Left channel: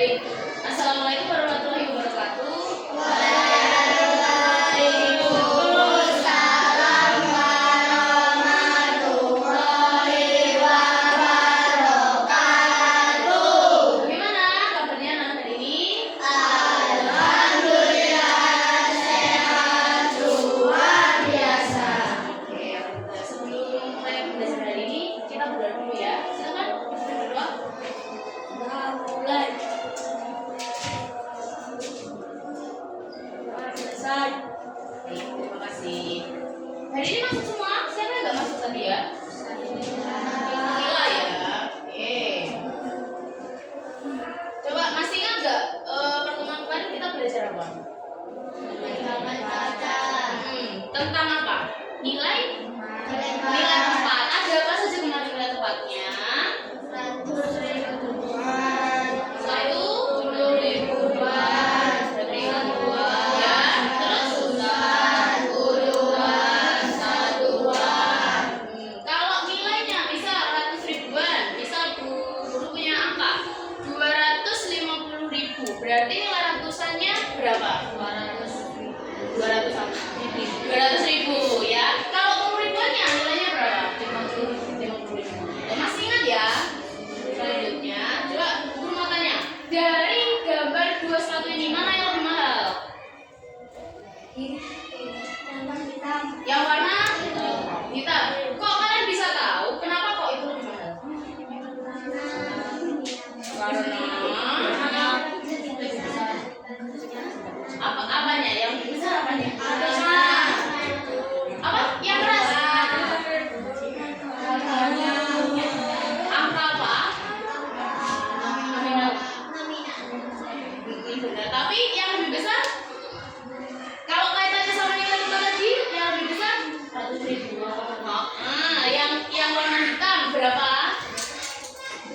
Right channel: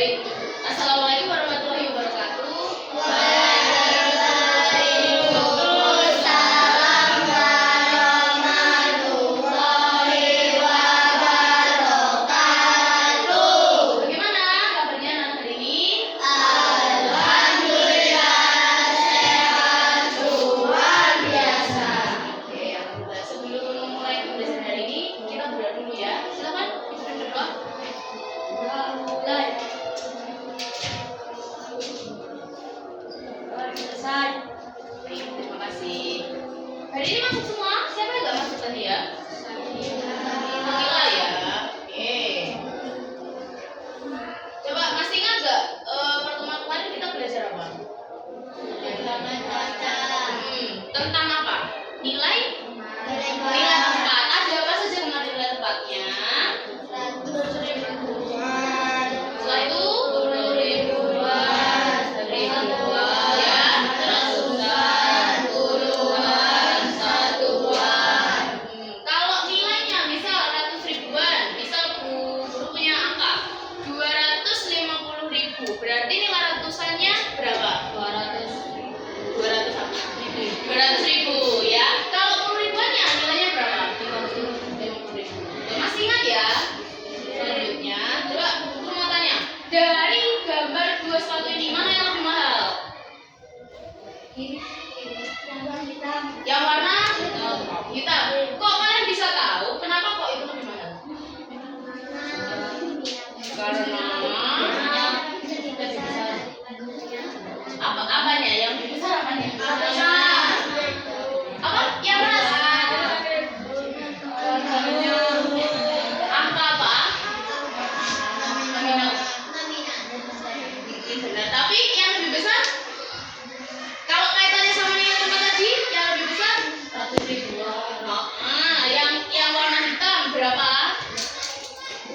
Baik. Assalamualaikum warahmatullahi wabarakatuh. Waalaikumsalam warahmatullahi wabarakatuh. Bagaimana kabarnya anak hari ini? Alhamdulillah sehat luar biasa. Oke, alhamdulillah. Sebelum mulai pembelajaran hari ini, kita berdoa dulu ya. Silakan Ibu berdoa. Mulai. Selesai. Baik, terima kasih. Hari ini masuk semua? Siapa yang nggak masuk tadi ya? Alhamdulillah ya. Oke. Coba masih ingat nggak pertemuan kemarin kita belajar apa? Tentang apa? Nilai tempat. Ada apa saja kemarin nilai tempatnya? Setelah itu 10 ribuan, ya. Terus satuan. Kalau nilainya misal ratus ribuan, misal guru punya angka 250.000, berarti nilai ratusannya berapa? 200 apa? 200.000 ya. Kalau 10 ribuannya nilainya berapa? 50.000. Masih ingat ya? Selanjutnya, coba guru mau tanya, dari gambar dua sepatu ini mana yang lebih mahal? Yang warna hitam. Kok kalian bisa tahu? Kenapa kok itu lebih mahal? Karena apanya? Yang lebih besar apanya? Apa? Yang keras? Angka apa? Nominal. Benar. Tapi yang lebih besar? Kalau kaitannya sama nilai tempat tadi, yang lebih besar 100.000. Yang warna hitam berapa?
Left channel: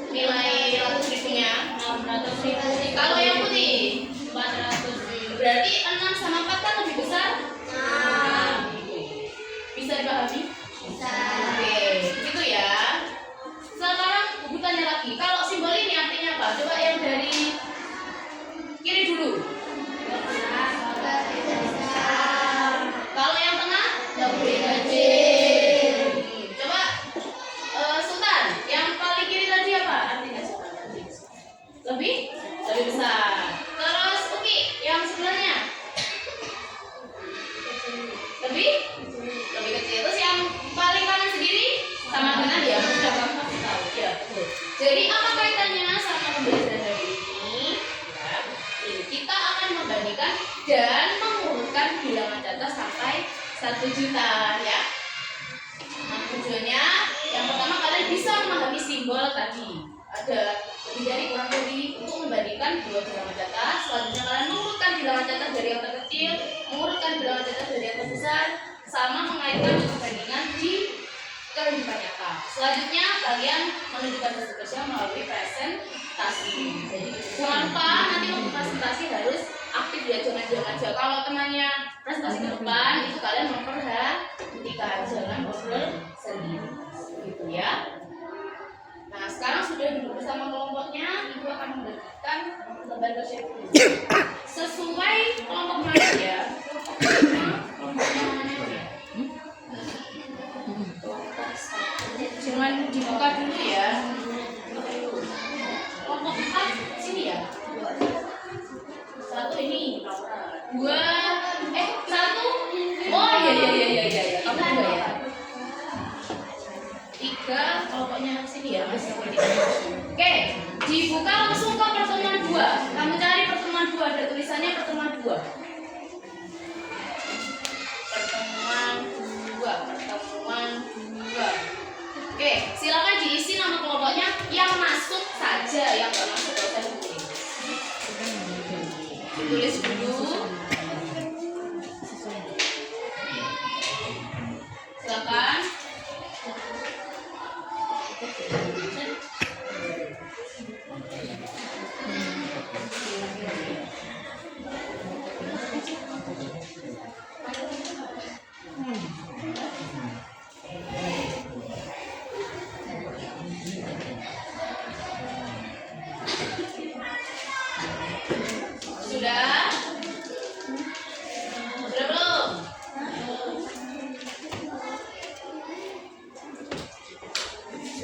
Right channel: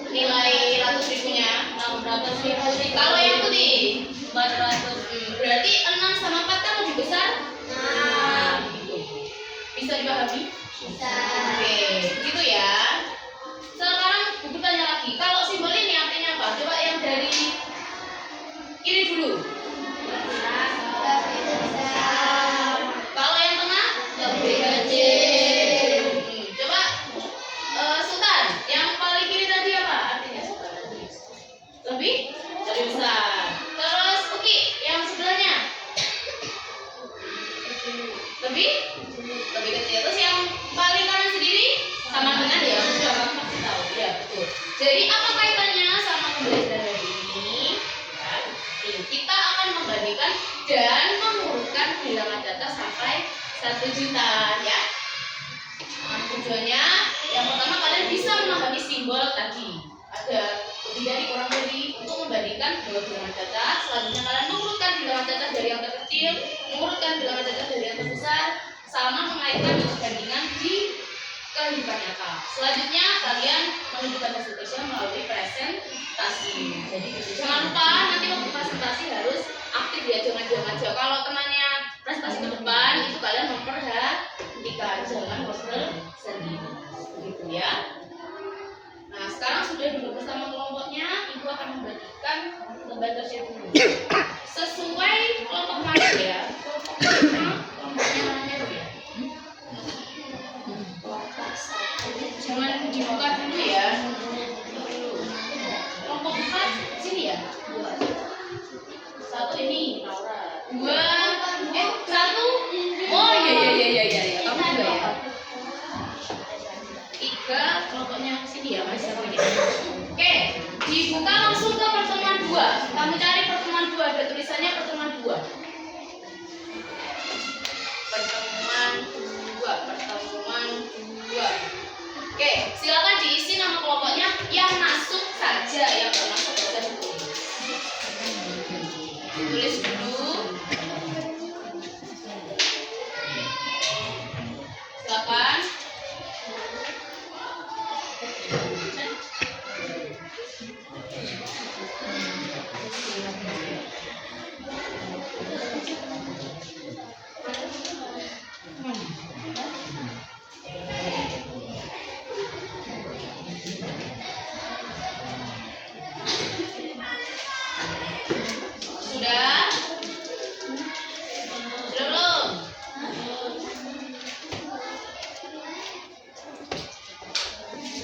Nilai 100.000-nya 600.000. Kalau yang putih 400. Berarti 6 sama 4 kan lebih besar? Bisa dipahami? Oke, gitu ya. Sekarang Ibu tanya lagi, kalau simbol ini artinya apa? Coba yang dari kiri dulu. Kalau yang tengah lebih kecil. Coba Sultan, yang paling kiri tadi apa artinya? Lebih besar. Terus Uki, yang sebelahnya lebih kecil. Terus yang paling kanan sendiri sama dengan ya, sudah kamu pasti tahu ya, betul. Jadi apa kaitannya sama pembelajaran hari ini? Ya, kita akan membandingkan dan mengurutkan bilangan data sampai 1 juta ya. Nah, tujuannya yang pertama kalian bisa memahami simbol tadi. Ada lebih dari kurang dari untuk membandingkan dua bilangan data. Selanjutnya kalian mengurutkan bilangan data dari yang terkecil, mengurutkan bilangan data dari yang terbesar, sama mengaitkan perbandingan di kehidupan nyata. Selanjutnya kalian menunjukkan hasil kerja melalui presentasi. Jadi jangan lupa nanti waktu presentasi harus aktif ya, jangan diam aja. Kalau temannya presentasi ke depan itu kalian memperhatikan, jangan ngobrol sendiri. Begitu ya. Nah, sekarang sudah duduk bersama kelompoknya, Ibu akan membagikan lembar kerja dulu. Sesuai kelompok mana ya? Kelompoknya mana ya? Jangan dibuka dulu ya. Kelompok 4 sini ya. 1 ini. 2 1. Oh iya. Kamu 2 ya. 3 kelompoknya sini ya Mas. Oke, dibuka langsung ke pertemuan 2. Kamu cari pertemuan 2, ada tulisannya pertemuan 2. Pertemuan 2. Oke, silakan diisi nama kelompoknya, yang masuk saja, yang nggak masuk nggak usah ditulis. Ditulis dulu. Silakan.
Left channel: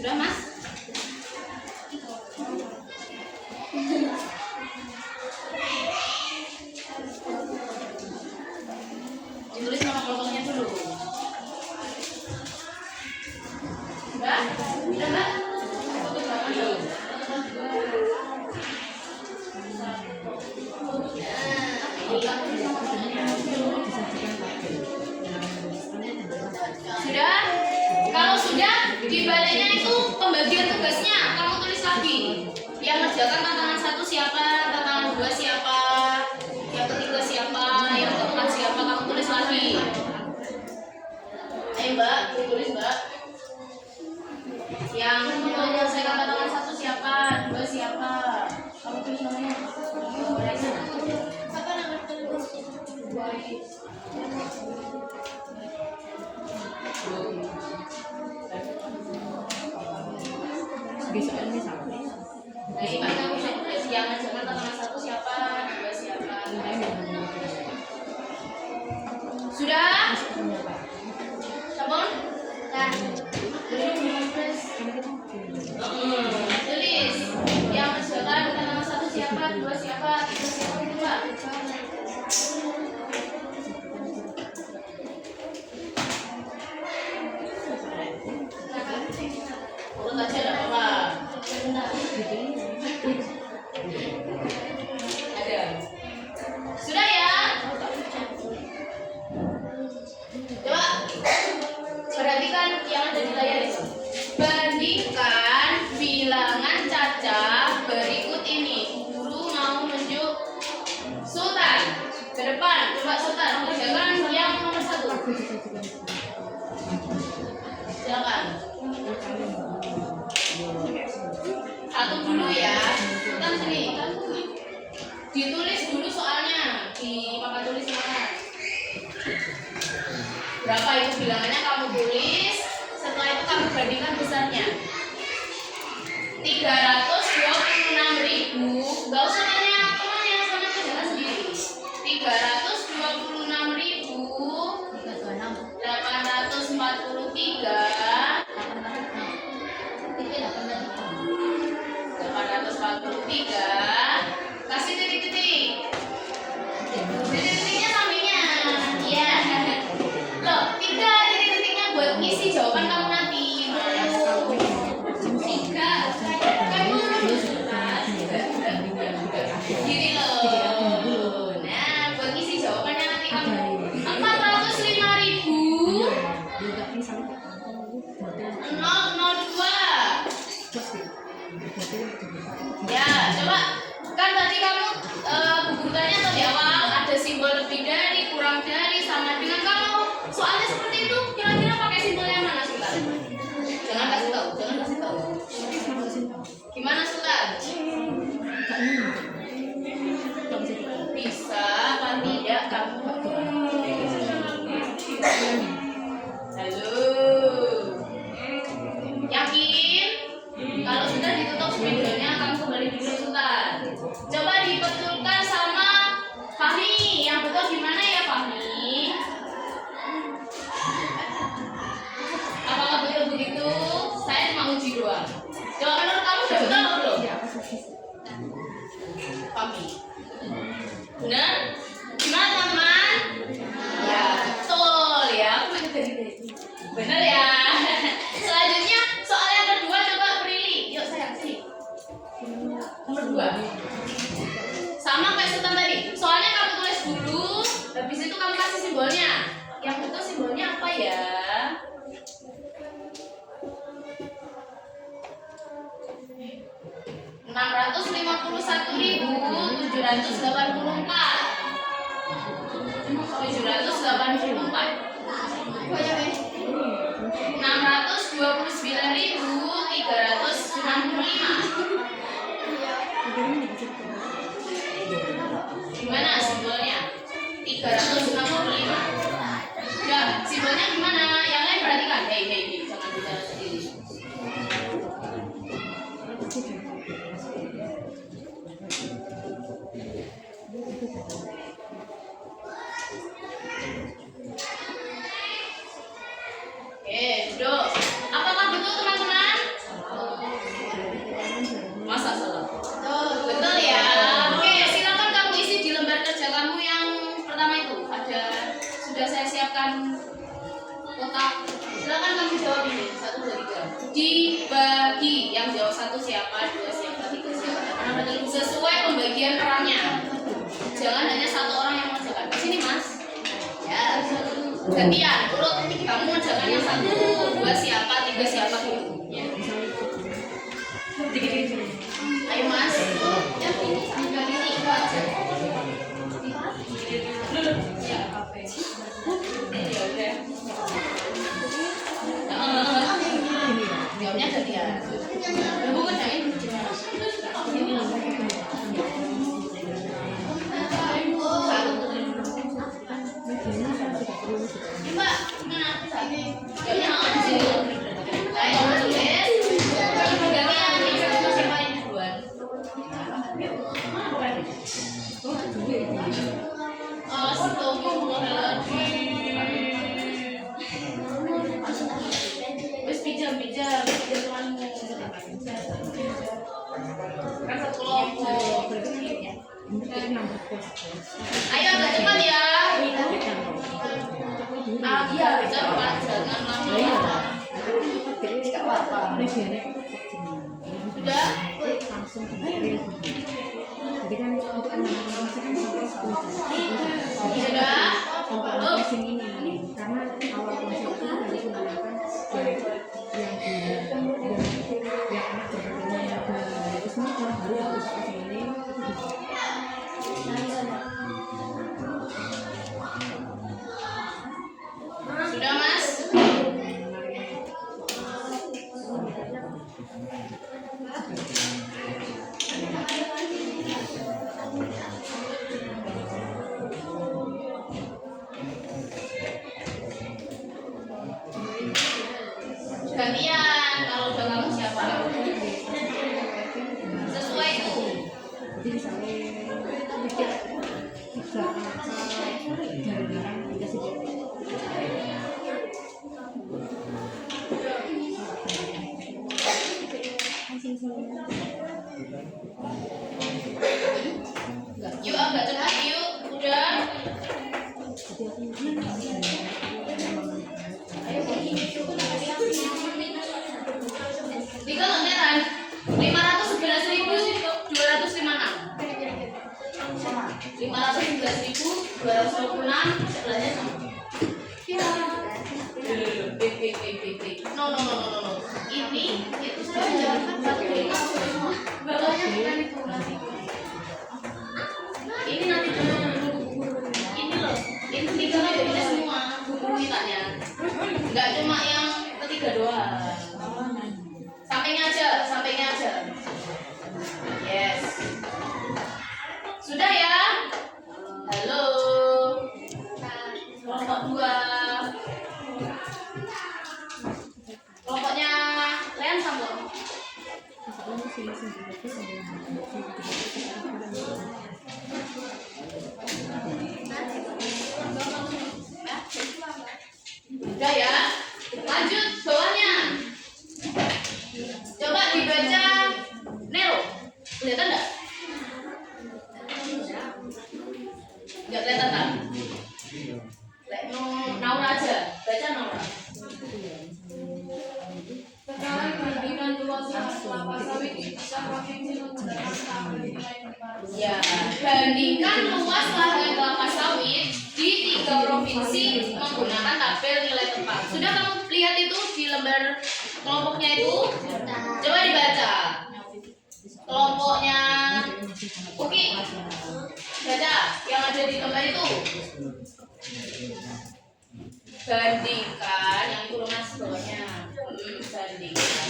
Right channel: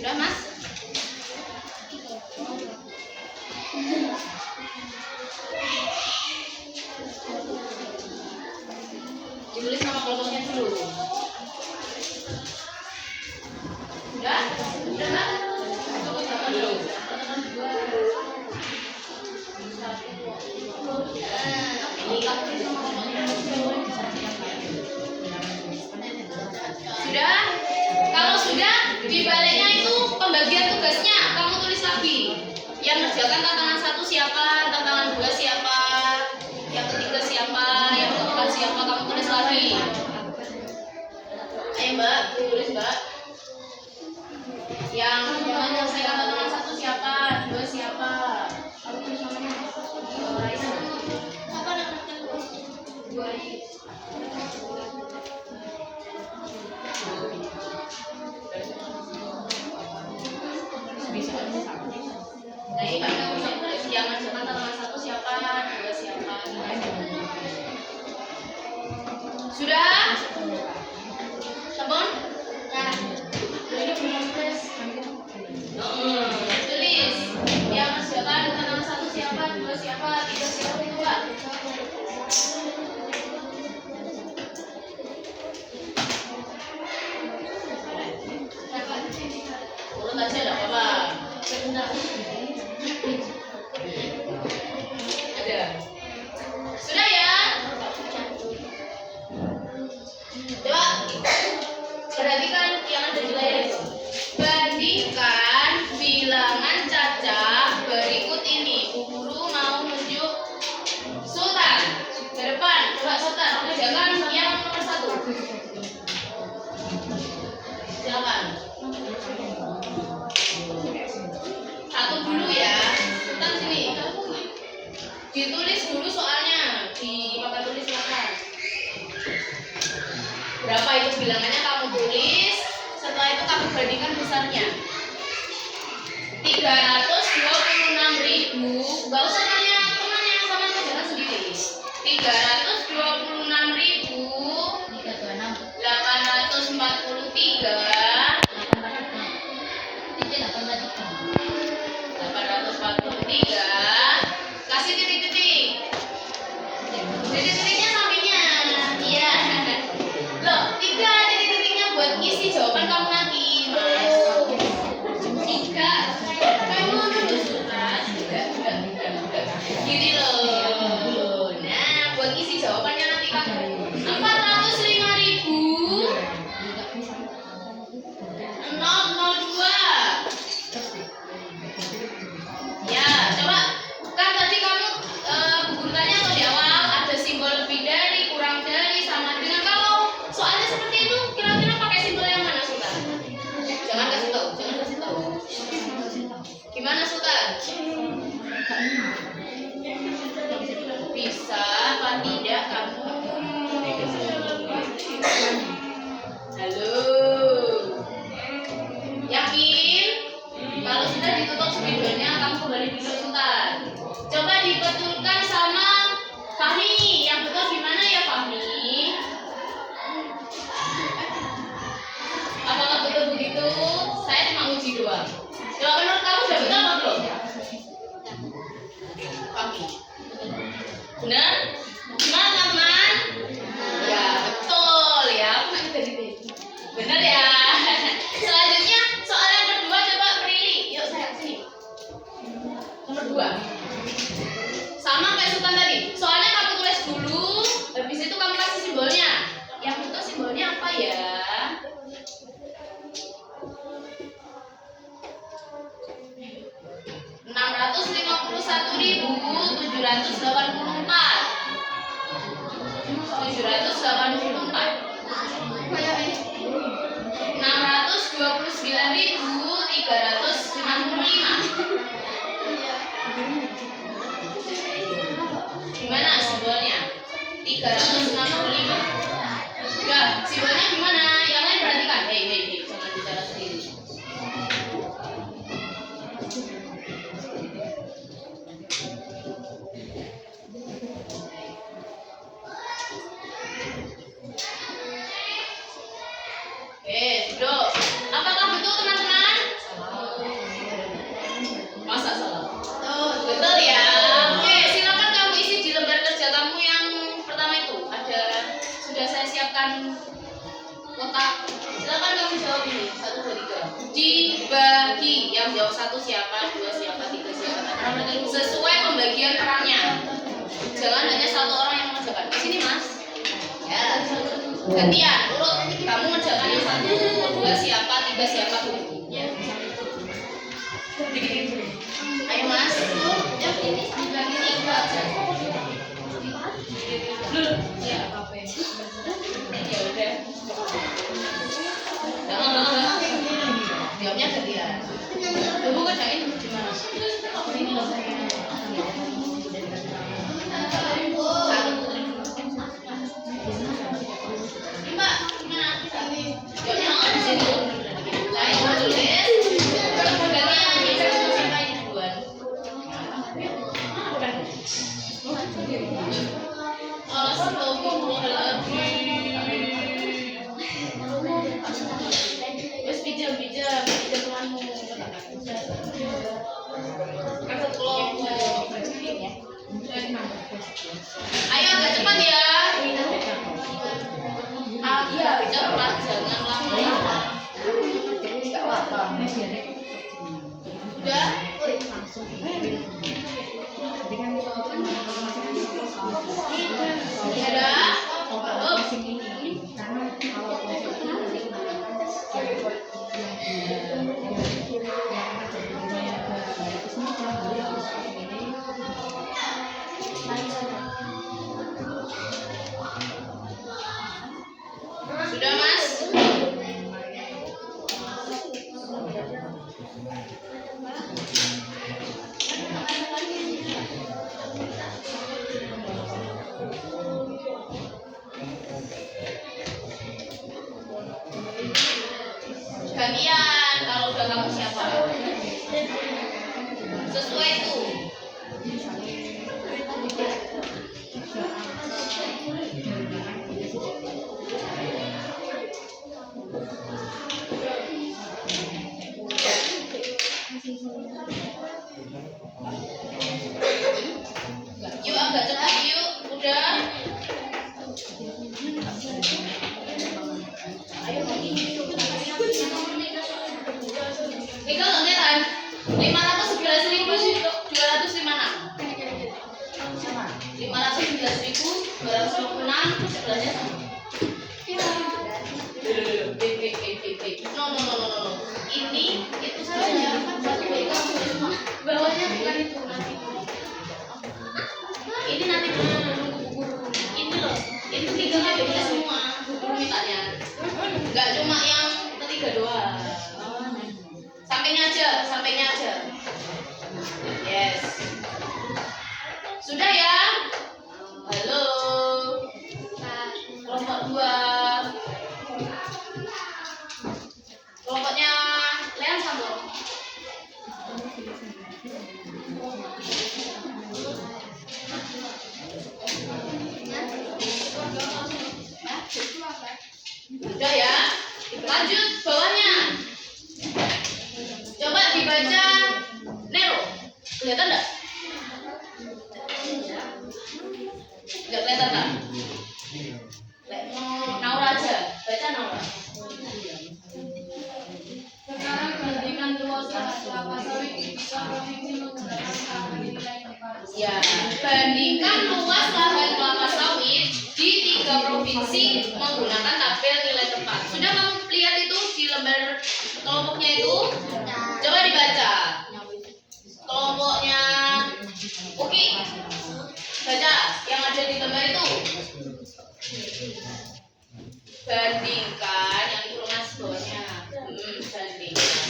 Sudah, Mas? Ditulis nama kelompoknya dulu. Sudah? Sudah, Mbak? Foto gambar dulu. Sudah? Kalau sudah, di baliknya itu pembagian tugasnya kamu tulis lagi. Yang ngerjakan tantangan 1 siapa, tantangan 2 siapa, yang ketiga siapa, yang keempat siapa, kamu tulis lagi. Ayo Mbak, tulis Mbak. Yang menyelesaikan tantangan 1 siapa, 2 siapa. Kamu tulis namanya. Raisa. Apa namanya? Bisa Nah, ini Pak, kamu bisa tulis yang ngerjakan tantangan 1 siapa, 2 siapa. Sudah? Teman? Tulis yang ngerjakan tantangan 1 siapa, 2 siapa, 3 siapa itu Pak. Urut aja enggak apa-apa. Ada. Sudah ya? Coba perhatikan yang ada di layar itu. Bandingkan bilangan cacah berikut ini. Bu Guru mau nunjuk Sultan ke depan. Coba Sultan, kerjakan yang nomor 1. Silakan. Satu dulu ya. Sultan sini. Ditulis dulu soalnya di papan tulis silakan. Berapa itu bilangannya kamu tulis. Setelah itu kamu bandingkan besarnya. 326.000. Enggak usah tanya temannya, sama kerjakan sendiri. 326.843. 843. Kasih titik-titik. Titik-titiknya sampingnya. Iya. Loh, 3 titik-titiknya buat ngisi jawaban kamu nanti. 3. Kamu nunjuk Sultan. Gini loh. Nah, buat ngisi jawabannya nanti kamu. 405.002. Ya, coba kan tadi kamu gugurkannya atau di awal ada simbol lebih dari, kurang dari, sama dengan. Kalau soalnya seperti itu, kira-kira pakai simbol yang mana Sultan? Jangan kasih tahu, jangan kasih tahu. Gimana Sultan? Bisa apa tidak kamu? Halo. Yakin? Kalau sudah ditutup spidolnya, kamu kembali dulu Sultan. Coba dibetulkan sama Fahmi. Yang betul gimana ya Fahmi? Apakah betul begitu? Saya cuma uji doang. Coba menurut kamu sudah betul atau belum? Fahmi. Benar? Gimana teman-teman? Ya betul ya. Aku main tadi. Benar ya. Selanjutnya soal yang kedua, coba Prilly. Yuk sayang sini. Nomor 2. Sama kayak Sultan tadi. Soalnya kamu tulis dulu, habis itu kamu kasih simbolnya. Yang betul simbolnya apa ya? Rp651.784. 629.365. Gimana simbolnya? 365. Ya, simbolnya gimana? Yang lain perhatikan. Hei, jangan bicara sendiri. Oke, duduk. Apakah betul teman-teman? Yang jawab 1 siapa, 2 siapa, 3 siapa. Sesuai pembagian perannya. Jangan hanya 1 orang yang mengerjakan. Ke sini Mas. Ya. Gantian, urut. Kamu mengerjakan yang 1, 2 siapa, 3 siapa. Ya. Ayo Mas. Yang ini sampai ini. Ya. Ya udah. Jawabnya gantian. Ibu kerjain gimana? Ini loh. Mbak, gimana? Jawabnya di sini. Ayo tulis. Gantian. Siapa ini duluan? Ayo agak cepat ya. Agak cepat, jangan lama. Sudah? Sudah Mas? Gantian, kalau udah kamu siapa? Sesuai itu. Yuk agak cepat yuk, udah. Ayo tiga lontetan 511.256 sebelahnya sama. No. Ini itu saja satu semua. Bawahnya bukan itu nanti. Ini nanti dulu. Ini loh. Ini 3 kan bisa semua. Guru mintanya. Enggak cuma yang ketiga doang. Sampainya aja. Yes. Sudah ya? Halo. Kelompok 2. Kelompoknya Leon sambung. Udah ya? Lanjut bawahnya. Coba dibaca Nero. Kelihatan enggak? Enggak kelihatan kan? Naura aja. Baca Naura. Sekarang bandingkan luas lahan kelapa sawit di 3 provinsi menggunakan tangan nilai tepat. Ya, bandingkan luas lahan kelapa sawit di 3 provinsi menggunakan tabel nilai tepat. Sudah kamu lihat itu di lembar kelompoknya itu? Coba dibaca. Kelompoknya Oke. Baca yang ada di lembar itu. Bandingkan yang itu lunas bawahnya. Bandingkan.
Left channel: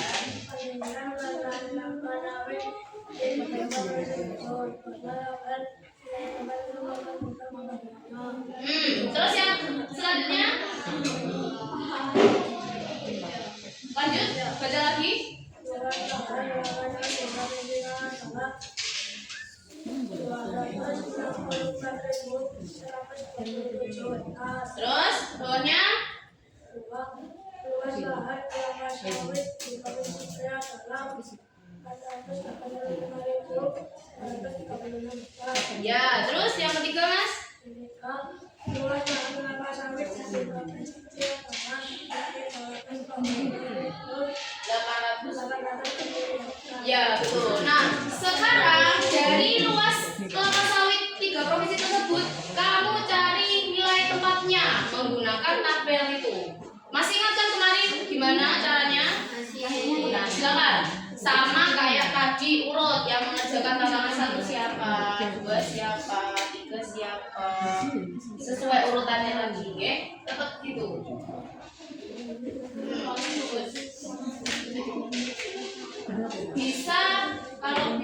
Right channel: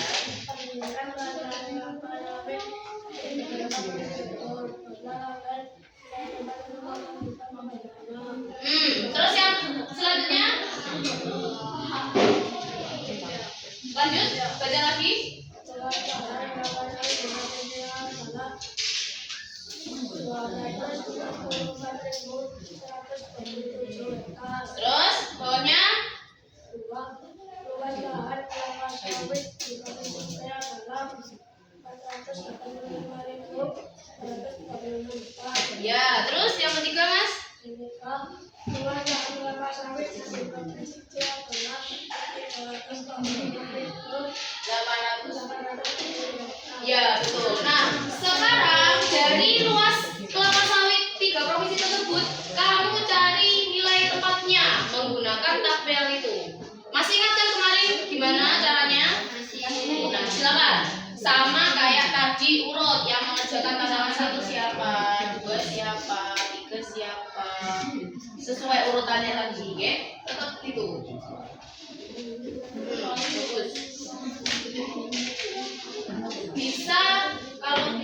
Terus yang selanjutnya lanjut baca lagi. Terus bawahnya luas lahan kelapa sawit di provinsi saya adalah 435.436 hektar. Ya, terus yang ketiga Mas? Luas lahan kelapa sawit di provinsi saya adalah 835.836 Ya, betul. Nah, sekarang dari luas kelapa sawit 3 provinsi tersebut, kamu cari nilai tempatnya menggunakan tabel itu. Masih ingat kan kemarin gimana caranya? Nah, silakan. Sama kayak tadi urut yang mengerjakan tantangan 1 siapa, 2 siapa, 3 siapa. Sesuai urutannya tadi, oke? Tetap gitu. Bagus. Bisa kalau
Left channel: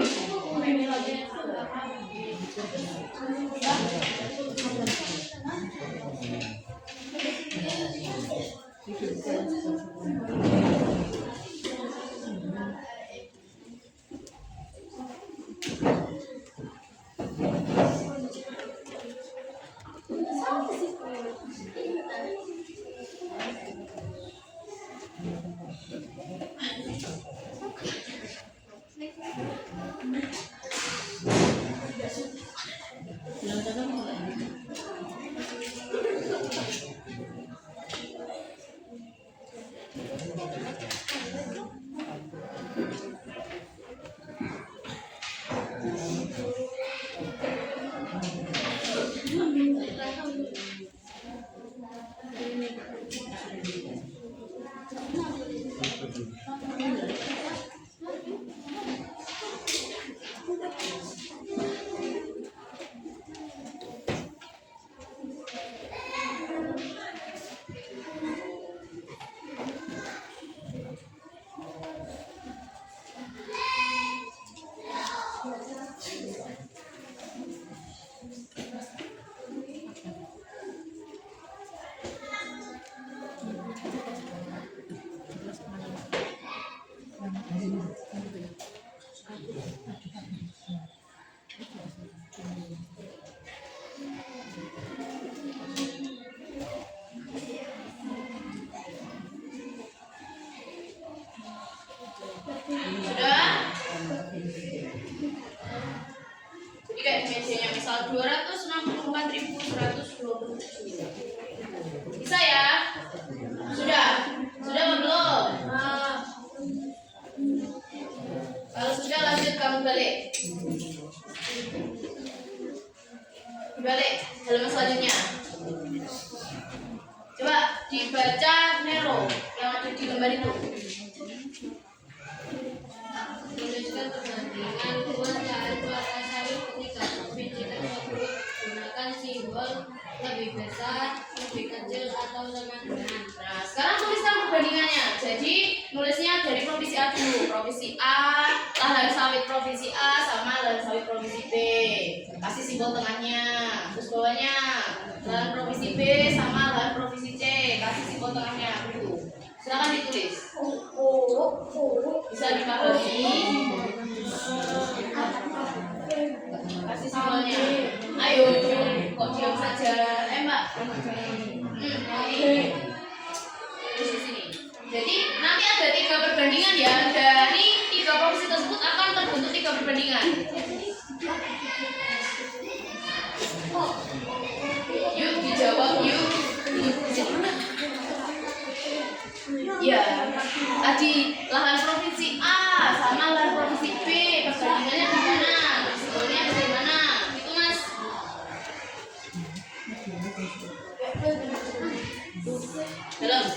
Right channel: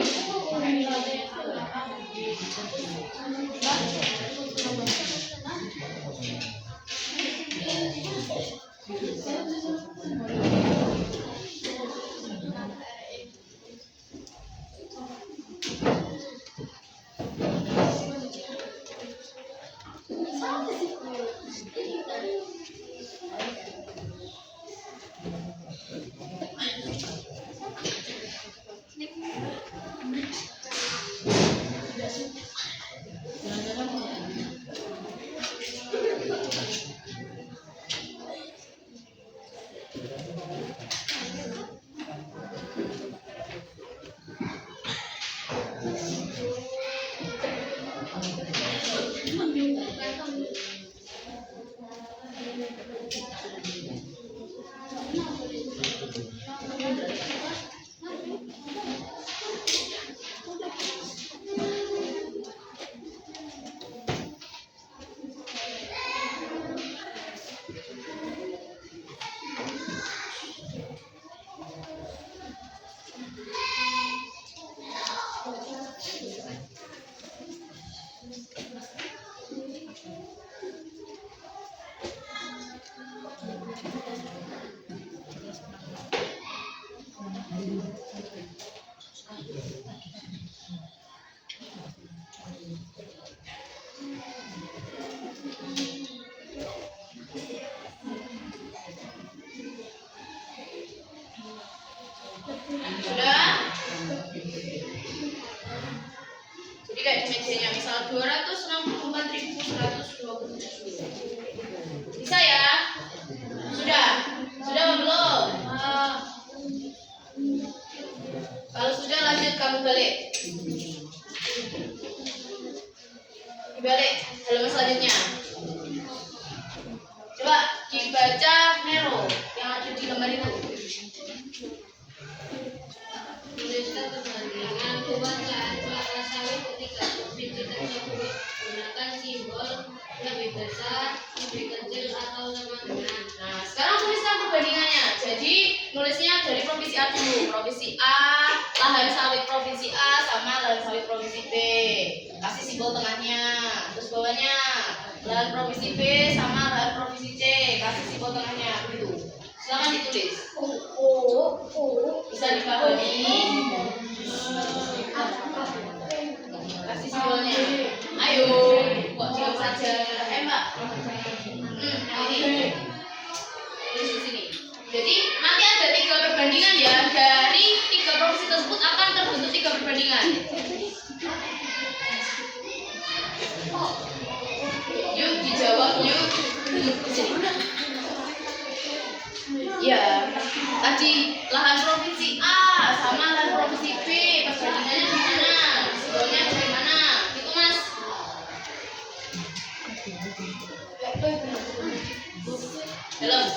kayak di mejanya misal 264.127. Bisa ya? Sudah? Sudah apa belum? Kalau sudah lanjut kamu balik. Dibalik halaman selanjutnya. Coba dibaca Nero yang ada di gambar itu. Tuliskan perbandingan dua cara kelapa sawit ketika provinsi tersebut gunakan simbol lebih besar, lebih kecil atau sama dengan. Nah, sekarang tuliskan perbandingannya. Jadi nulisnya dari provinsi A dulu. Provinsi A, lahan sawit provinsi A sama lahan sawit provinsi B. Kasih simbol tengahnya. Terus bawahnya lahan provinsi B sama lahan provinsi C. Kasih simbol tengahnya. Begitu. Silakan ditulis. Bisa dipahami? Kasih simbolnya. Ayo, kok diam saja? Mbak. Ini. Tulis di sini. Jadi nanti ada 3 perbandingan ya. Dari 3 provinsi tersebut akan terbentuk 3 perbandingan. Yuk dijawab yuk. Ya, tadi lahan provinsi A sama lahan provinsi B, perbandingannya gimana? Simbolnya bagaimana? Itu Mas. Dalam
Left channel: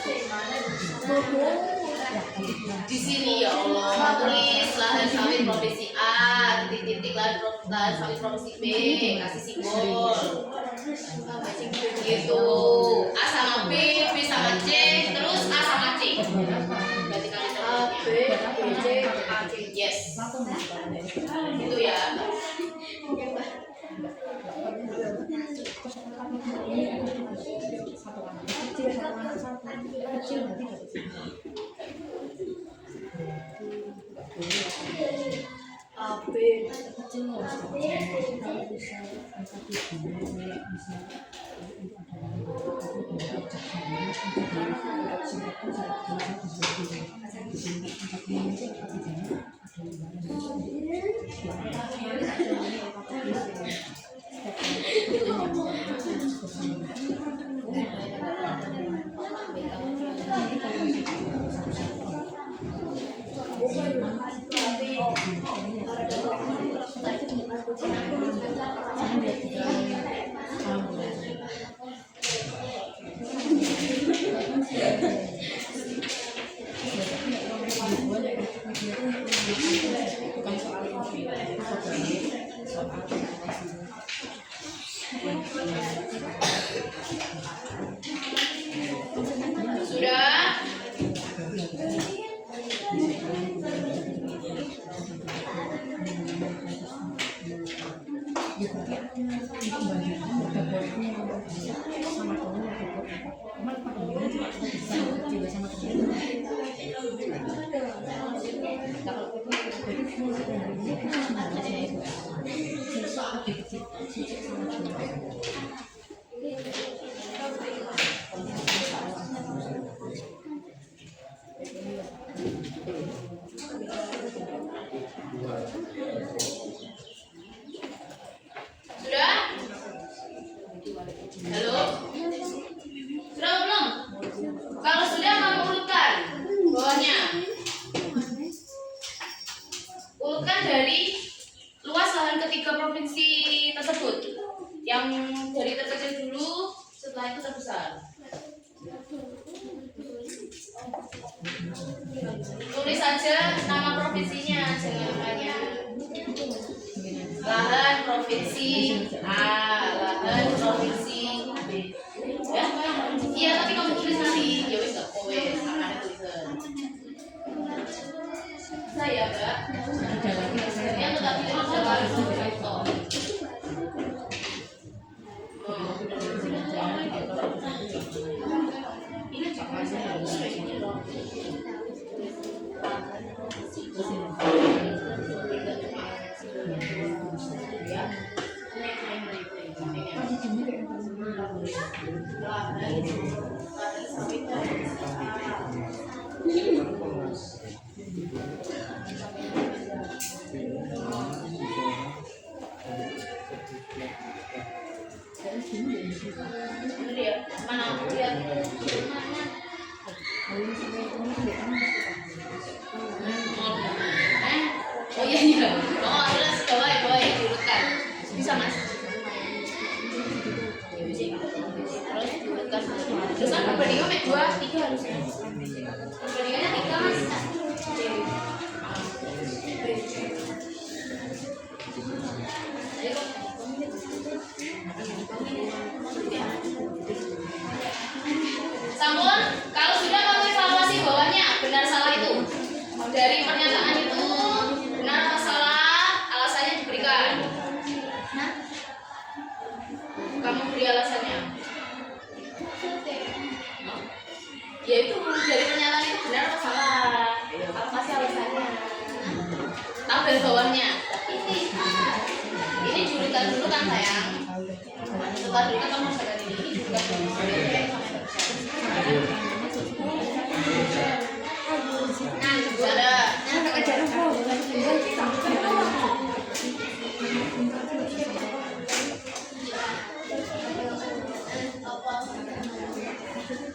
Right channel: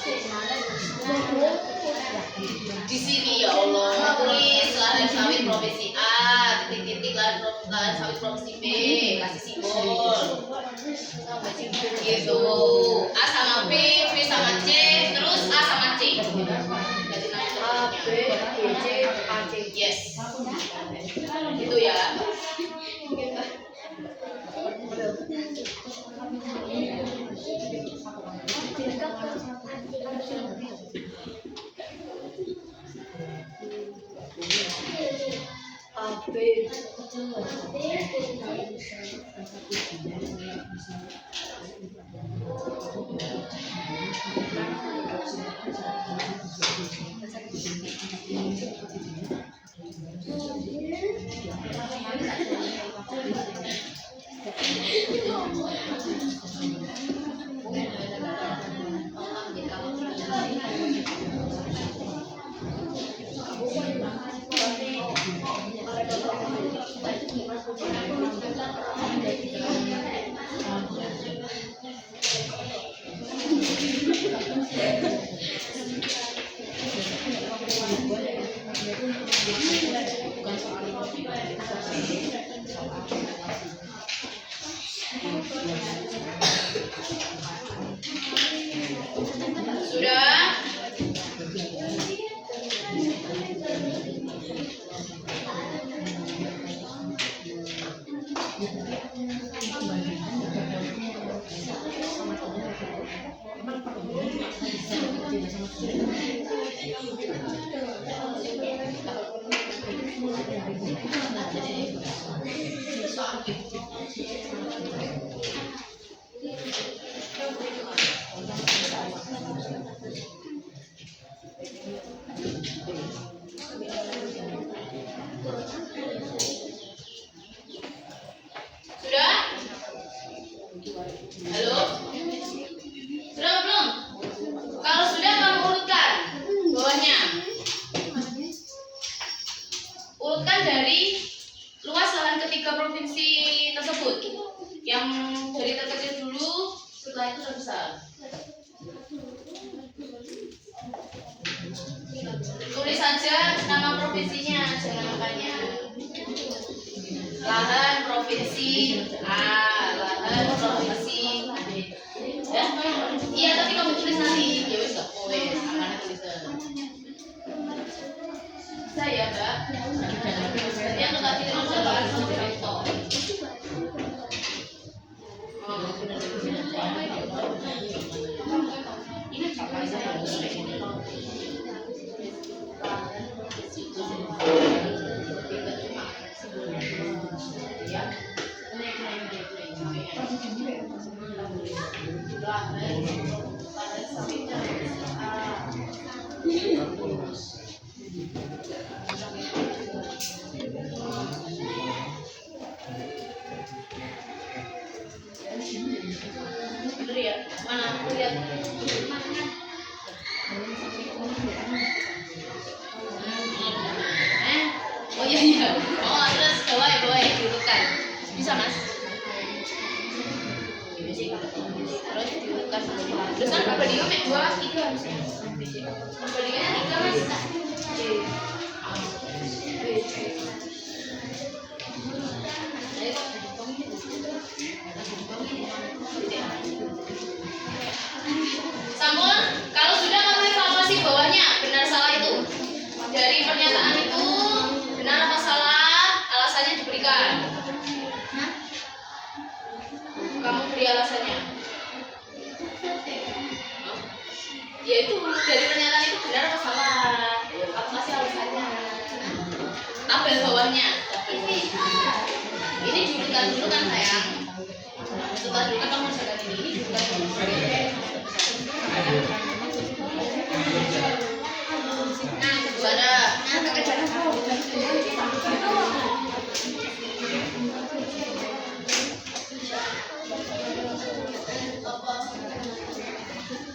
di sini ya Allah, tulis lahan sawit provinsi A, titik-titik lahan sawit provinsi B, kasih simbol. Gitu. A sama B, B sama C, terus A sama C. A, B, C, A, C. Yes. Gitu ya. Sudah? Sudah? Halo? Sudah belum? Kalau sudah kamu urutkan bawahnya. Urutkan dari luas lahan ketiga provinsi tersebut. Yang dari terkecil dulu, setelah itu terbesar. Tulis saja nama provinsinya, jangan banyak. Lahan provinsi A, lahan provinsi B. Ya, iya tapi kamu tulis nanti. Ya wis gak kowe, akan tulisan. Saya, Mbak. Yang tadi adalah itu. Ini apa Itu dia. Mana? Lihat. Oh iya iya. Oh terus bawa ya diurutkan. Bisa mas? Terus diurutkan. Terus kan perbandingan 2, 3 harusnya. Perbandingannya 3 mas. Sampun, kalau sudah kamu evaluasi bawahnya benar salah itu. Dari pernyataan itu benar apa salah, alasannya diberikan. Kamu beri alasannya. Ya itu dari pernyataan itu benar apa salah. Aku kasih alasannya. Tabel bawahnya. Ini diurutkan dulu kan sayang. Setelah diurutkan kamu masukkan ini diurutkan dulu. Nah, kedua ada.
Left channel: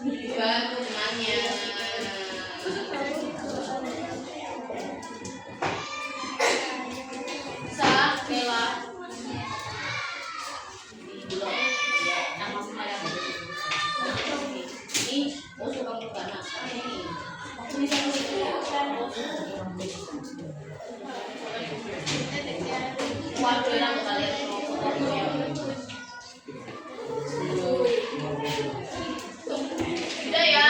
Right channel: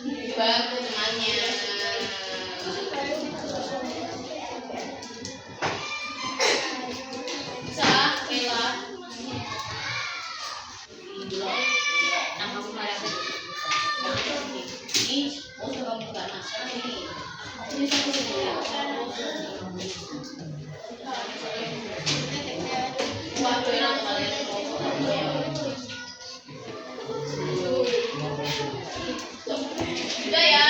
Dibantu temannya. Bisa, Bella. Ini mau coba karena ini. Udah ya.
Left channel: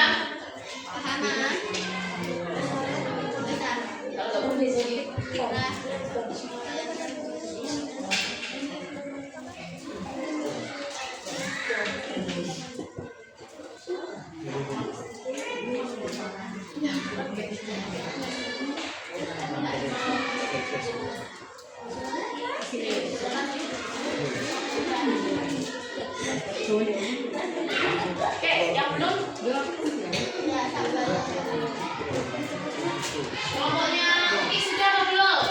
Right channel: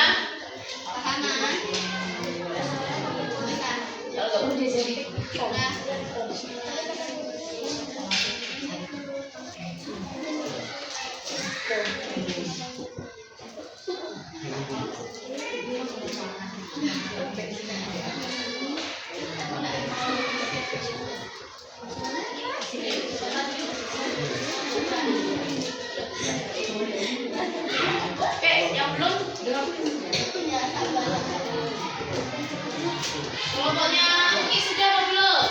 Oke, yang belum kelompoknya ini sudah apa belum?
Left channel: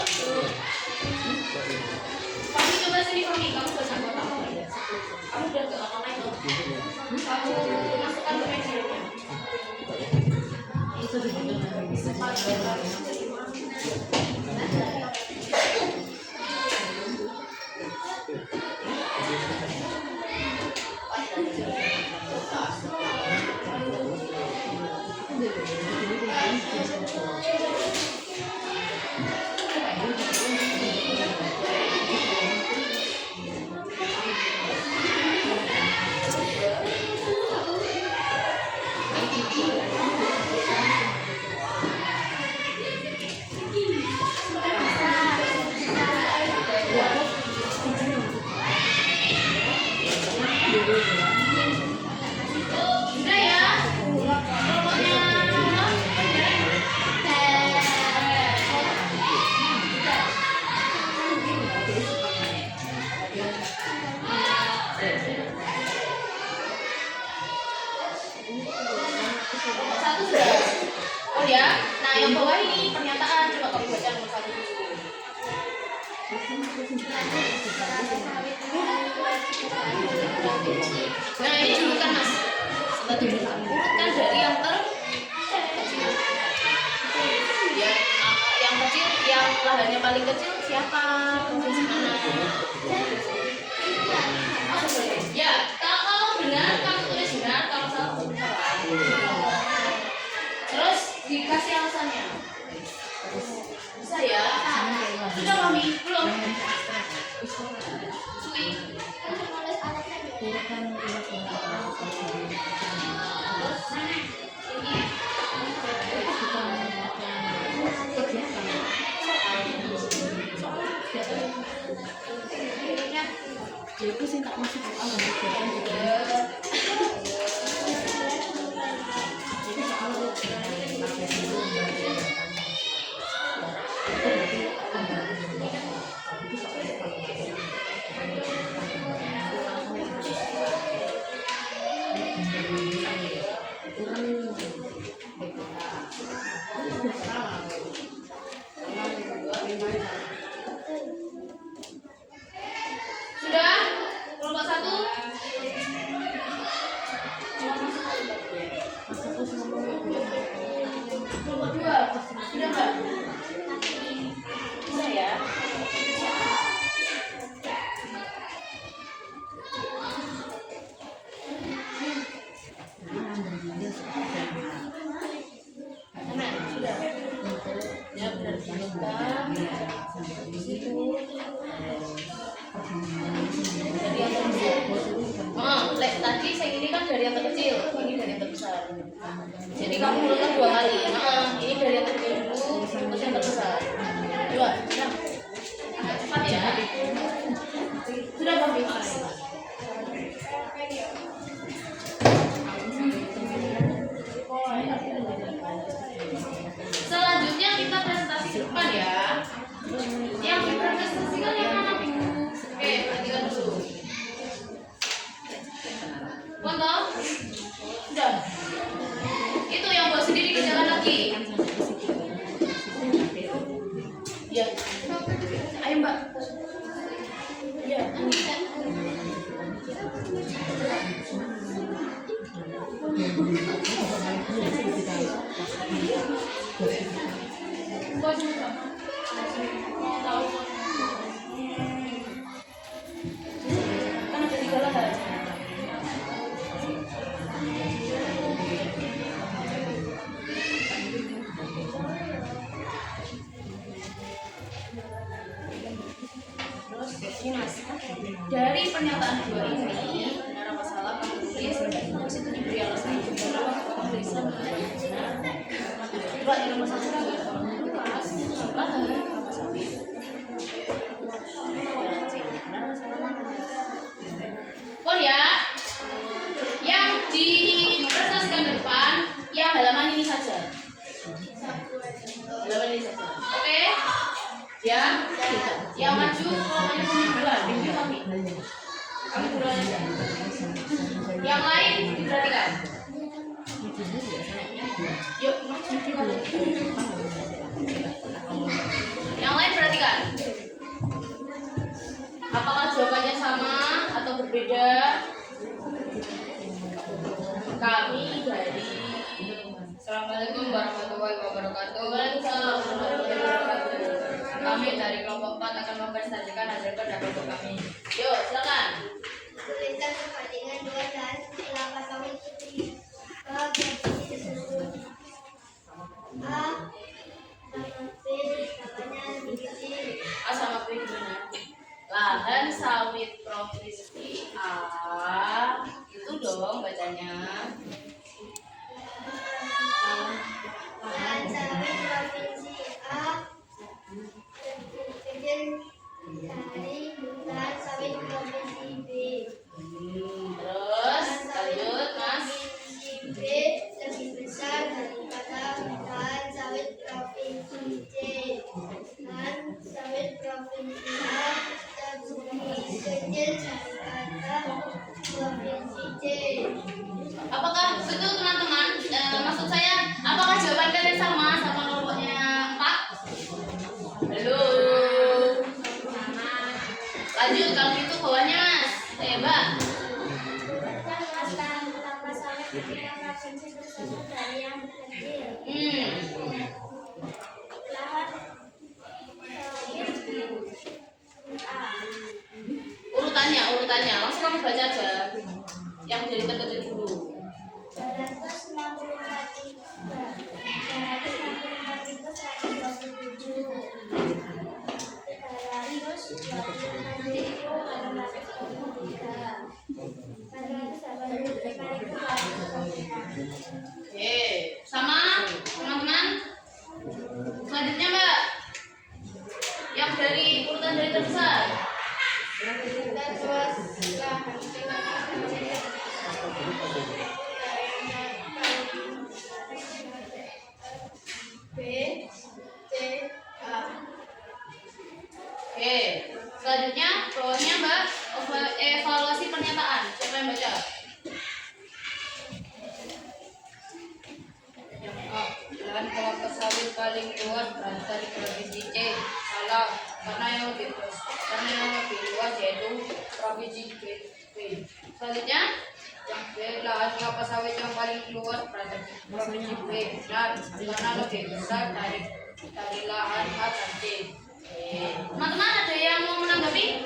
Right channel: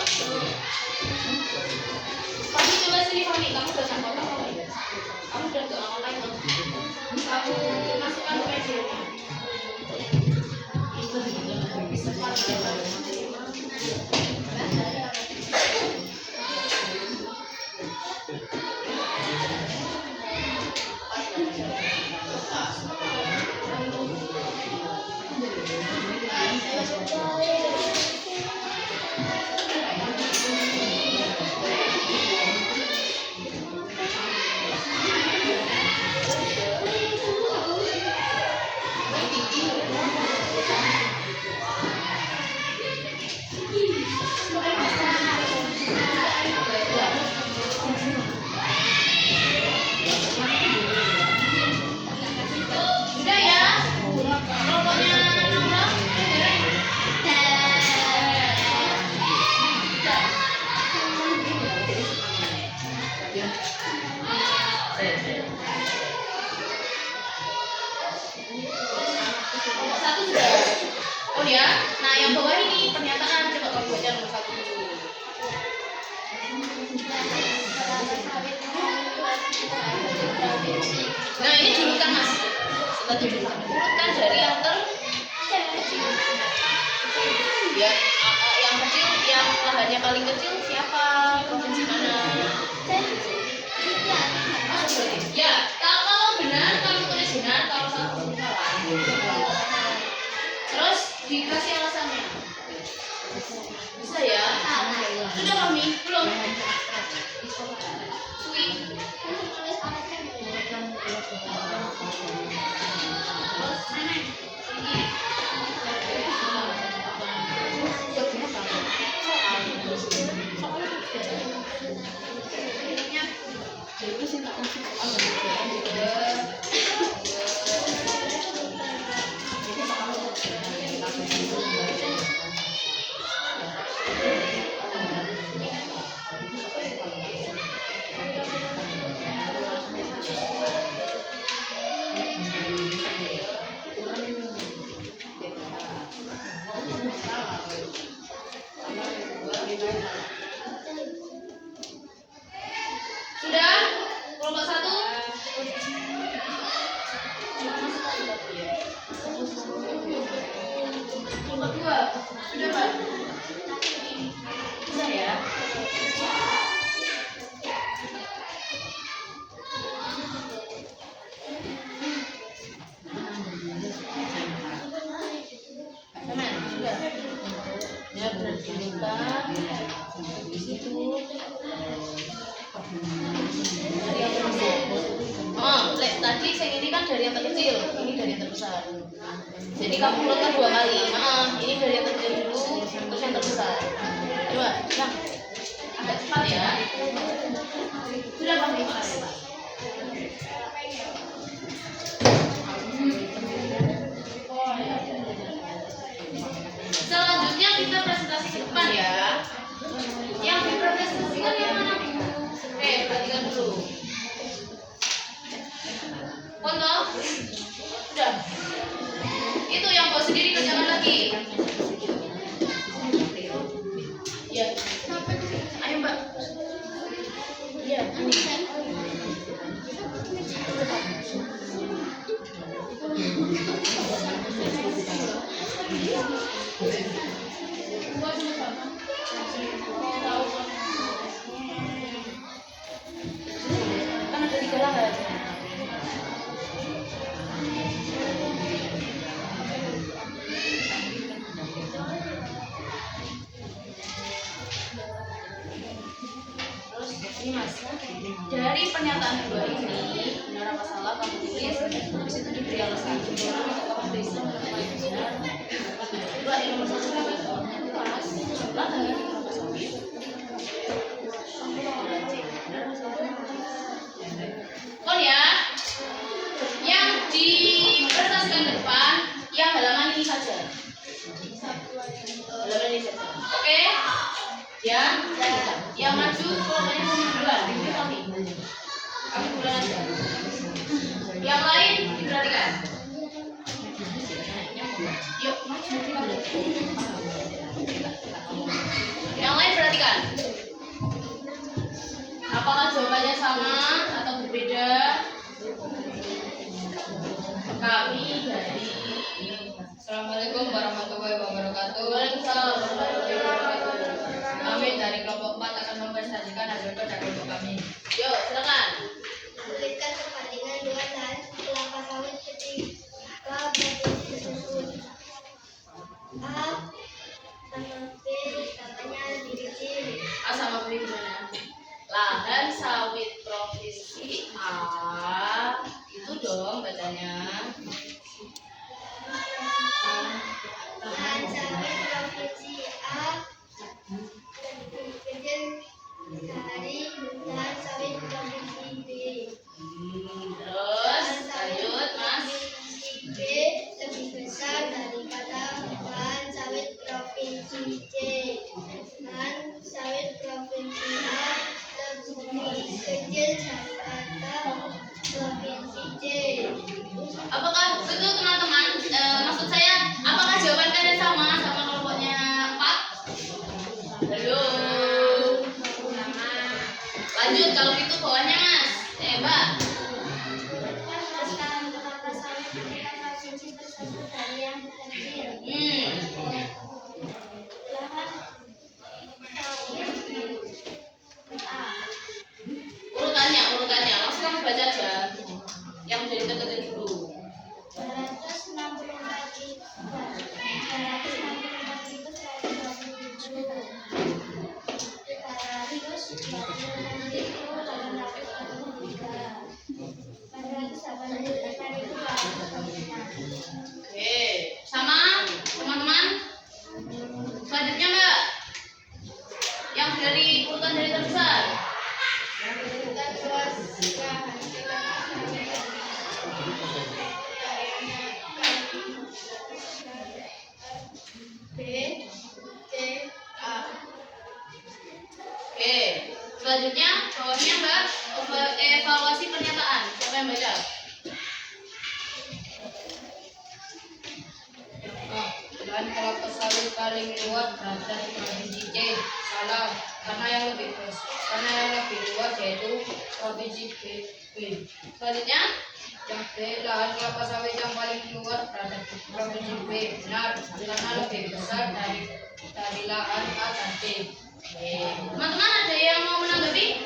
lahannya paling kecil siapa? Provinsi mana? Ya, kalau benar kamu tulis benar, kalau salah tulis salah. Terus dikasih alasannya. Bisa ya? Sudah mami? Belum? Sui. Terus nenek. Sudah? Kelompok 1? Kelompok 2? Sudah, Mbak? Bisa ya? Teman, sudah? Ya, berarti kita di situ dari yang terbesar. Oh, tadi saya ini kan dari yang terkecil, ini dari yang terbesar. Jadi kamu mulai 2 kali. Ini dari yang terkecil dulu, terus yang terbesar. Coba, bilang. Agak cepat ya. Sudah Bang, selanjutnya kita presentasi ke depan ya. Yang dipresentasikan yang mana? Oke, perhatikan dulu. Foto? Sudah. Itu yang buat sendiri kerjakan lagi. Ya. Ayo Mbak. Ya, ini. Kan ada 3 lahan. Terus ini Mas, dari pernyataan kedua ini benar apa salah kamu tulis, habis itu diberi alasan. Kamu bisa menemukan benar. Coba yang nomor 1 pas lahan kelapa sawit. Benar apa salah? Oh ya, yang dipresentasikan ke depan, yang halaman ini saja. Halaman ini saja. Oke? Ya, yang maju kelompoknya kami duluan, ini kami. Kami duluan aja. Yang lain diperhatikan. Yuk, maju. Yang lain perhatikan. Apakah jawabannya sama atau berbeda? Kami dari Assalamualaikum warahmatullahi wabarakatuh. Waalaikumsalam warahmatullahi wabarakatuh. Kami dari kelompok 4 akan mempresentasikan hasil kerja kelompok kami. Yuk, silakan. Tuliskan perbandingan 2 lahan kelapa sawit ketika provinsi tersebut. A sama B katanya lebih kecil. A sama B gimana? Lahan sawit provinsi A itu dong bacanya. Lahan sawit provinsi A lebih kecil dari lahan sawit provinsi B. Terus lanjut Mas. Provinsi B lebih besar daripada lahan sawit provinsi C. Lahan sawit provinsi A lebih kecil daripada provinsi C. Apakah betul teman-teman? Maksud saya, apakah jawaban kalian sama kelompoknya 4? Belum. Lanjut kalau gitu bawahnya Mas. Coba. Lahan kelapa sawit ketika provinsi tersebut dari yang kecil. Hmm. Lahan yang dari terkecil dulu. 327. Oke, sama teman-teman. Selanjutnya Mbak, yang dari urutan dari terbesar. B, C, A. Oke, selanjutnya bawahnya Mbak, evaluasi pernyataan. Siapa yang baca? Lahan kelapa sawit paling luas berasal dari provinsi C. Salah, karena yang lebih luas yaitu provinsi B. Selanjutnya, Yang B, lahan kelapa sawit yang paling luas berada di provinsi B. Benar, karena lebih besar dari lahan A dan C. teman-teman ada yang mau menanggapi?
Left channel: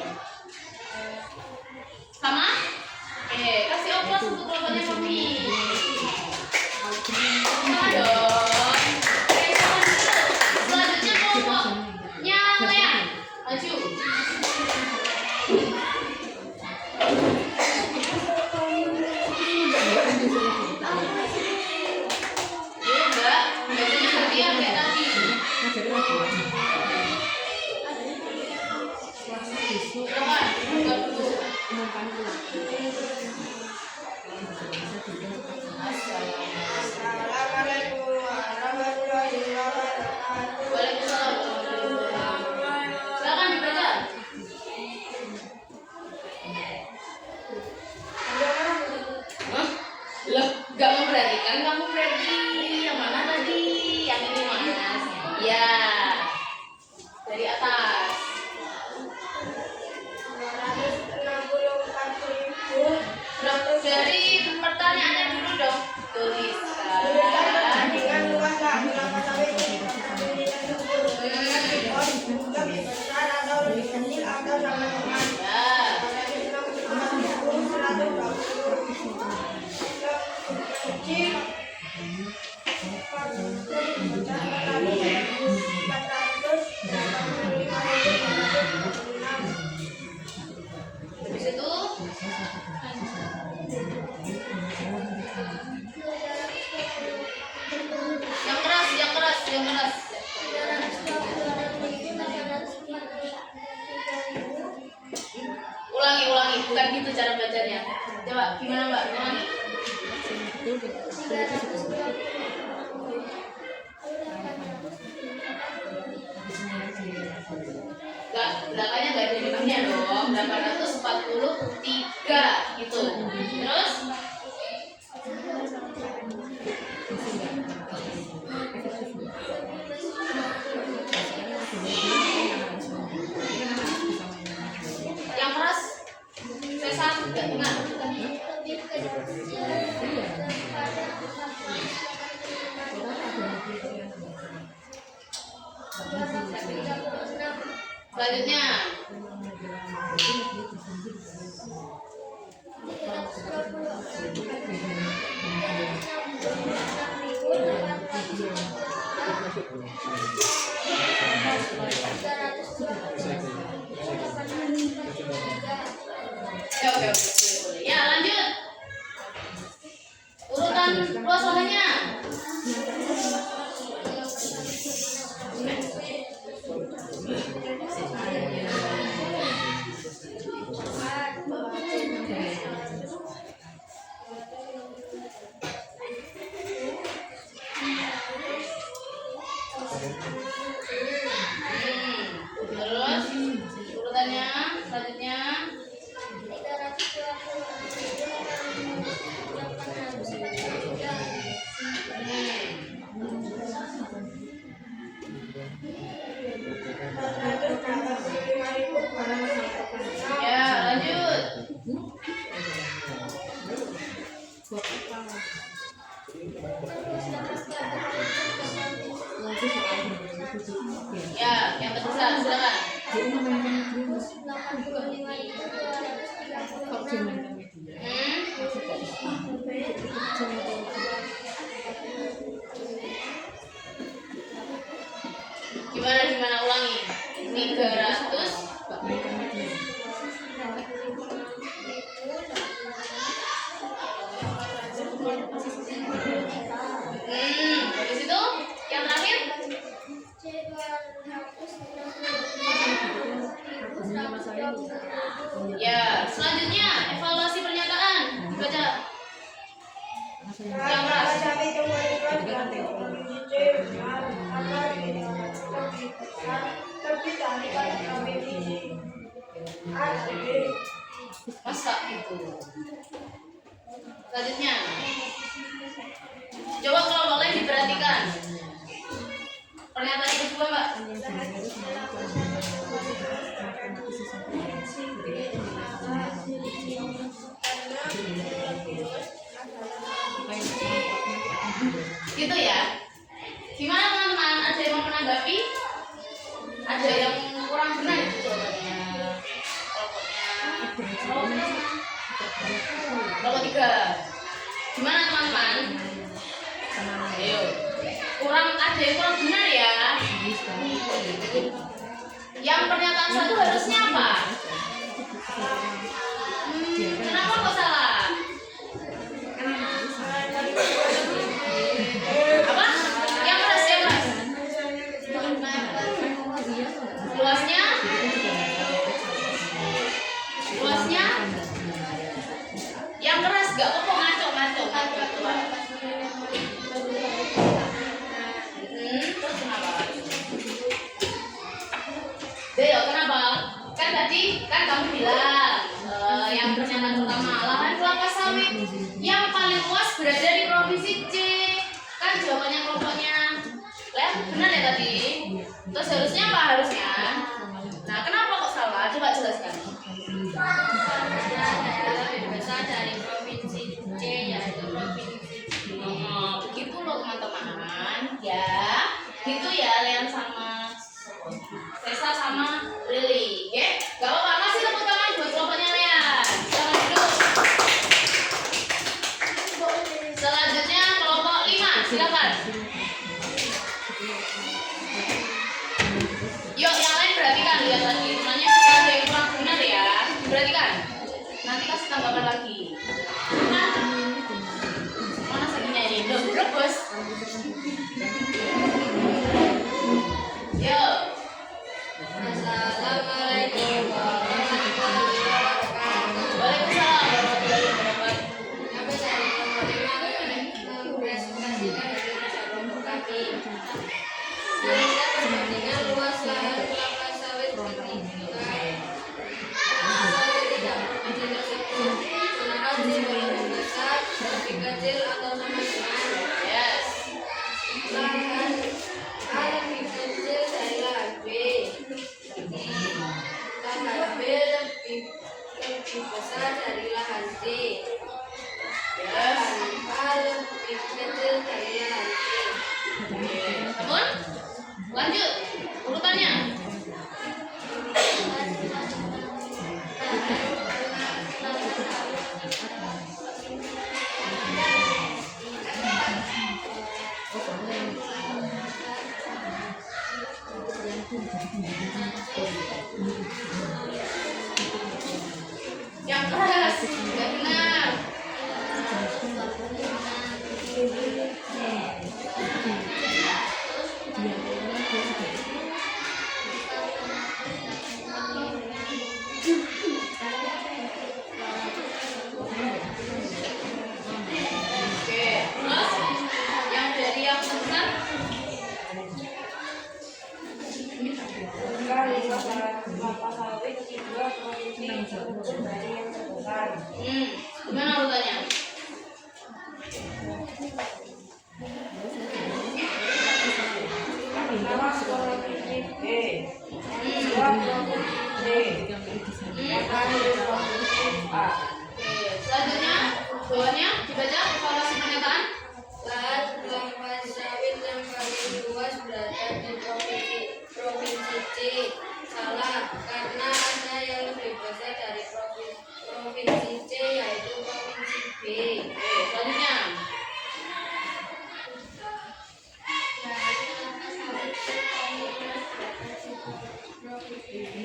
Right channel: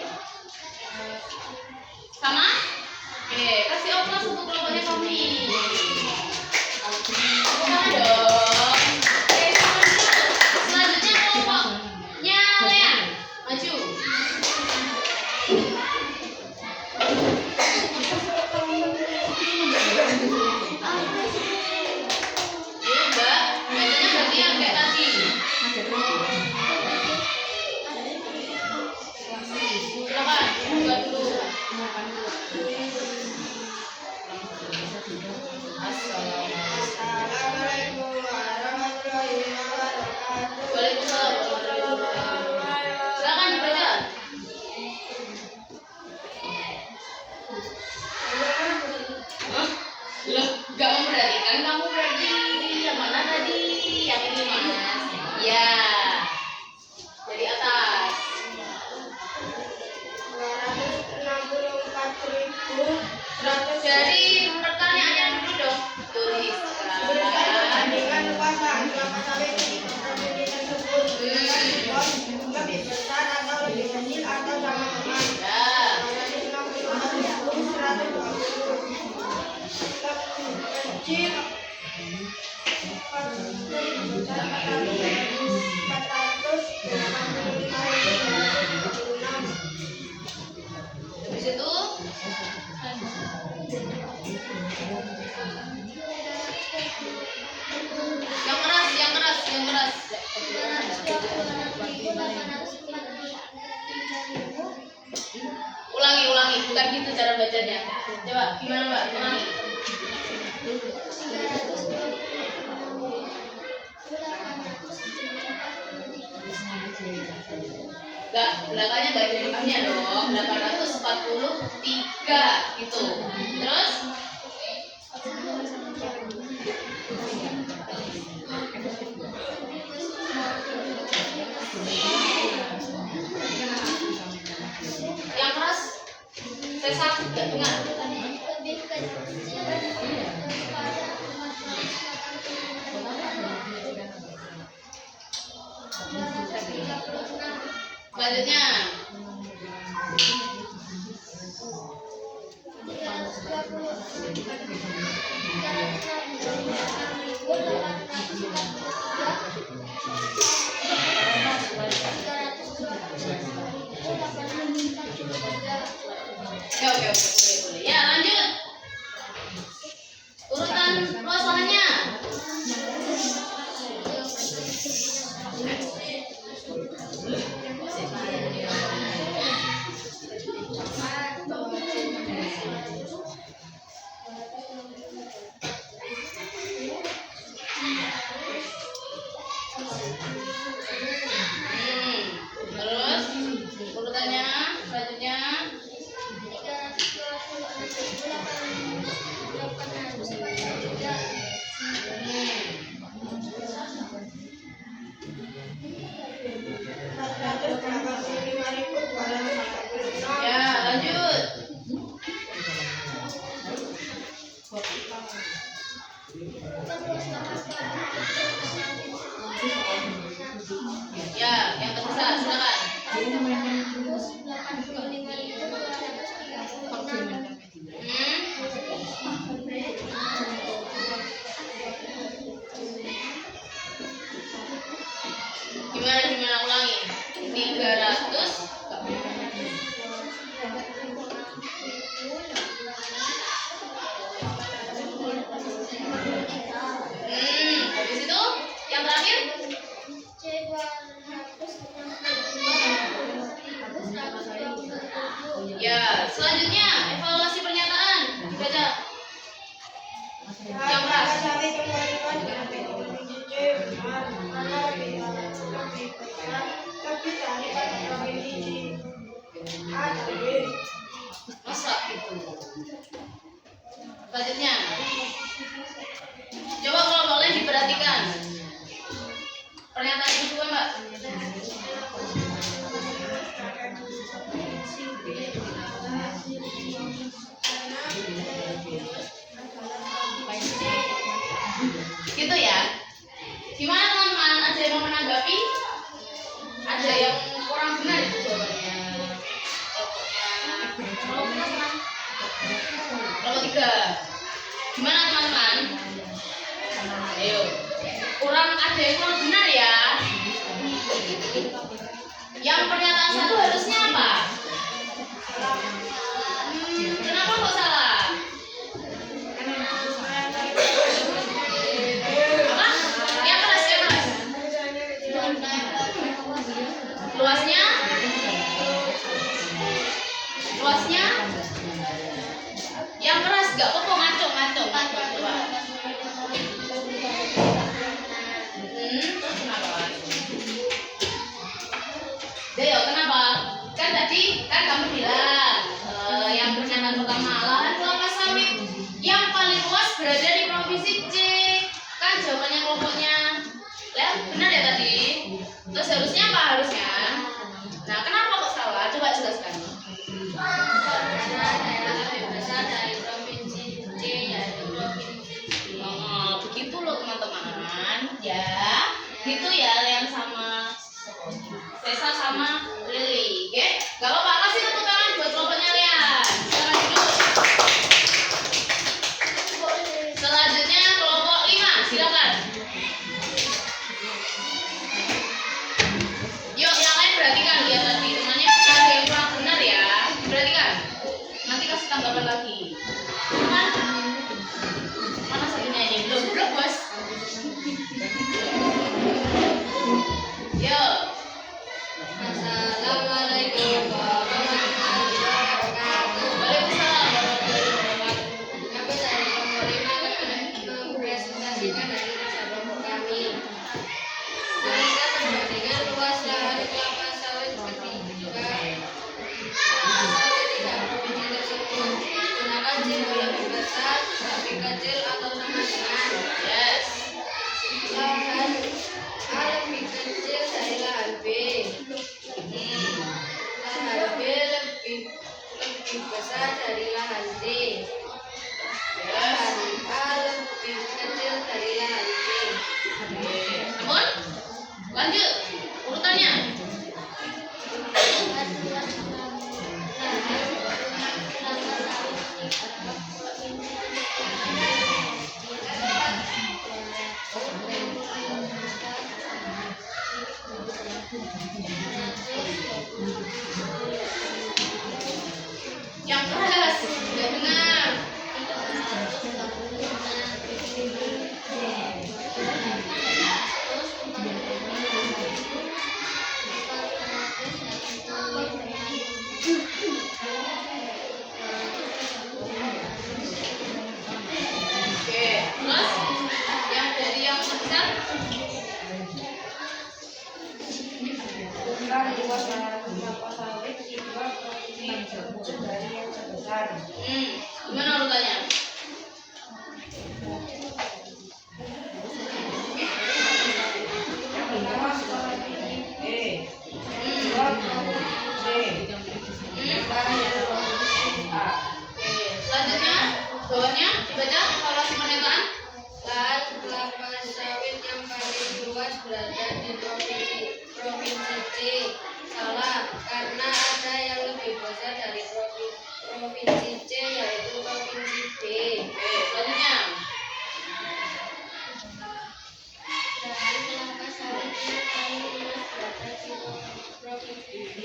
Sama? Oke, kasih oplos untuk kelompoknya kami. Sama dong. Oke, sama dulu. Selanjutnya kelompoknya Lea. Maju. Iya Mbak, bacanya berarti yang kayak tadi. Silakan, buka dulu. Assalamualaikum warahmatullahi wabarakatuh. Waalaikumsalam warahmatullahi wabarakatuh. Silakan dibaca. Hah? Loh, gak memperhatikan kamu berarti. Yang mana tadi? Yang ini Mas. Ya. Dari atas. 264.100 Dari pertanyaannya dulu dong. Tuliskan Tuliskan. perbandingan luas lahan kelapa sawit ketika provinsi tersebut dengan respon lebih besar atau lebih kecil atau sama dengan Ya. 264.120 kecil lebih besar 485.346. Habis itu yang keras, yang keras, yang keras. Ulangi, ulangi. Bukan gitu cara bacanya. Coba gimana Mbak? Ulangi. Enggak, belakangnya enggak ada direkamnya dong. 843 gitu. Terus yang keras saya sakit gak ingat. Lebih kecil daripada 485.346. Selanjutnya oke, boleh. Ya, lanjut. Urutan luas lahannya. Terus urutannya selanjutnya. Ya, lanjut. Ya, yang terbesar silakan. Hmm? kurang benar itu jawabannya. Kelompoknya kelompok 3. Gimana teman-teman? Ayo. Ada yang kurang benar ya. Yang pernyataan satu harusnya apa? Kenapa kok salah? Apa? Yang keras, yang keras. Luasnya? Luasnya? Yang keras gak apa-apa, ngaco. Terus kenapa? Deo, kenapa? Kan tadi kan kamu bilang yang pernyataan pertama lahan kelapa sawit yang paling luas berada di provinsi C. Kan jawabannya kelompoknya benar ya tadi. Terus harusnya apa harusnya? Nah, kenapa kok salah? Coba jelaskan. Lebih besar dari provinsi C yaitu provinsi B. Oh, begitu loh teman-teman. Ya, gitu ya yang sama Tessa sama Lily. Oke? Gak apa-apa, kasih tepuk tangan buat kelompoknya Lean. Sekarang duduk. Selanjutnya kelompok 5, silakan. Yuk, yang lain perhatikan lihat tadi temannya ada yang kurang benar ya. Perhatikan. Nanti kasih tanggapan lagi. Mana satunya ini? Belum bos. Yuk. Assalamualaikum warahmatullahi wabarakatuh. Waalaikumsalam warahmatullahi wabarakatuh. Kami dari kelompok 5 mempresentasikan dari masa kelompok kami. Mereka perbandingan luas lahan kelapa sawit ketika tiga provinsi tersebut gunakan simbol lebih besar, lebih kecil atau sama dengan. Yes. Lahan A lebih kecil dari lahan B. Lahan B lebih besar dari lahan D. Lahan A lebih kecil dari lahan C. Namun, lanjut urutannya. Yang keras, tidak benar. Oke, terus yang dari yang besar. Jumlah 5 daerah kelapa sawit di 2 provinsi tersebut dari yang sebesar. Gimana urutannya? Pertama provinsi B, kedua provinsi C, ketiga provinsi A. Oke, selanjutnya bawahnya dibaca evaluasi pernyataan. Lahan kelapa sawit yang paling luas berada di provinsi C. Salah, karena ada yang lebih besar dari provinsi C yaitu provinsi B. Oke, selanjutnya. Lahan kelapa sawit yang paling luas berada di provinsi B.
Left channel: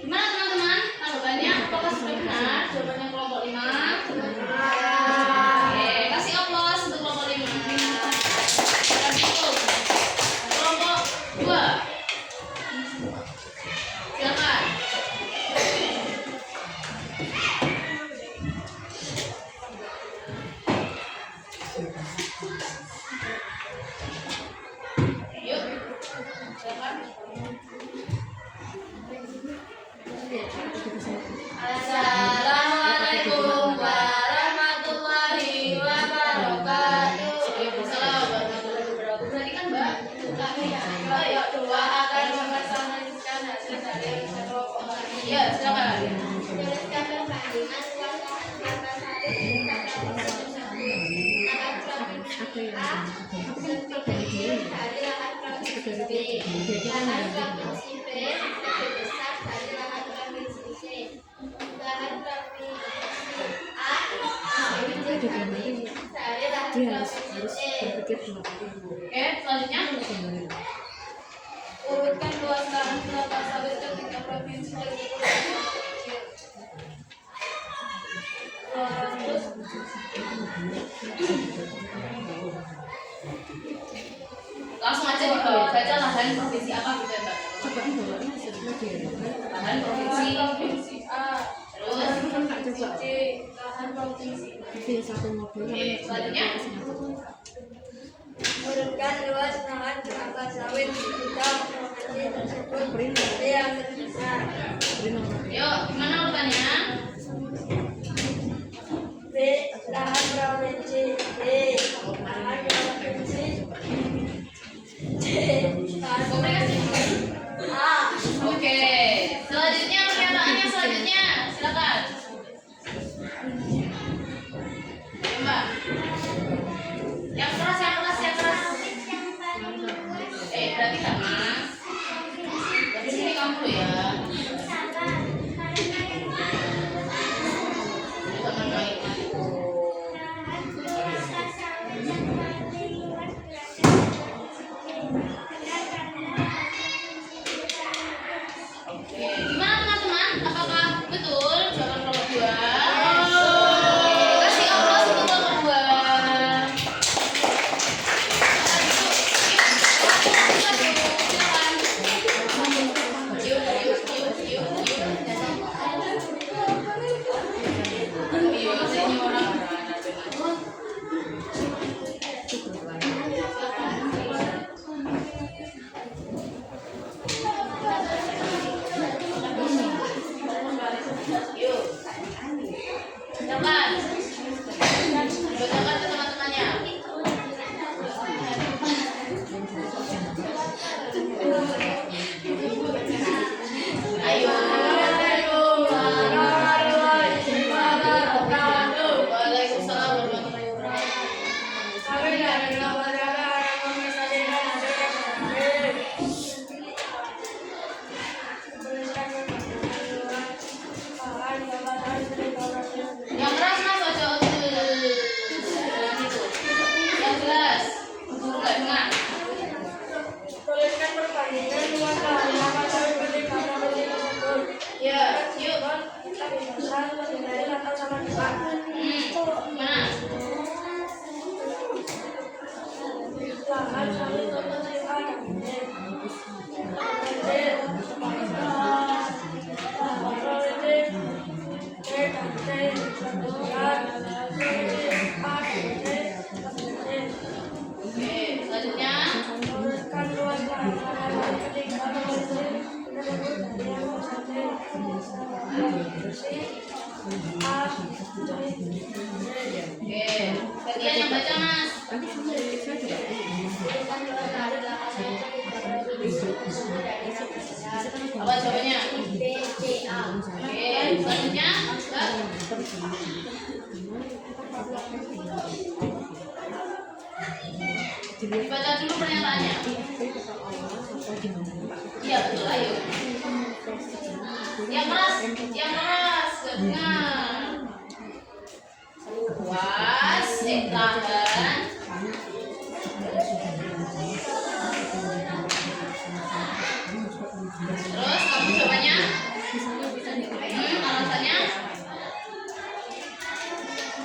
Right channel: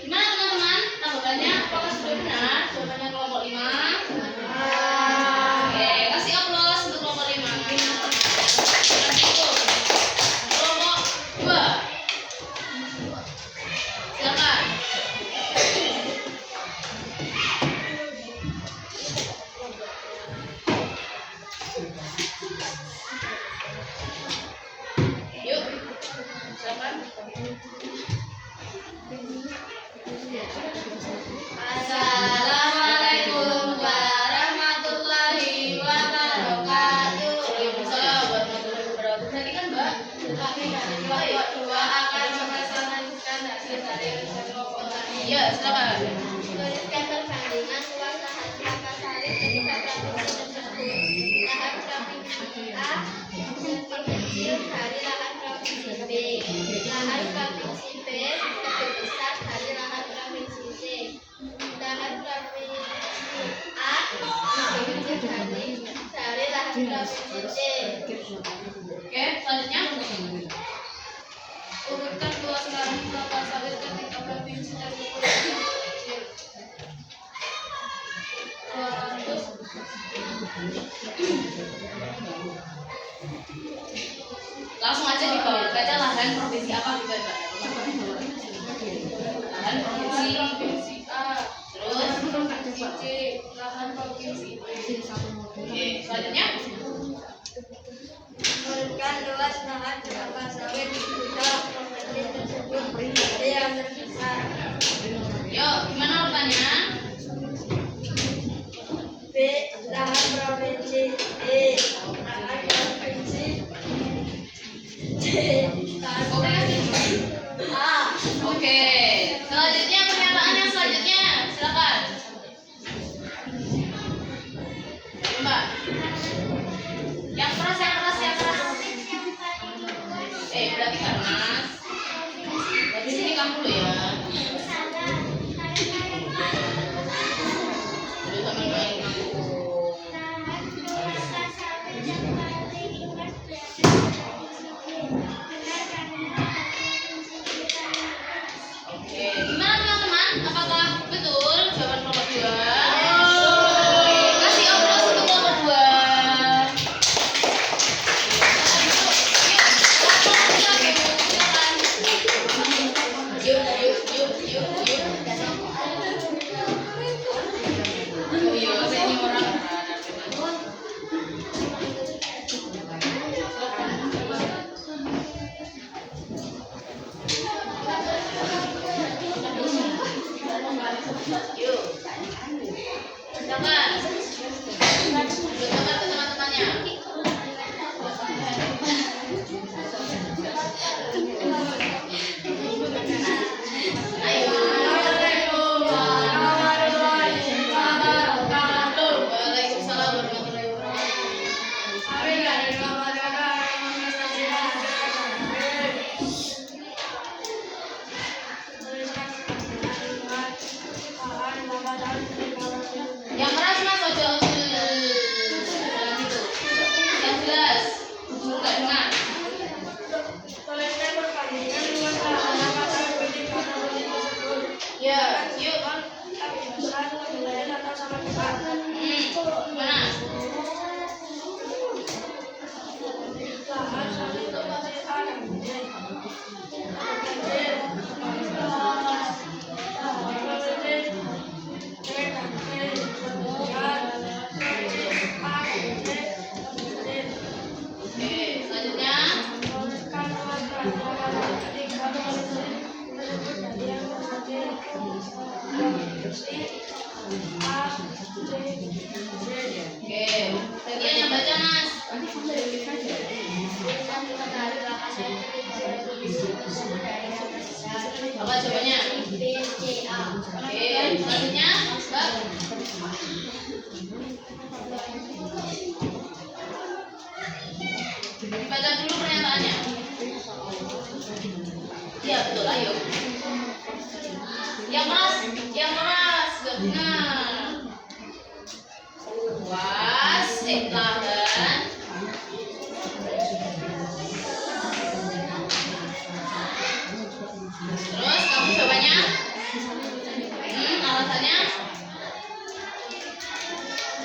Gimana teman-teman? Tanggapannya apakah sudah benar? Jawabannya kelompok 5. Oke, kasih aplaus untuk kelompok 5. Lanjut. Kelompok 2. Silakan. Yuk. Silakan. dari provinsi C. Oke, selanjutnya. Urutkan luas lahan kelapa sawit ketika provinsi terkumpul kecil. 200. Langsung aja dibawa saja lahan provinsi apa gitu ya, Mbak? Lahan provinsi A. terus Provinsi C. Lahan provinsi B. oke, selanjutnya. Urutkan luas lahan kelapa sawit ketika provinsi tersebut ada yang terbesar. Yuk, gimana urutannya? B. Lahan provinsi B. Lahan provinsi C. Lahan provinsi A. Oke, selanjutnya pernyataan yang selanjutnya, silakan. Mbak, yang keras, yang keras, yang keras. Berarti nggak mas? Berarti sini kamu dulu ya. Jadi teman baik. Oke, gimana teman-teman? Apakah betul jawaban kelompok 2? Kasih aplaus untuk kelompok 2. Yang keras mas, ojo gitu. Yang jelas, nggak dengar. Tuliskan perbandingan luas lahan kelapa sawit ketika provinsi tersebut. Ya, yuk. Lebih besar, lebih lain atau sama besar. Mana? Lahan sawit provinsi A dan B. Oke, selanjutnya. Oke, bagian yang baca mas. Apa jawabannya? Oke, selanjutnya. Mbak. Dibaca dulu pernyataannya. Iya betul, ayo. Yang keras, gak dengar. Luas, lahan. Terus kamu jawabannya? Alasannya?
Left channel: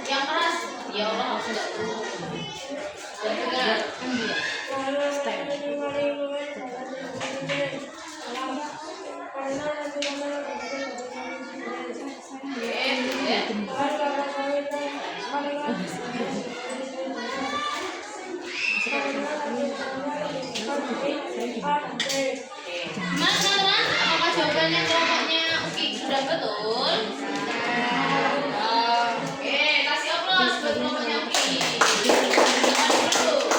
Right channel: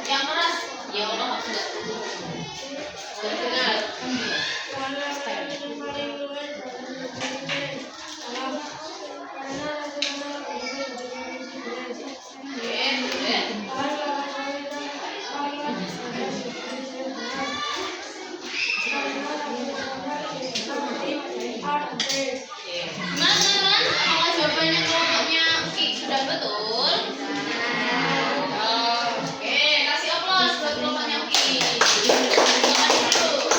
Yang keras, ya Allah harus nggak tahu. Gak dengar. Gimana teman-teman? Apakah jawabannya kelompoknya Uki sudah betul? Oke, kasih aplaus buat kelompoknya Uki. Jangan dulu.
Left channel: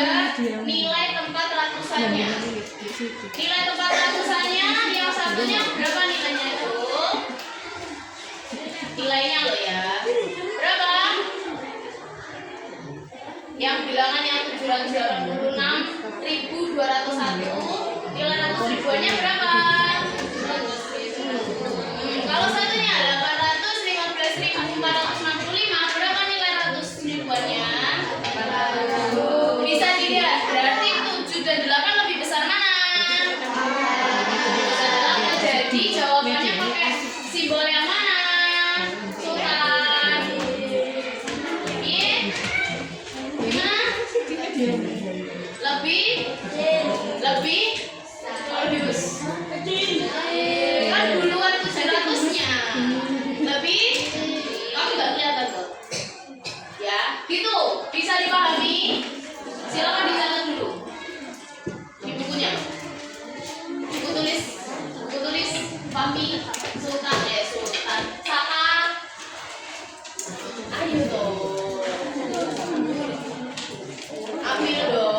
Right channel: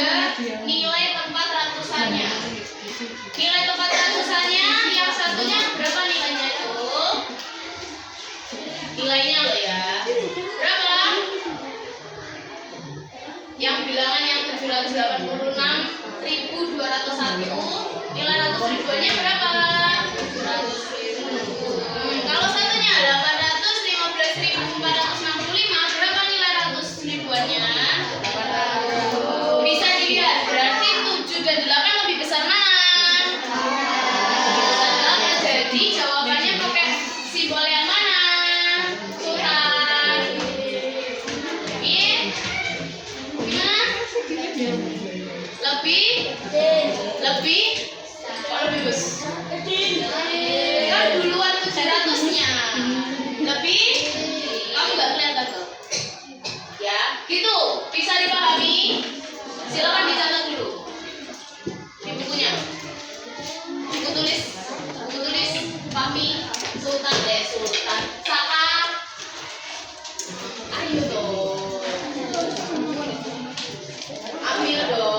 ada nilai tempat ratusannya. Nilai tempat ratusannya yang satunya berapa nilainya itu? Nilainya loh ya. Berapa? Yang bilangan yang 786.201, nilai ratus ribuannya berapa? Kalau satunya 815.465, berapa nilai ratus ribuannya? Bisa dilihat, berarti 7 dan 8 lebih besar mana? Besar 8, jadi jawabannya pakai simbol yang mana? Sultan. Iya? Gimana? Lebih? Oh, lebih besar. Kan duluan 700-nya. Lebih? Kamu nggak kelihatan tuh? Ya, gitu. Bisa dipahami? Silakan dicatat dulu di bukunya. Buku tulis Fahmi Sultan Saka. Ayo dong. Ambil dong.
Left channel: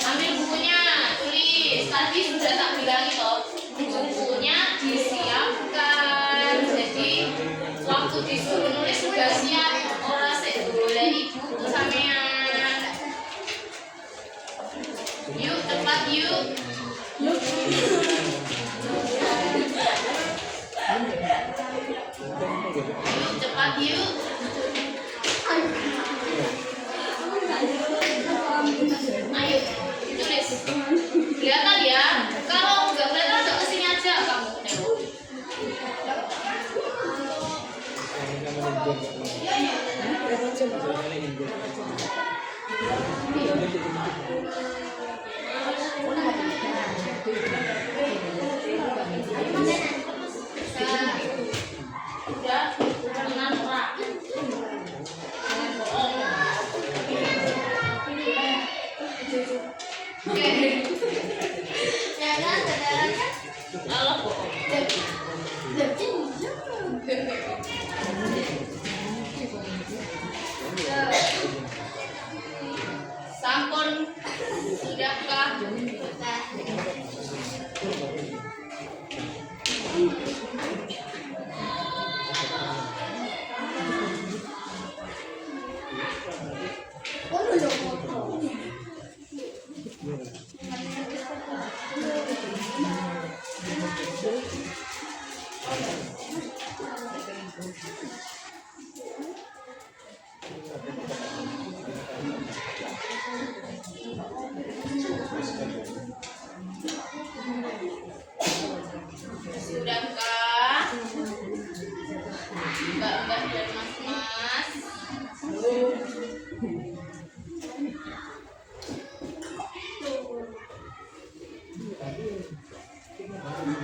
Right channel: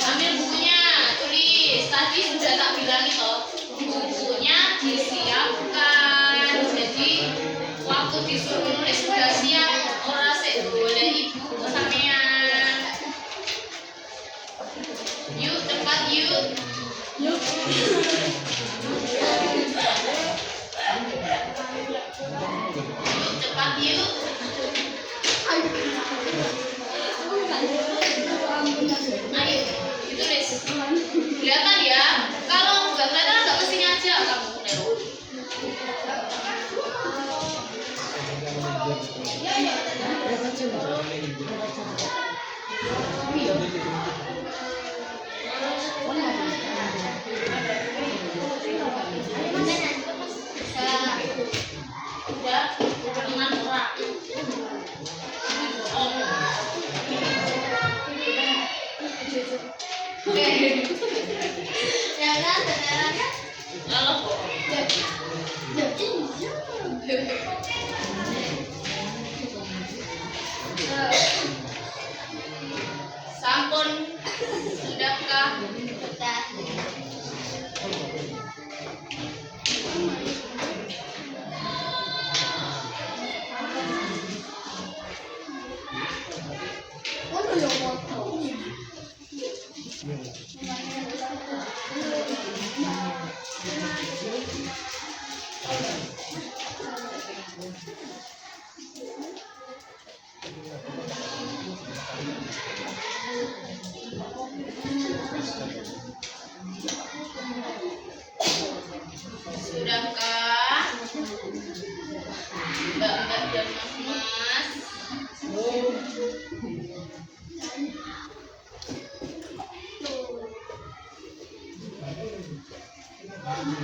Ambil bukunya, tulis. Tadi sudah tak bilang toh, bukunya disiapkan. Jadi waktu disuruh nulis sudah siap. Ora sik boleh ibu sampean. Yuk cepat yuk. Yuk cepat yuk. Ayo, ditulis. Kelihatan ya. Kalau nggak kelihatan, agak kesini aja kamu. Udah, dengan orang. Sampun sudahkah? Sudahkah? Mbak-mbak dan mas-mas.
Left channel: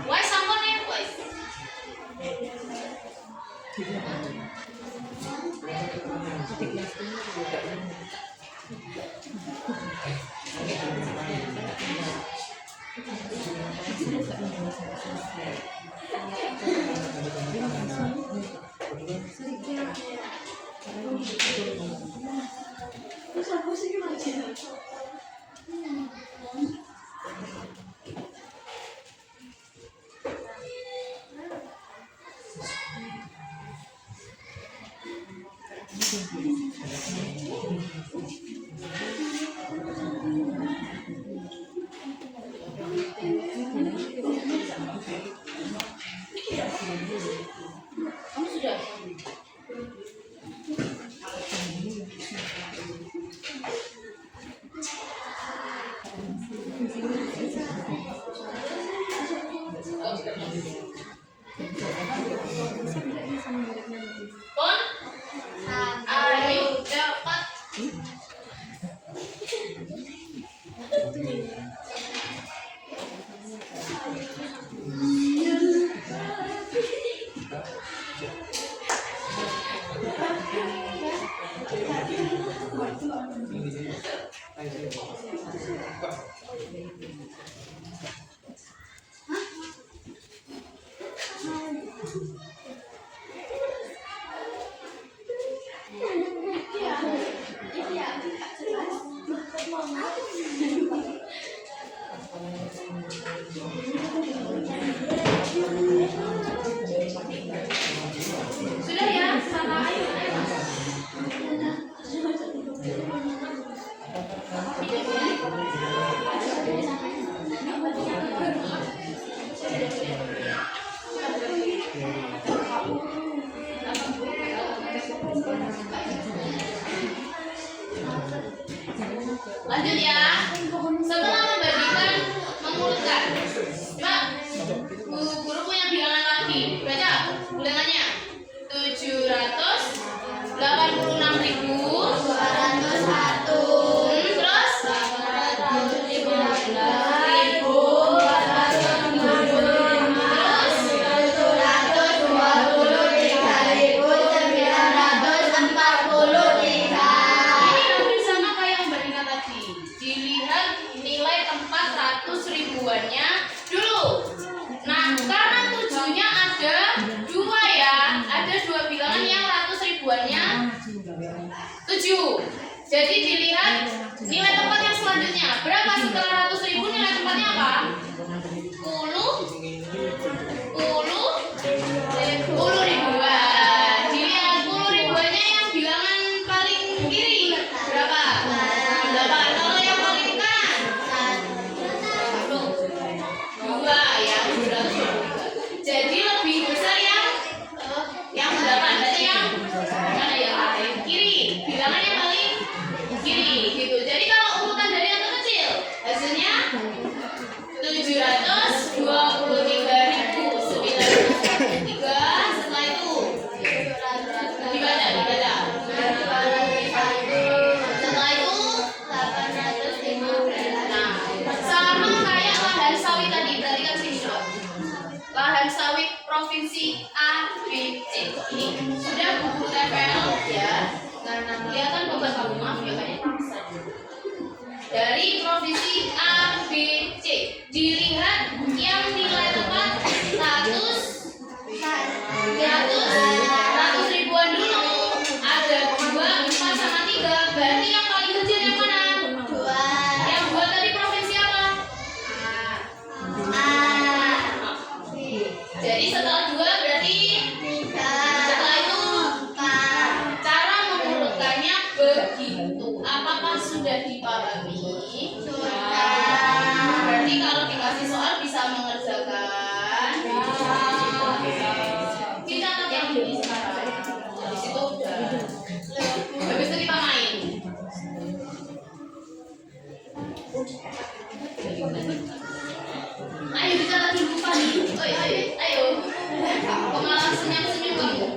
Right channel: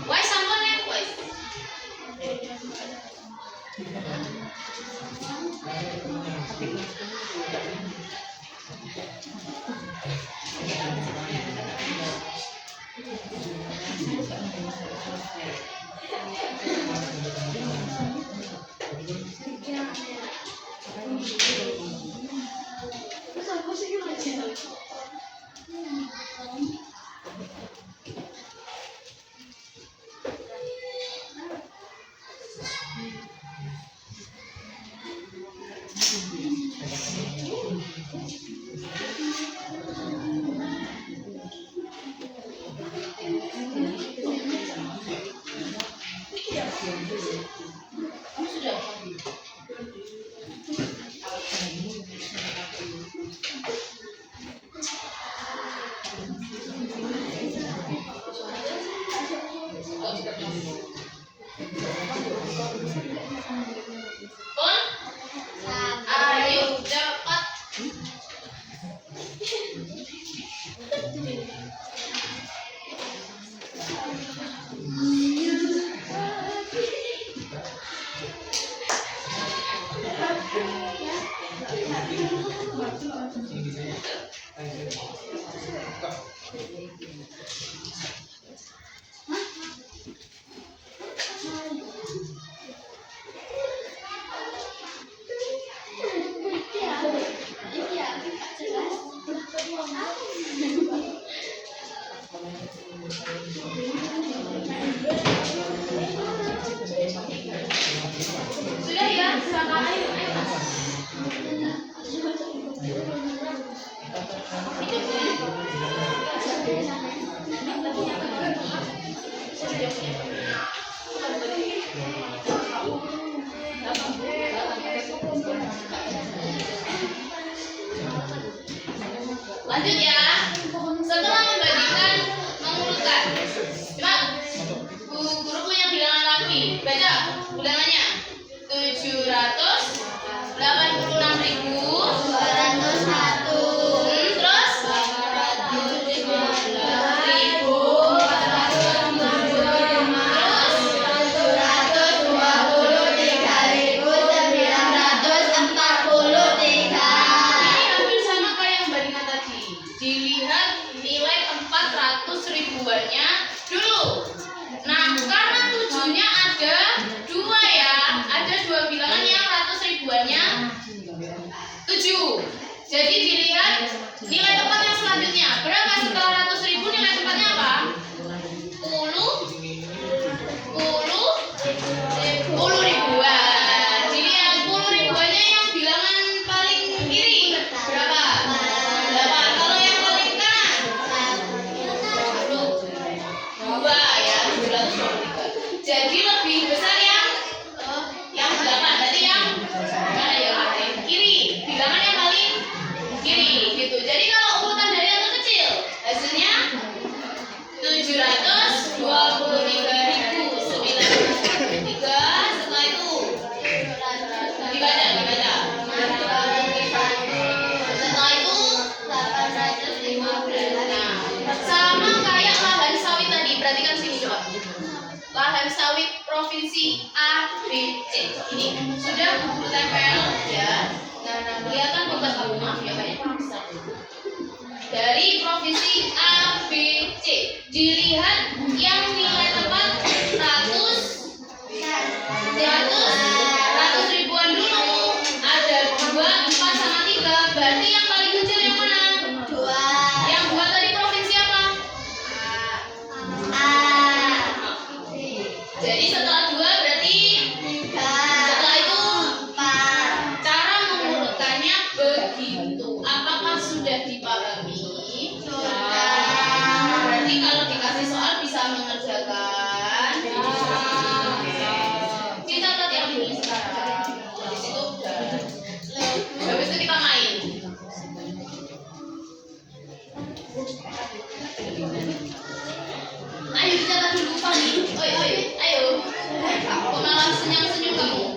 Wes sampun ya, wes. Kamu sudah? Pon? Ayo cepat. Lanjut ya. Setelah membagikan, mengurutkan. Coba guru punya bilangan lagi. Baca bilangannya. 786.201. Terus 723.943. ini hampir sama kayak yang bandingan tadi. Dilihat nilai tempat 100 ribuannya dulu. Nah, karena 7-nya ada 2 ya. Ada 2 bilangan yang 100 ribuannya 7. Jadi dilihat nilai tempat yang selanjutnya. Berapa setelah 100.000 nilai tempatnya apa? 10 ribuan. Dilihat 10 ribuannya yang bilangan paling kiri. Berapa? 8. Kalau yang paling kanan? 2 ya, 723. Jadi lebih besar yang 8. Berarti yang mana ya? Yang kiri. Bilangan yang paling kiri gitu. Jadi kalau urutan dari yang terkecil hasilnya 723.943. Setelah itu dibaca. Setelah itu 815. Nah, sama kayak lahan sawit tadi. Perhatikan sini coba. Lahan sawit provinsi A, B, C. Ini sudah buku tempel ya. Dia kan bukan tahu, maaf ya, kayaknya kurang besar. Dari provinsi A, B, C. Dilihat yang nilai tempat 100 ribuan dulu. Ada 2, 4 sama 3. Berarti yang paling kecil yang mana? Yang buat tadi provinsi apa? Jadi setelah 2 berarti setelah itu cara mengurutkannya begitu. Apakah sudah dipahami? Berarti kalau dikasih soal bisa mengerjakan. Kita catat yang ini sekarang. Habis itu udah. Habis itu kita main. Ayo dicatat dulu Fani. Ayo. Kok malah senyum-senyum kamu?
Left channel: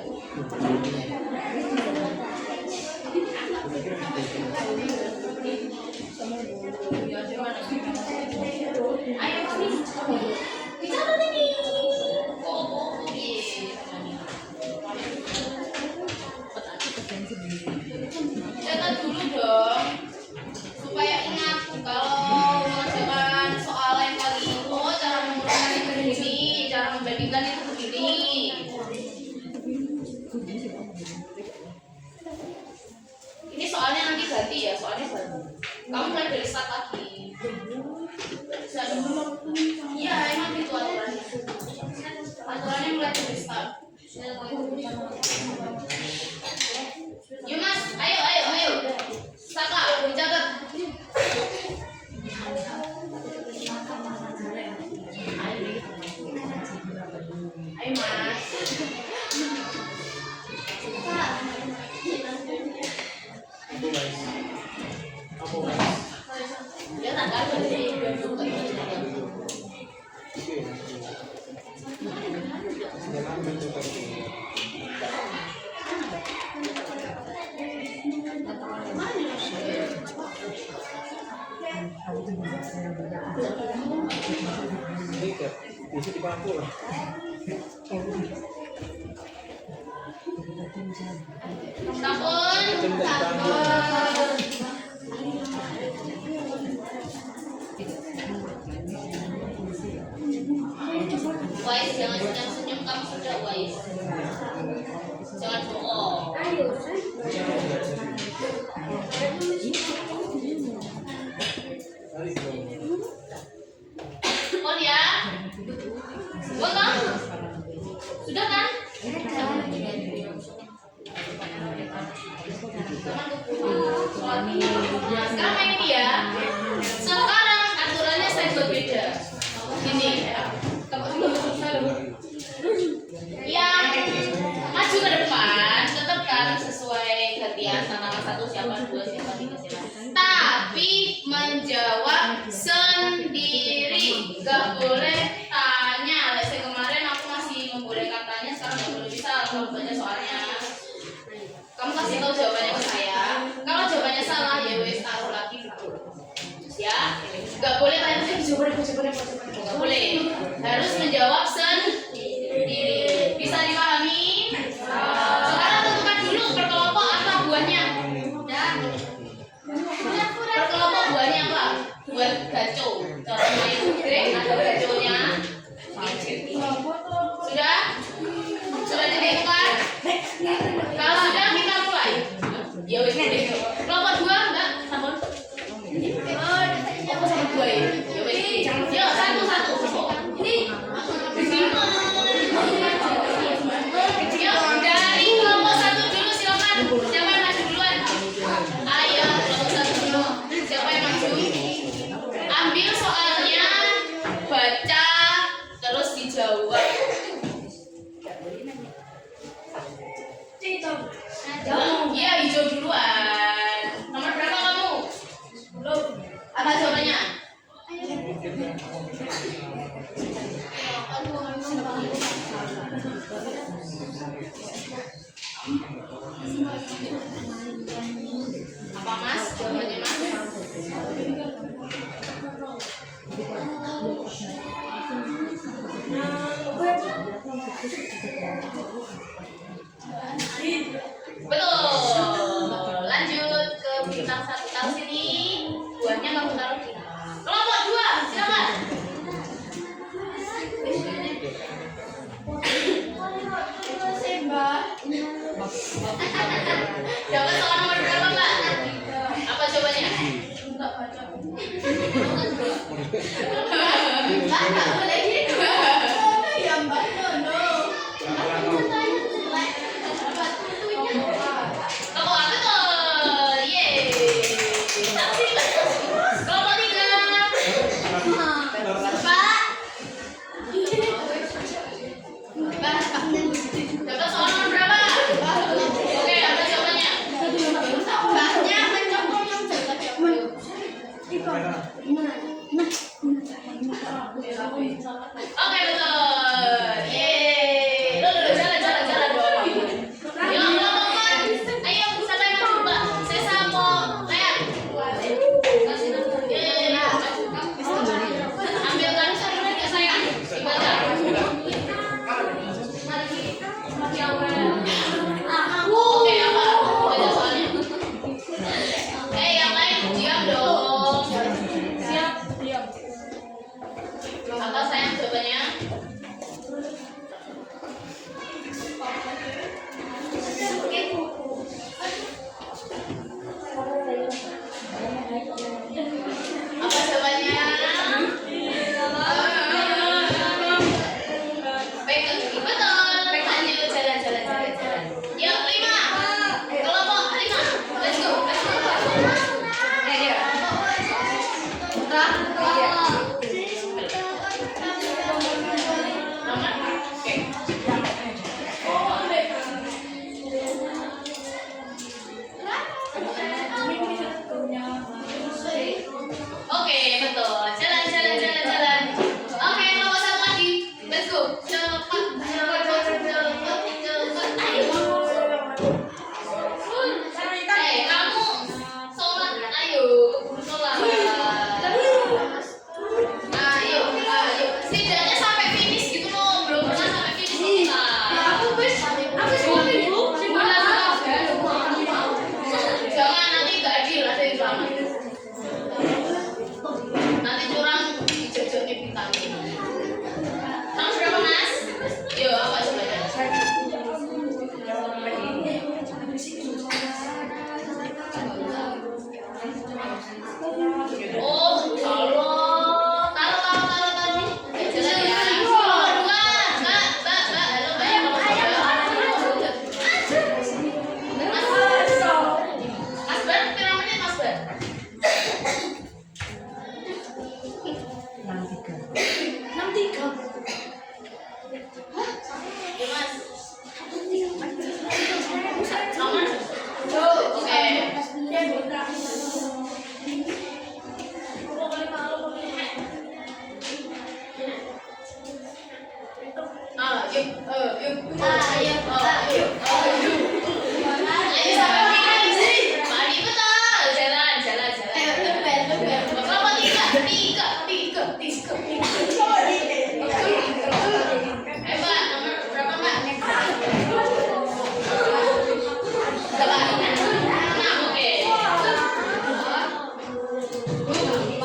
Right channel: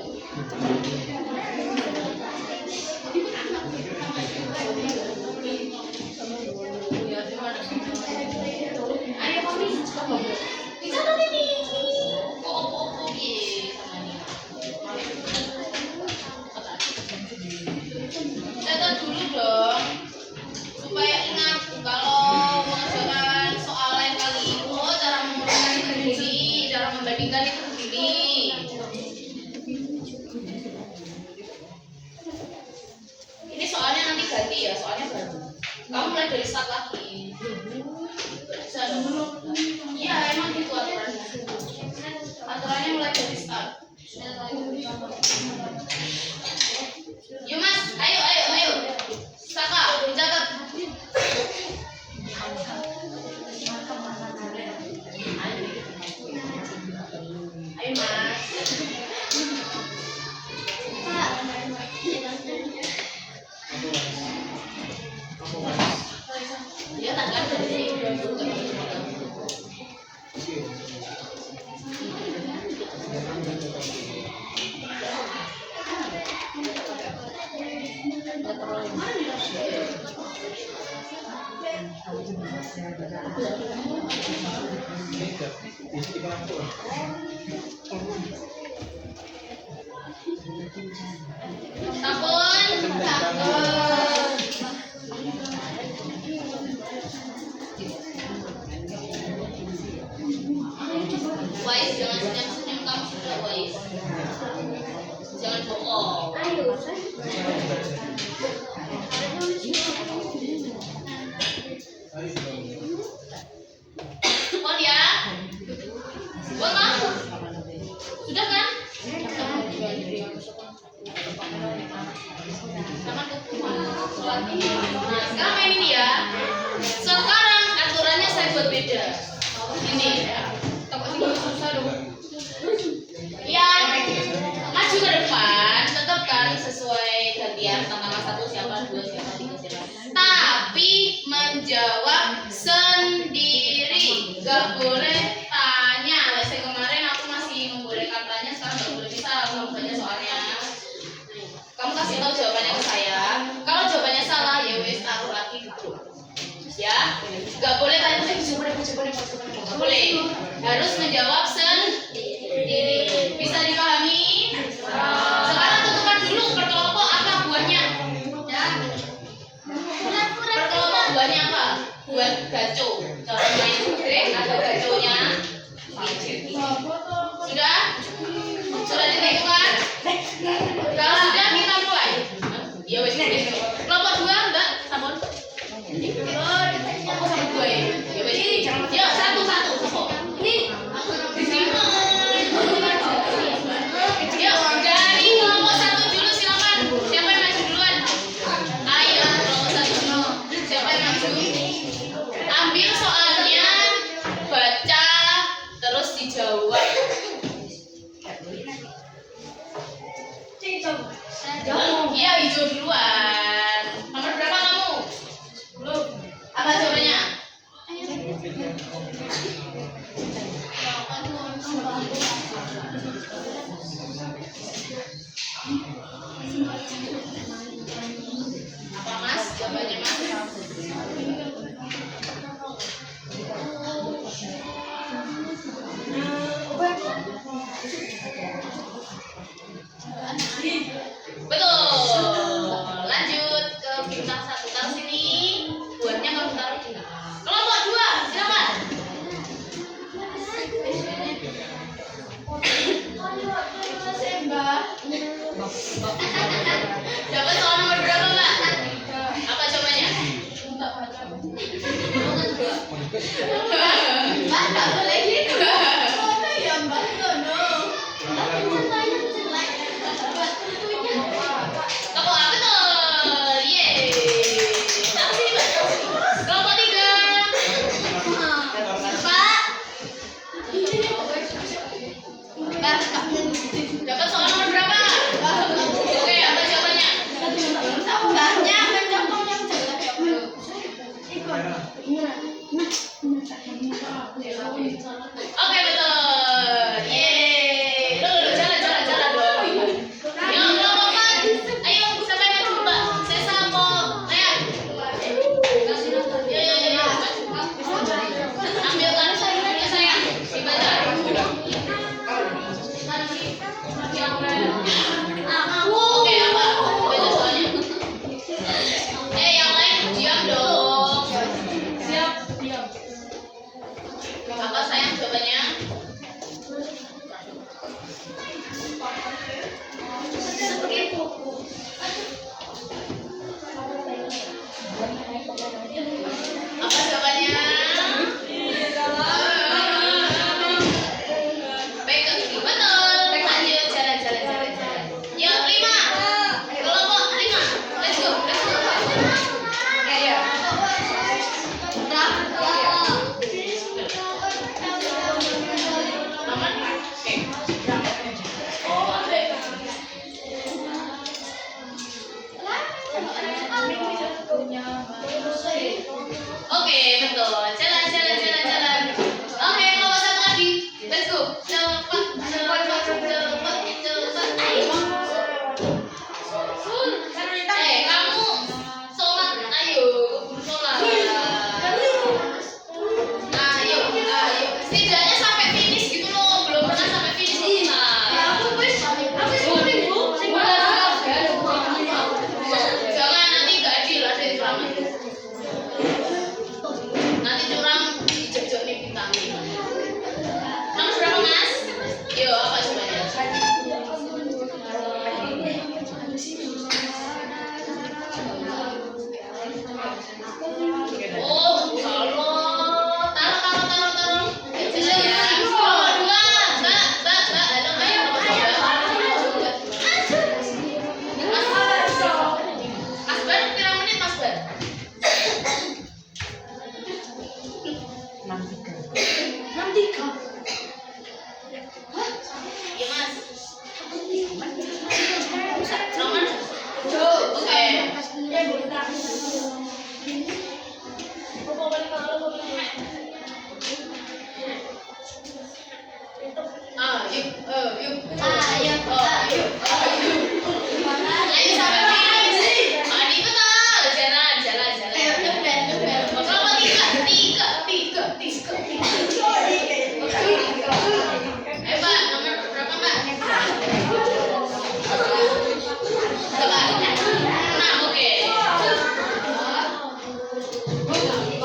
Ayo Fani, dicatat ini. Catat dulu dong, supaya ingat kalau mengerjakan soal lain kali. Oh, cara mengurutkan itu begini, cara membandingkan itu begini. Ini soalnya nanti ganti ya, soalnya baru. Kamu mulai dari start lagi. Bisa dong. Iya, emang gitu aturannya. Aturannya mulai dari start. Yuk Mas, ayo. Saka, dicatat. Ayo Mas. Ya tanggal dari 20. Bisa dibantu lah. Sampun. Wais, jangan senyum-senyum, kamu sudah wais. Jangan bohong. Pon ya. Pon Bang. Sudah kan? Sekarang main ini ya. Ini ya. Toko sini susah dong. Yang maju ke depan tetap kan sesuai gantian sama satu siapa dua siapa tiga siapa. Tapi menjawab sendiri, gak boleh tanya. Lesson kemarin aku masih membolehkan tanya, sekarang gak boleh, bisa aku banyak soalnya. Kamu kasih tahu jawabannya ke saya. Kalau jawabannya salah ya wes taruh lagi gitu. Ya, gak boleh tanya jawabannya. Gak boleh. Harus menjawab sendiri. Bisa dipahami? Sekarang tentukan dulu berkelompok apa buahnya. Berkelompok buahnya apa? Buat gaco. Kalau main ada gaconya. Sudah? Sudah ditentukan? Kalau sudah kita mulai. Ya wes boleh. Kelompok dua enggak? Sampun. Oh, sama dua ya. Ya wes. Ya satu. Yuk, dari kelompok satu dulu silakan. Siapa yang maju duluan? Ayo, kelompok satu dulu. Siapa yang maju? Ambil soalnya, baca, terus dijawab. Iya, hijau duluan. Nomor berapa kamu? Apa jawabannya? Apa Mas? Jawabannya Mas? Betul. Lanjut ke bintang satu. Taruh sini. Buahnya kamu taruh di kelompok dua. Silakan. Dapat soal nomor berapa, Mbak? Apa jawabannya? Mbak, nggak boleh gitu. Ya, Mbak, no. Kelompok apa tuh? Yeay. Tahu sini, Mbak. Kelompok tiga. Mbak, dapat soal nomor berapa? Oke, apa jawabannya? Mbaknya mencokong yang jaga. Oke, betul. Yeay. Loh, jalan dong. Yuk, kelompok 4. Ayo, sampai maju, Mbak. Saya sama Leah. Yuk. Ambil kan sarungnya sayang. Dibaca. Oke, apa? Baca soalnya. Yang lain diam dong. Siap, diam. Apa sayang jawabannya? Apa jawabannya? Pegang gigi. Betul. Lanjut jalan. Yuk, 5. Kelompok 5. Let's go. Oke, betul. Jalan. Oke, kelompok satu lagi. Let's go. Cepat. Ayo. Kamu sholat. Ayo, keburu sholat. Ayo. Setidaknya sampai finish gitu loh. Belum pernah sampai finish kita. Jangan nanti nggak adil, ada yang selamat. Nanti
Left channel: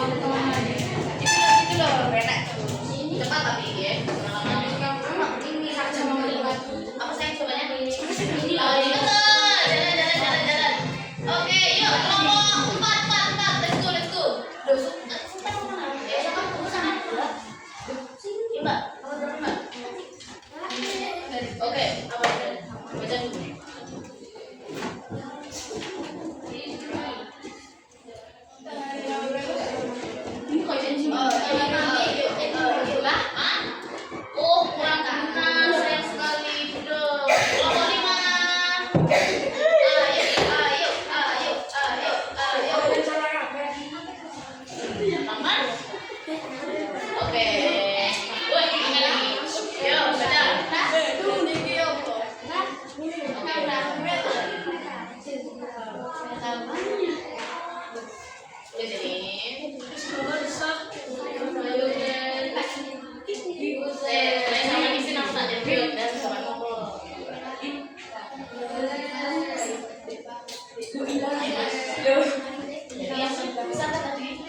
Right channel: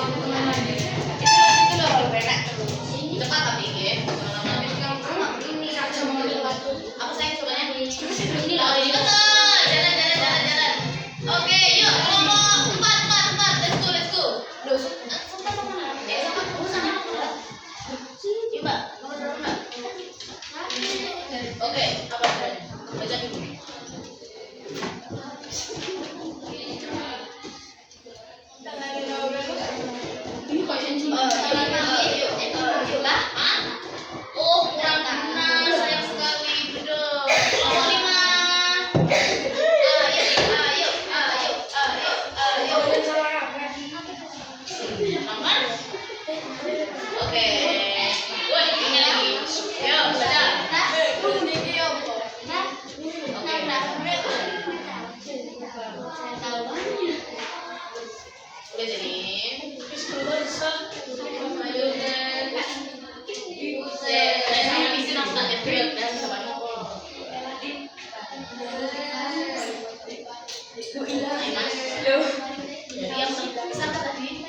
Itu loh benek. Cepat tapi ya. Jangan lama-lama. Ini saja mau lewat. Apa sayang cobanya? Ini lah. Jalan. Oke, yuk kelompok 4. Let's go. Loh, Sultan mau mana? Sultan kamu sana. Iya, Mbak. Kamu dulu, Mbak. Oke, apa? Baca dulu. Ini kok janji. Lah, oh, kurang guna, sayang sekali. Betul. Kelompok 5. Ayo. Aman? Oke. Woi, ini lagi. Yo, baca. Udah jadi. Saya sama di sini aku tak jadi dan sama ngomong. Jadi yang bisa tadi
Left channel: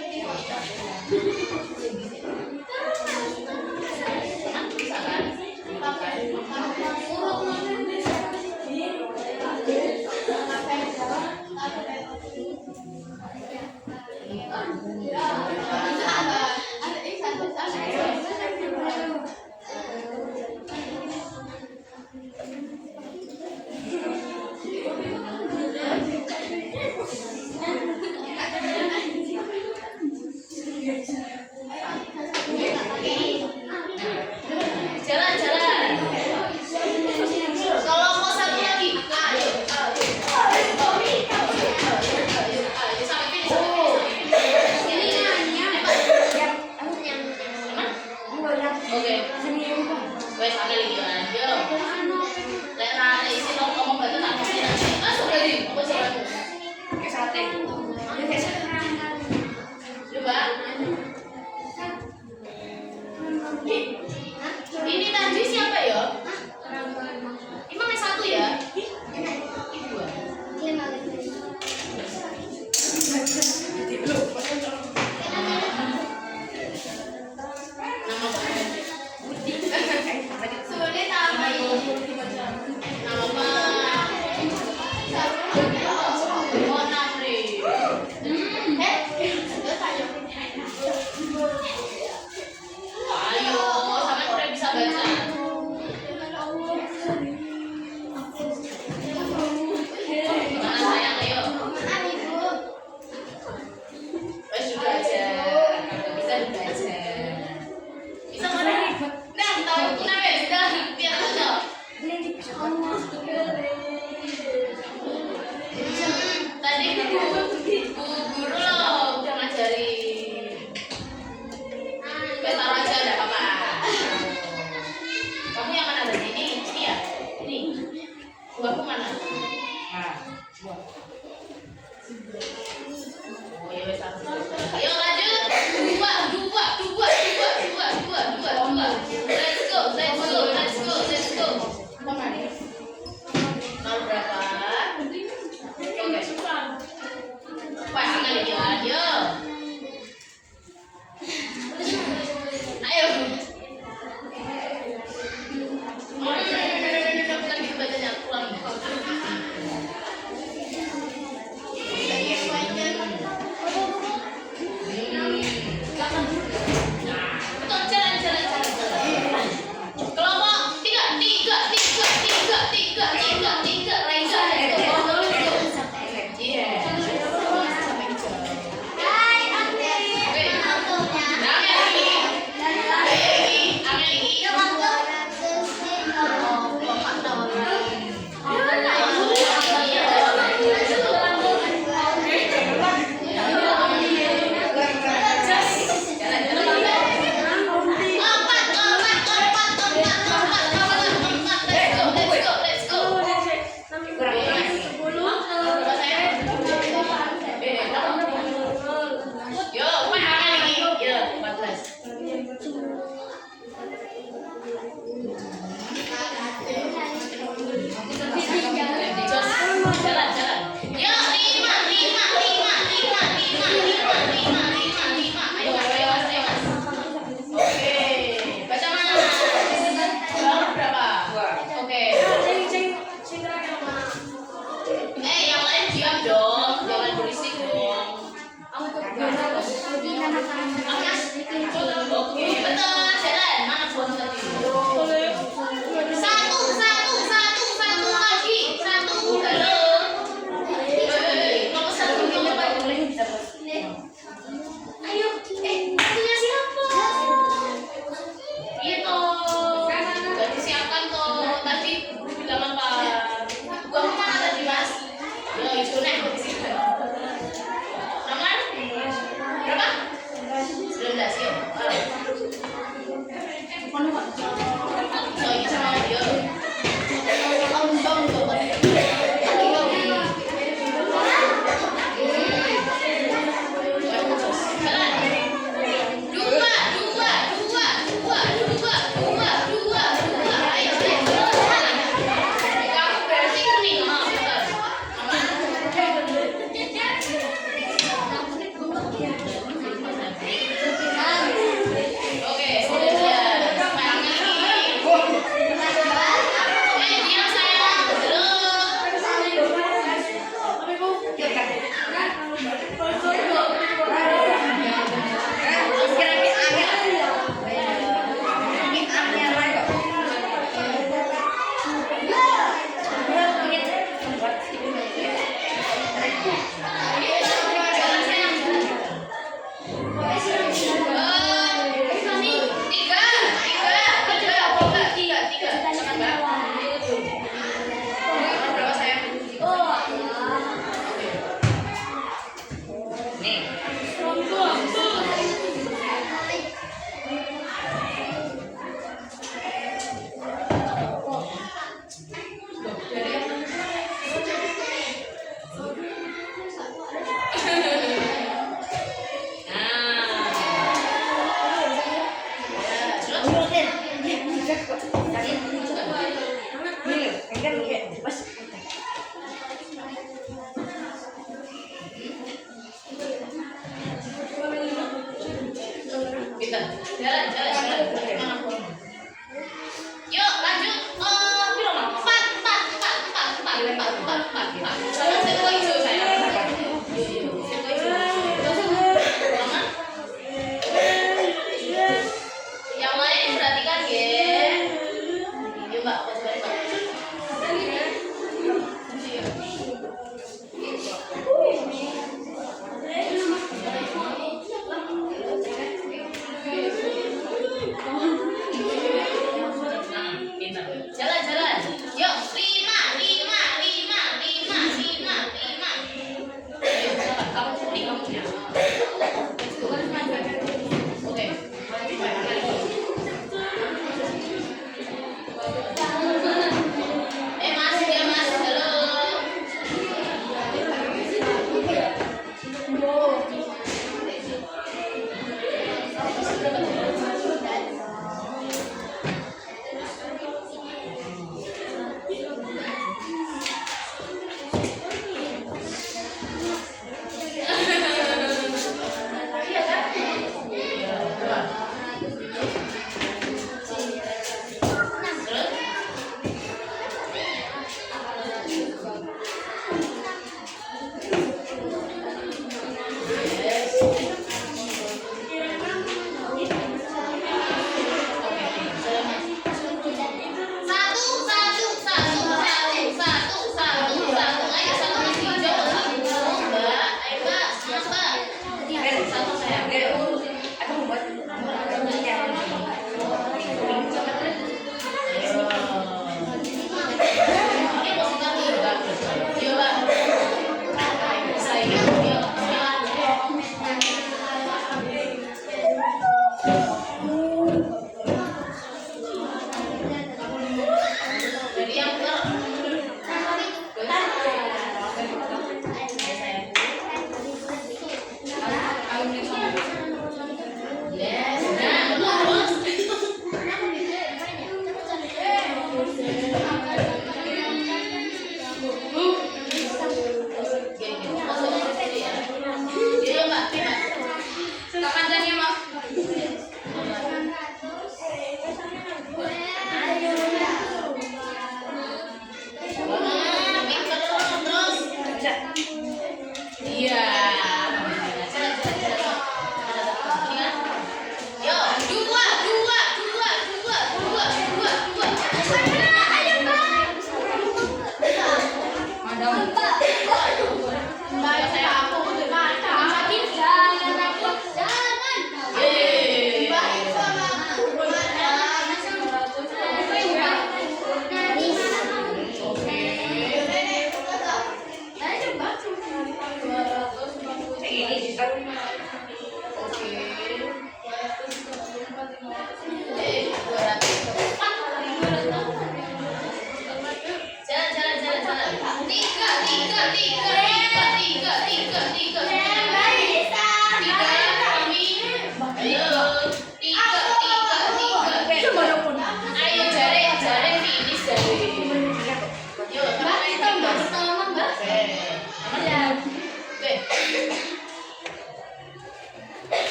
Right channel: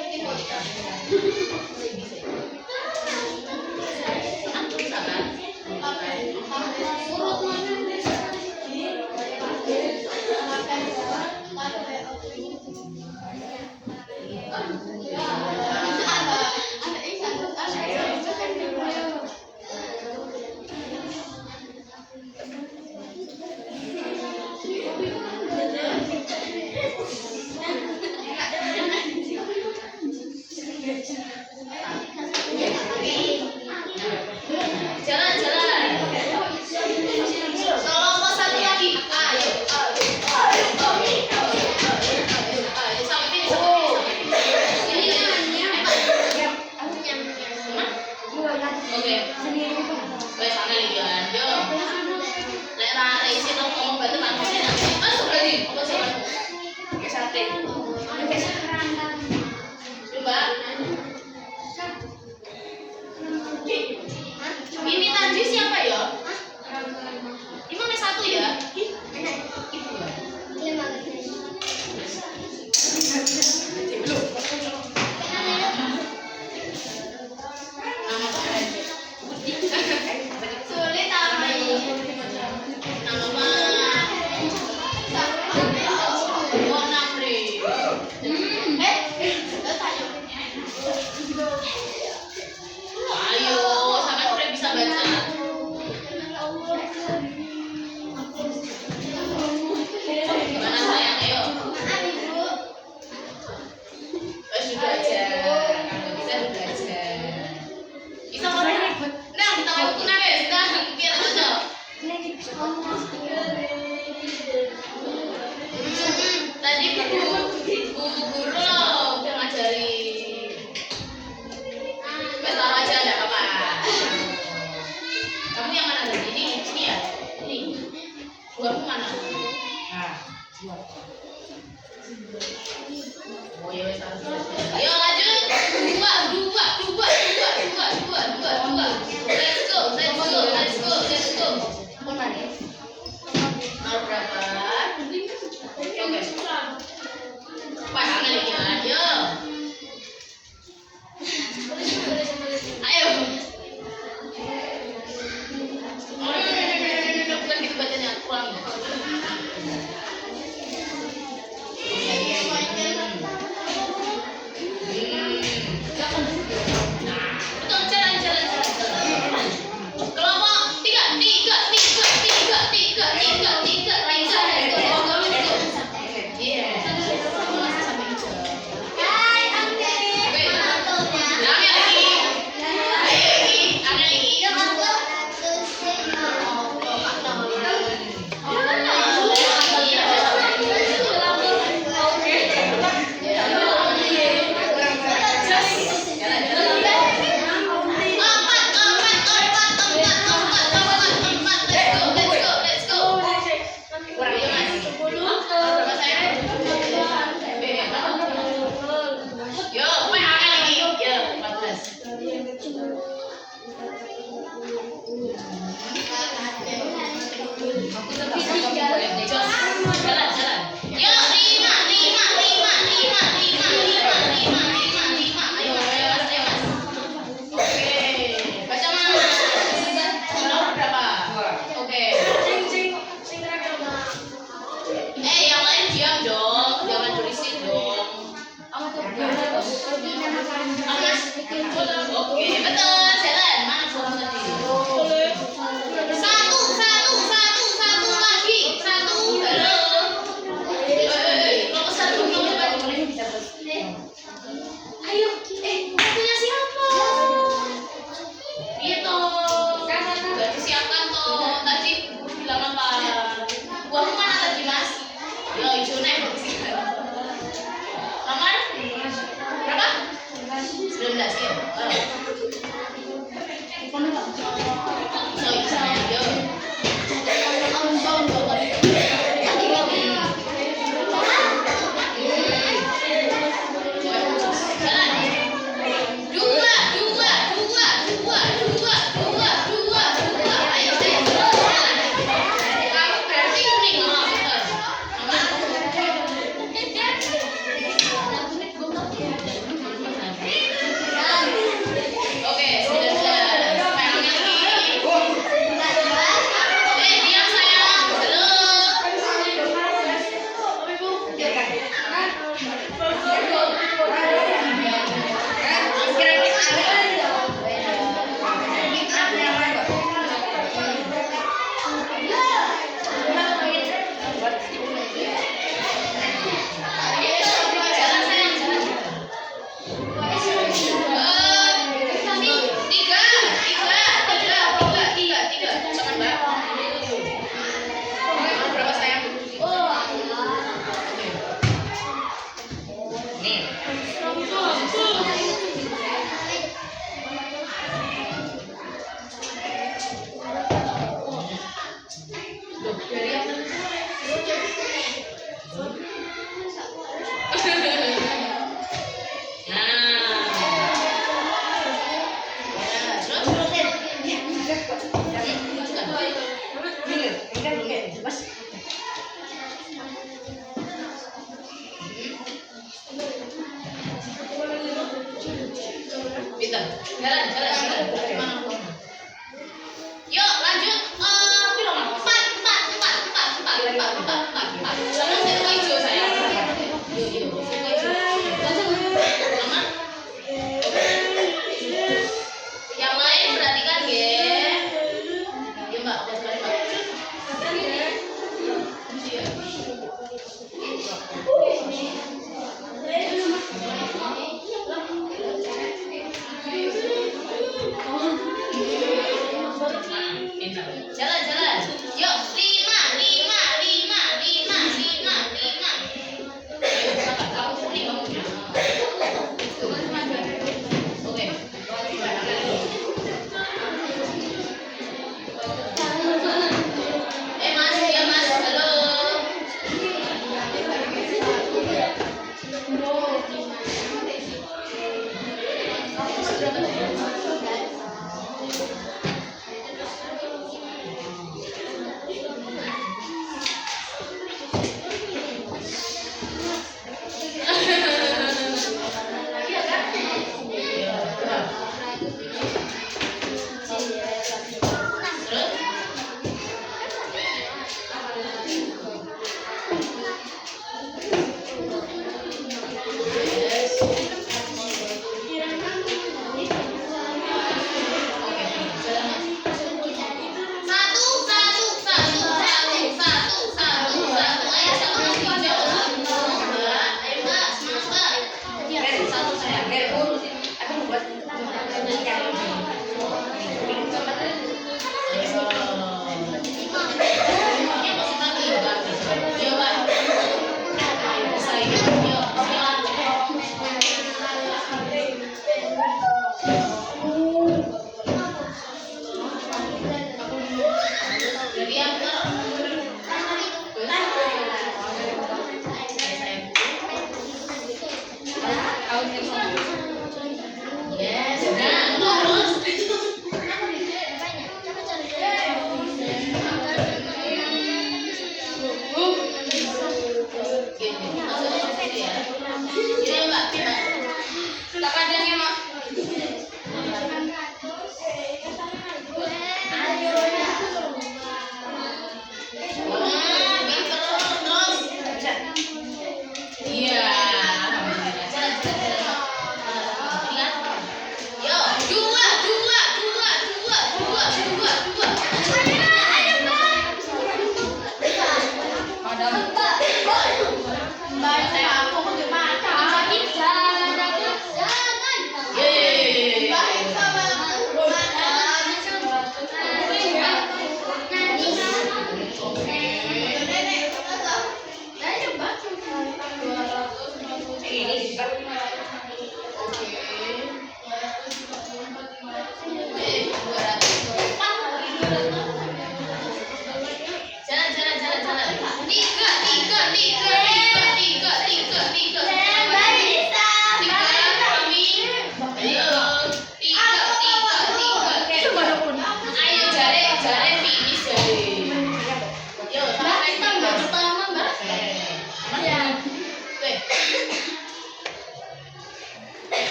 Jalan. Gimana aku? Yuk lanjut. Piro Mang? 4. Jangan saya hijau saya. Yuk. Saya hijau. Jangan. Yang lain perhatikan ya. Yuk Mbak, udah sekali Mbak.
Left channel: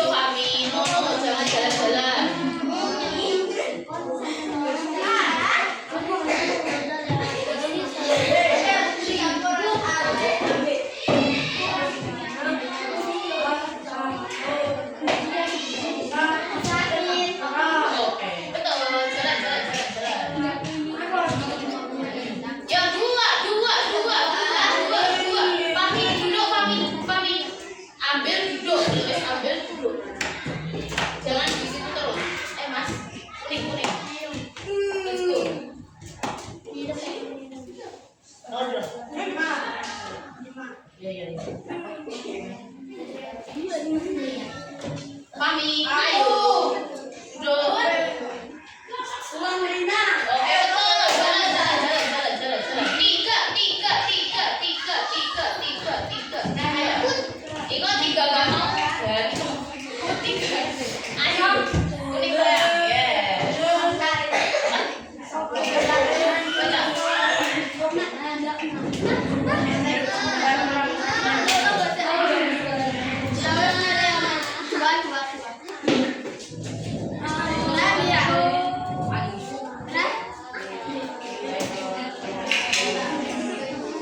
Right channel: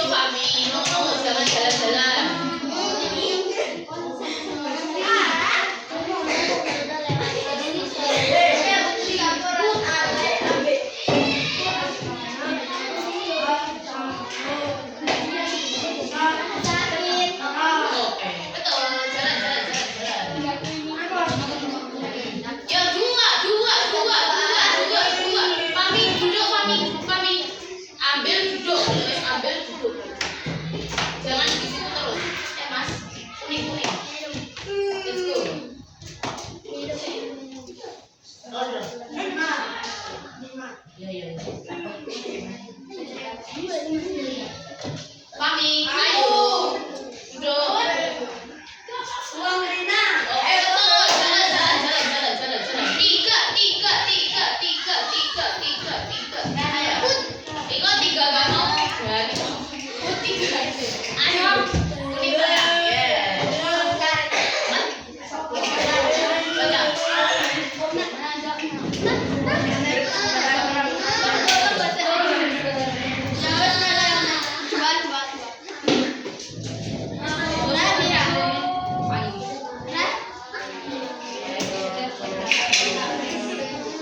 duduk kami, jangan jalan-jalan. Oke, betul. Jalan. Yang dua. Pami duduk, Pami. Ambil duduk. Jangan di situ terus. Mas, kuning. Let's go. Order. Ya. Pami, ayo. Duduk. Uang Rina. Oke, betul. Jalan. Tiga. Ayo. Ikut tiga gak mau. Ya, tiga. Ayo. Kuning sayang. Yes.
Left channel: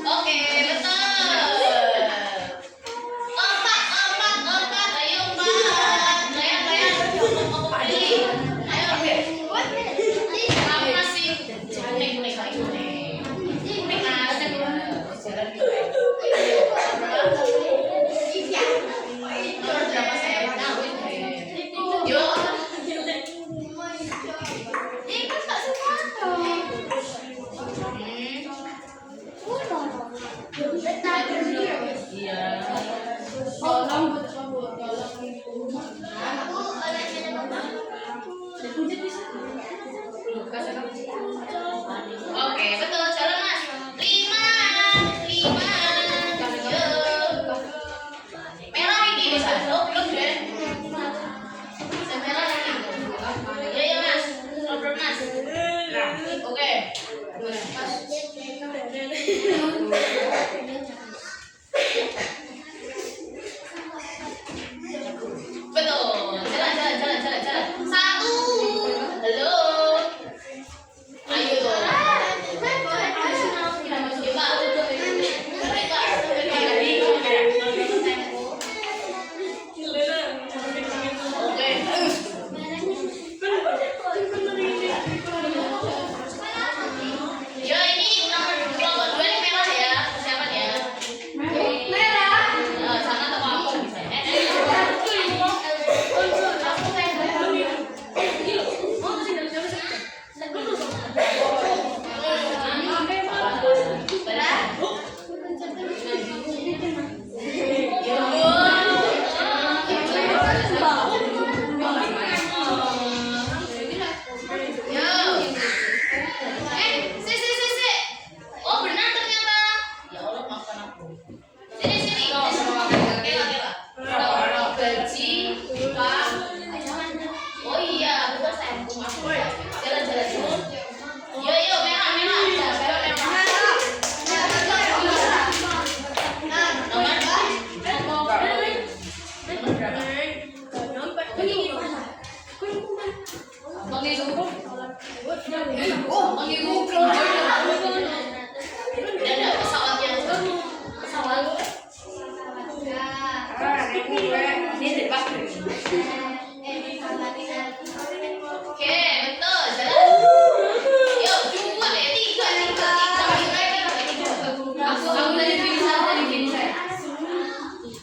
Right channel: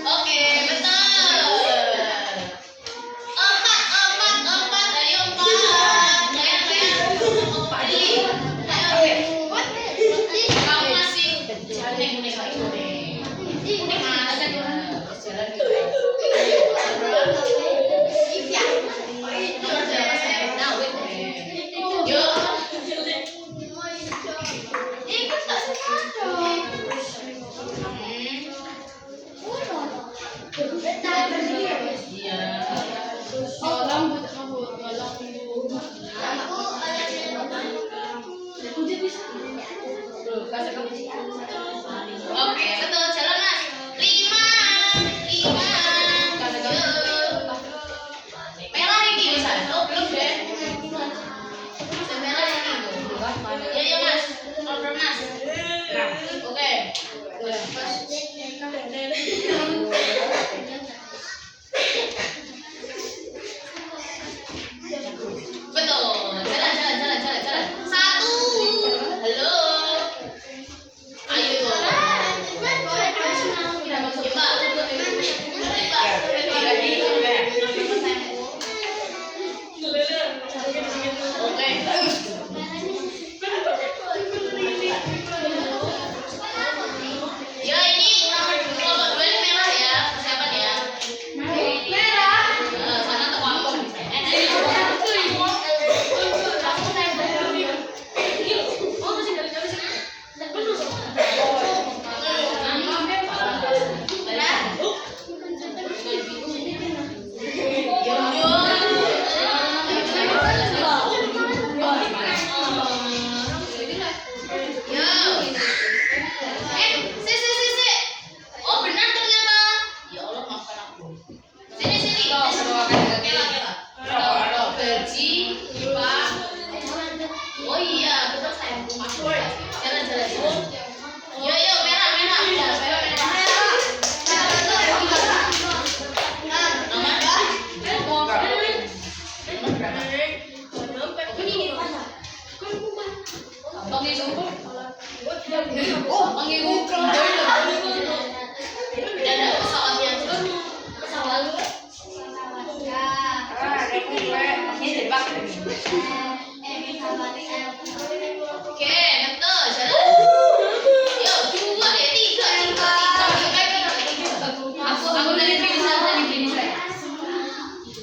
Oke, betul. Empat. Ayo empat. Layan. Empat Lili. Ayo. Kamu masih kuning lagi kuning. Kuning ada di mana? Jalan gitu. Nomor berapa sayang? Nah, wait. Yuk. Ikut tak Iya. Oke, betul. Jalan, Mas. 5. Merah ini bisa. Belum deh. Merah ini. Ya, Mas. Order, Mas. Oke. Betul. Jalan. 1. Halo. Ayo dong. Yo, ini nomor 2 ini merah ya. Persiapan ya. Sana toko apa? Oh benar ternyata. Ya Allah maafkan aku. Sini. Kela. Gaji, Pak. Oh iya, betul sayang. Jalan. Yo merah. Ada pesawatnya aja. Oke, betul. Jalan. Yo, 3. Aku dari finish saya.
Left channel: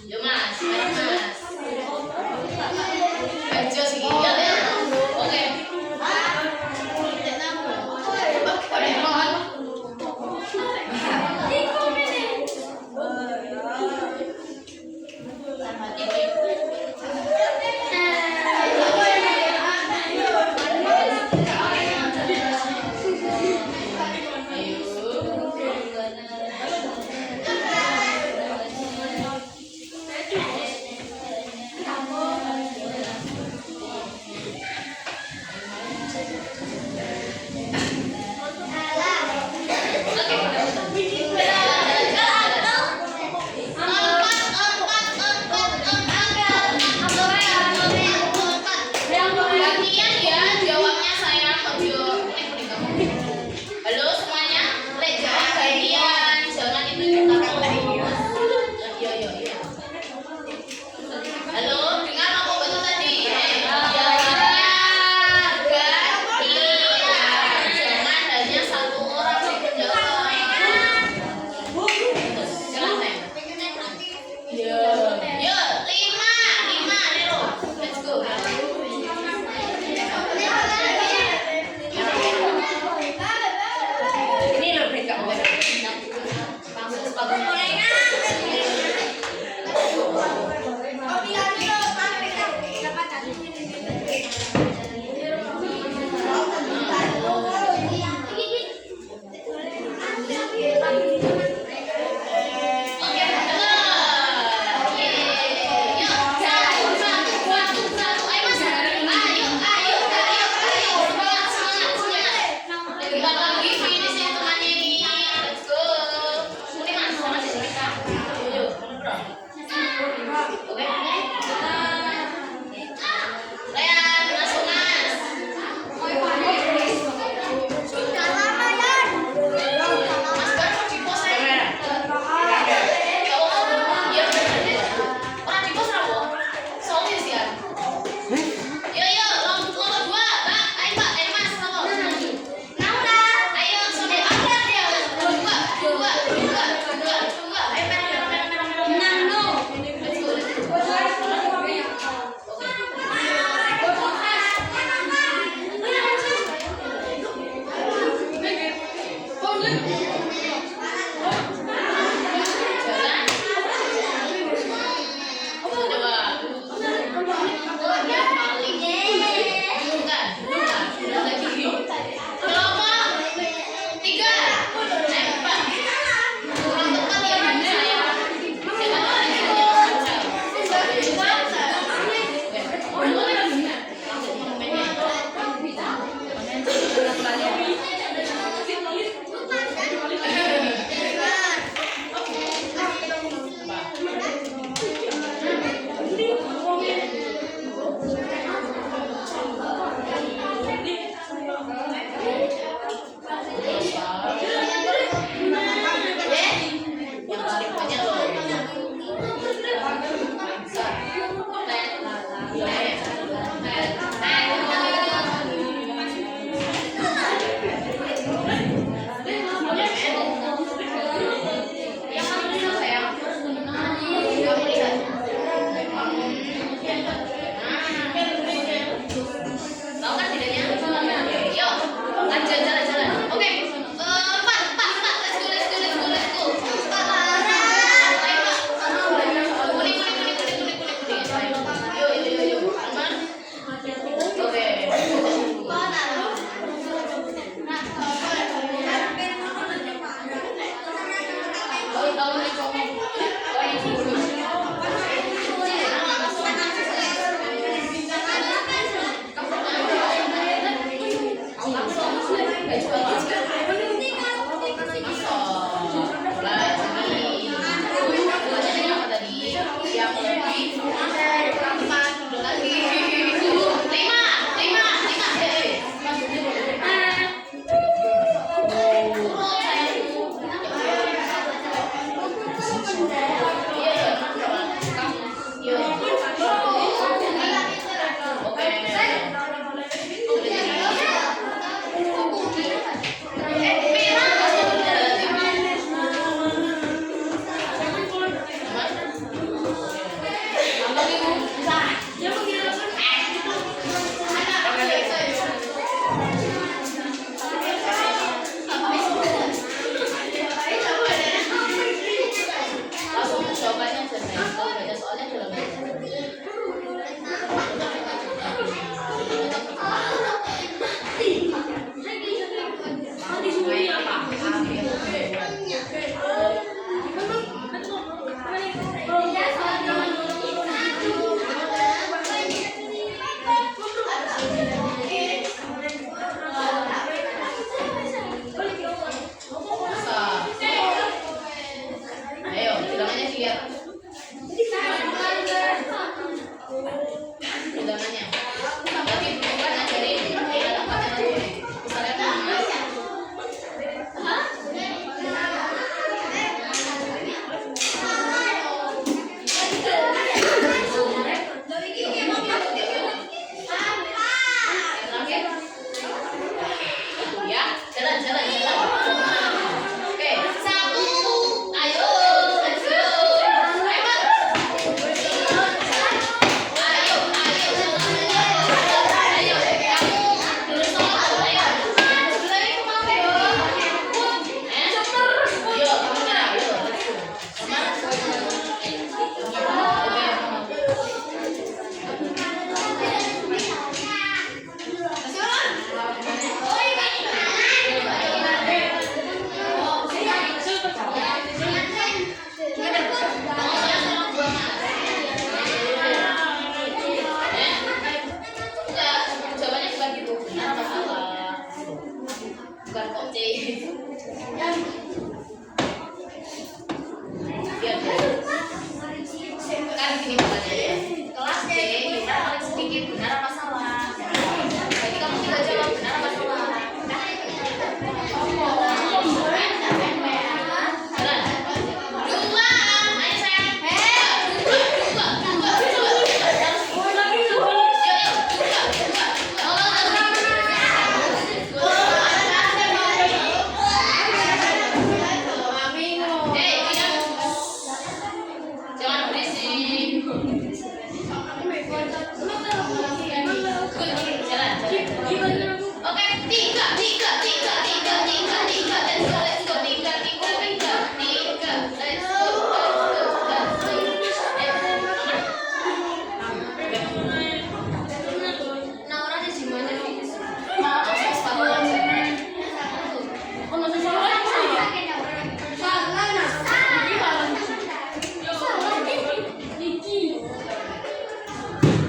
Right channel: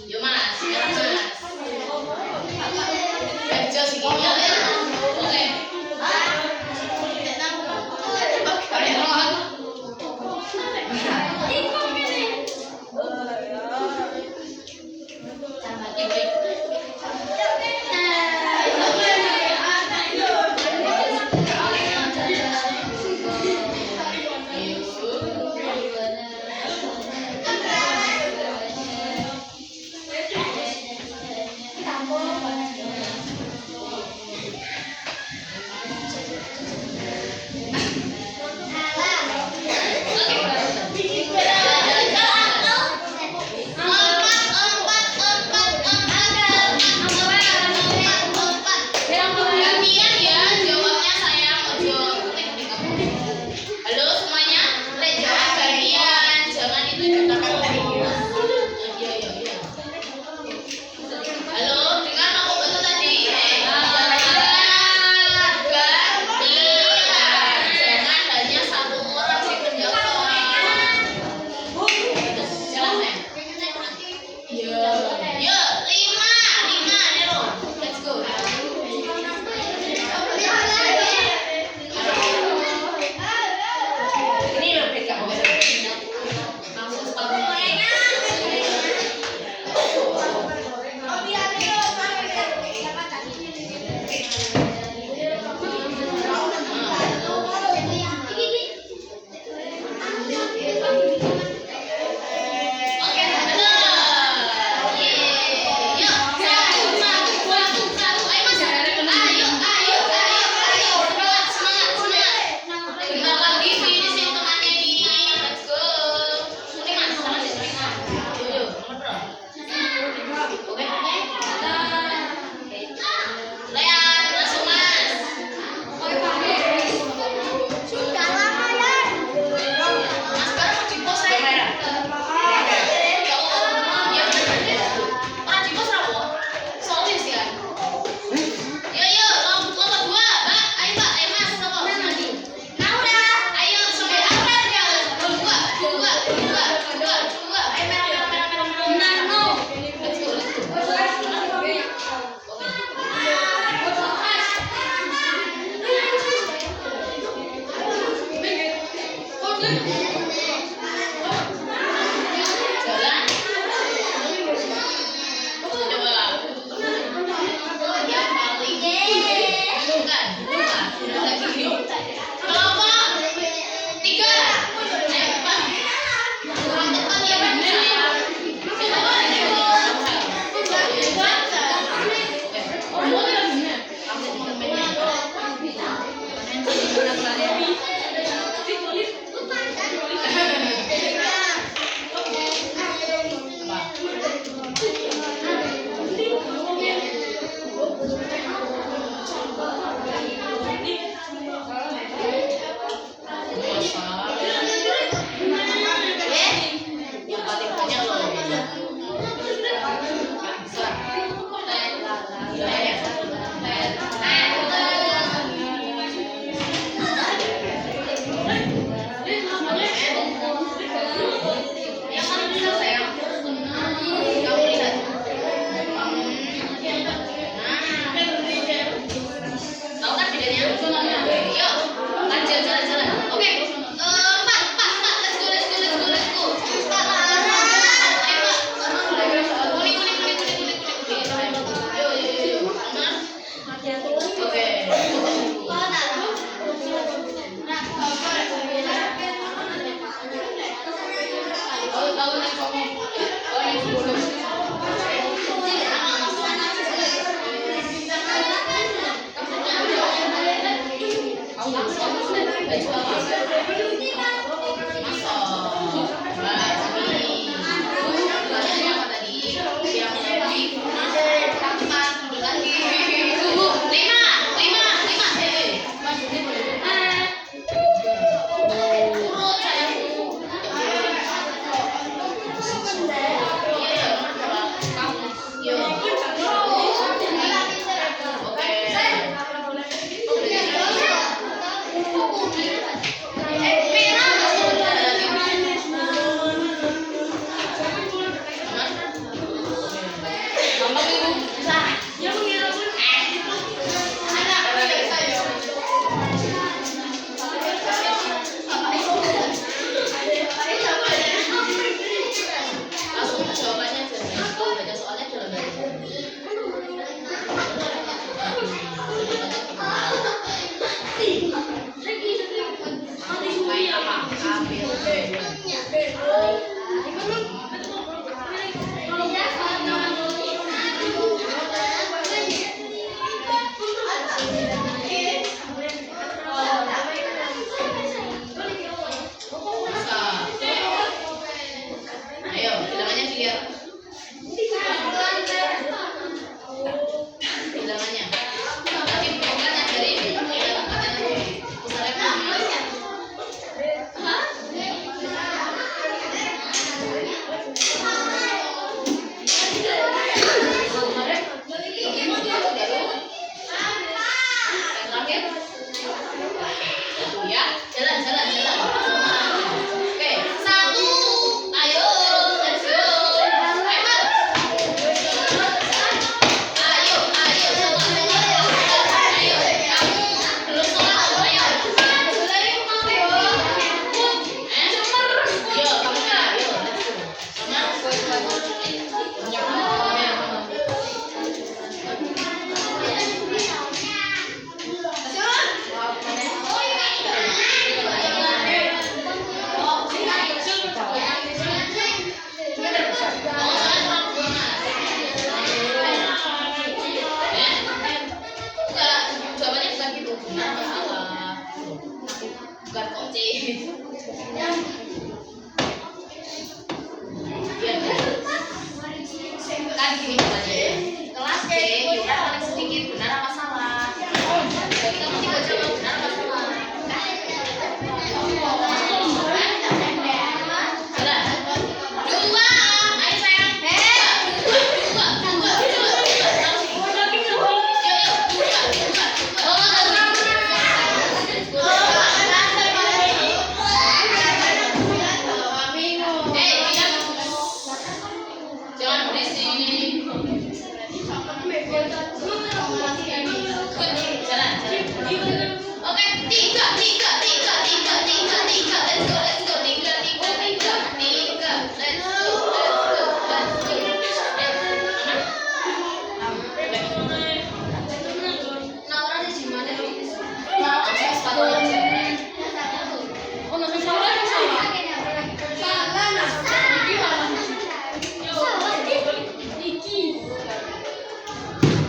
Yo, Mas. Ayo sini. Ya. Oke. lagi. Kelompok 3. Empat. Kurang tepat ya Pak. Siapa tuh ada yang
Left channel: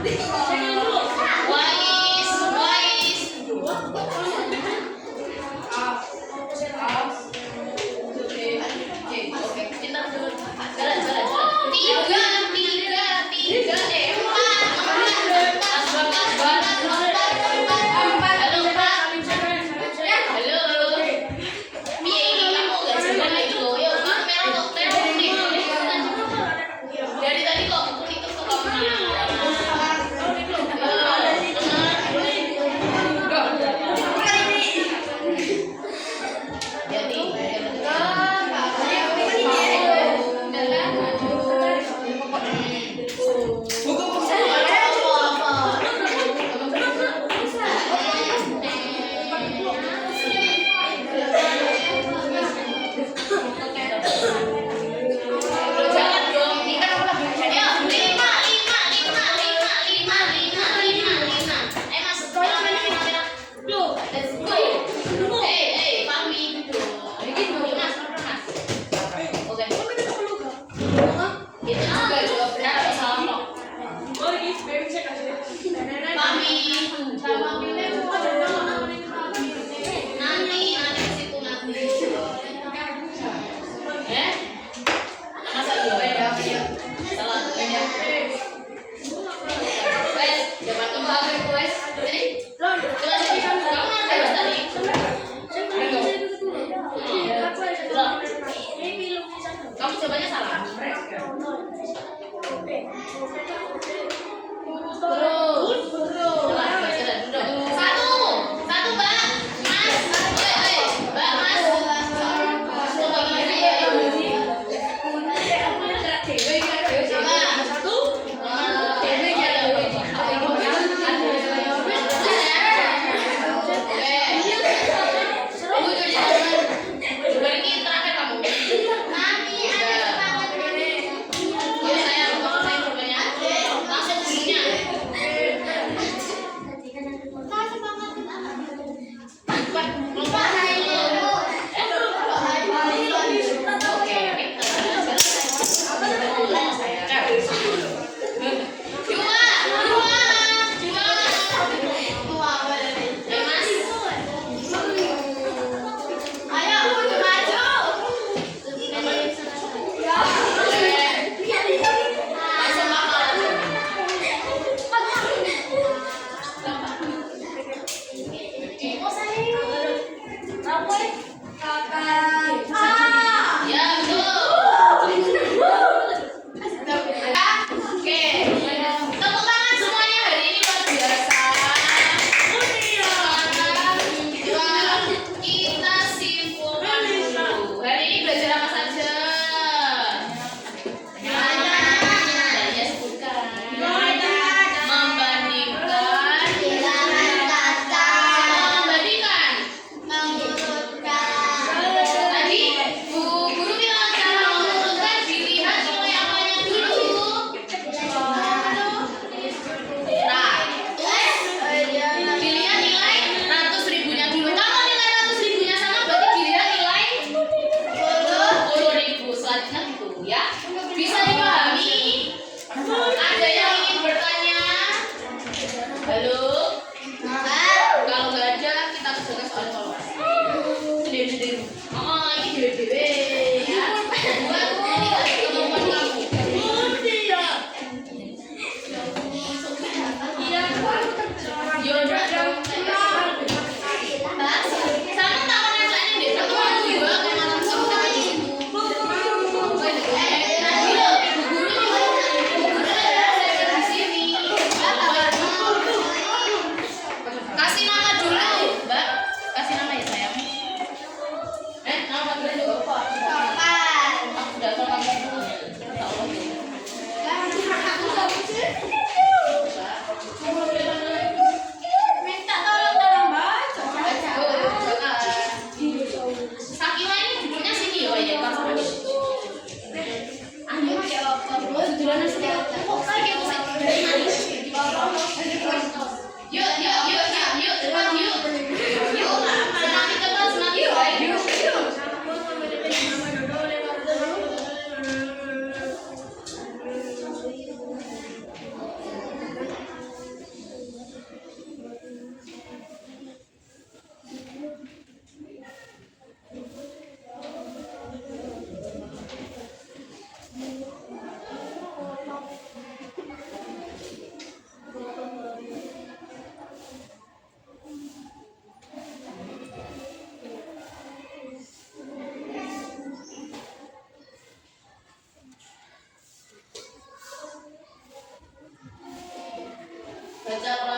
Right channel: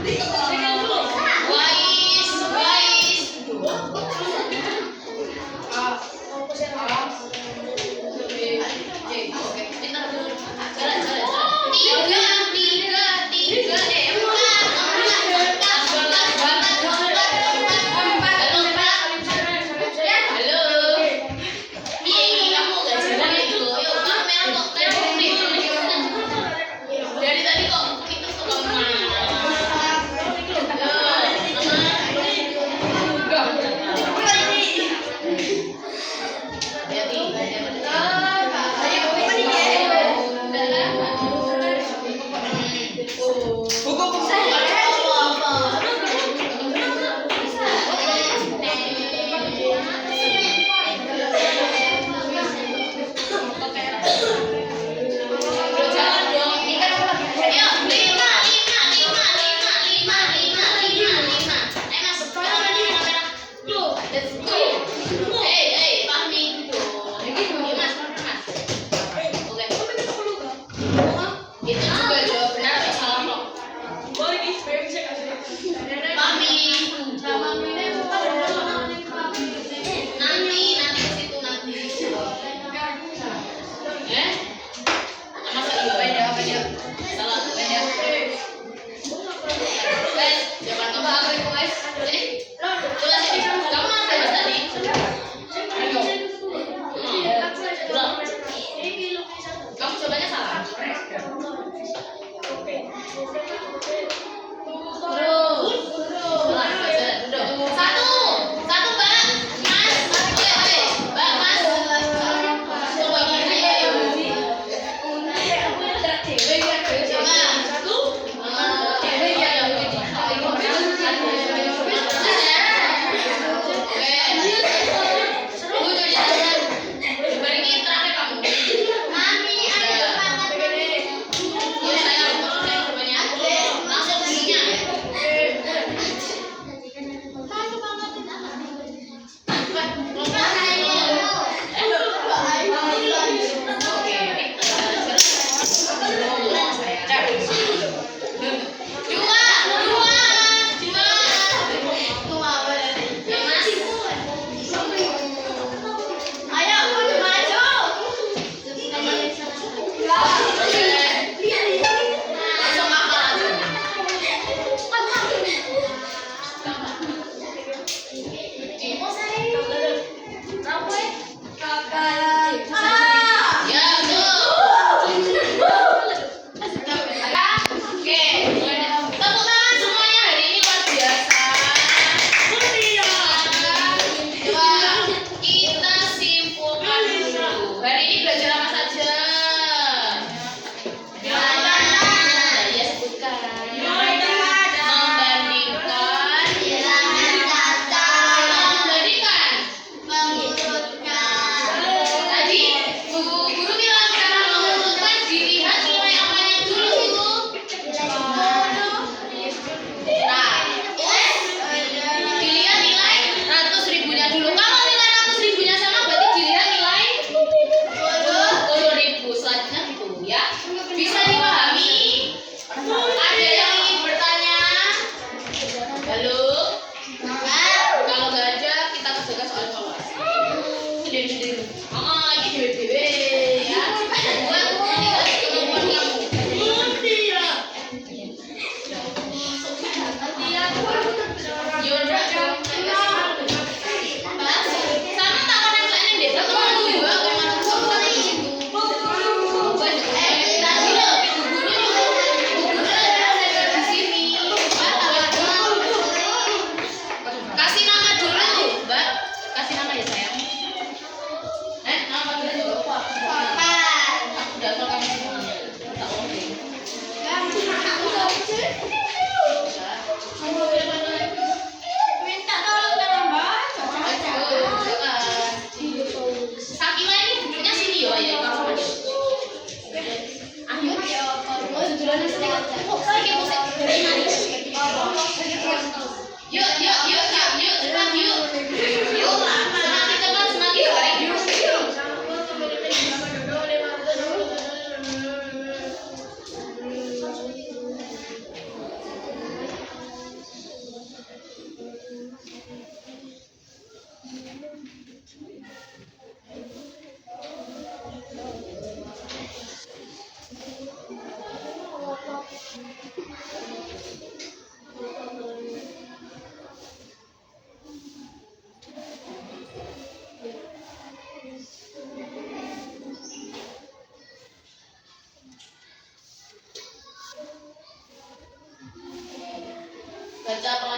Wais. Oke, pintar. Jalan. Tiga. Halo. Iya, kamu gak jalan itu. Yuk, merah kok nih. Dari tadi kok itu kemana?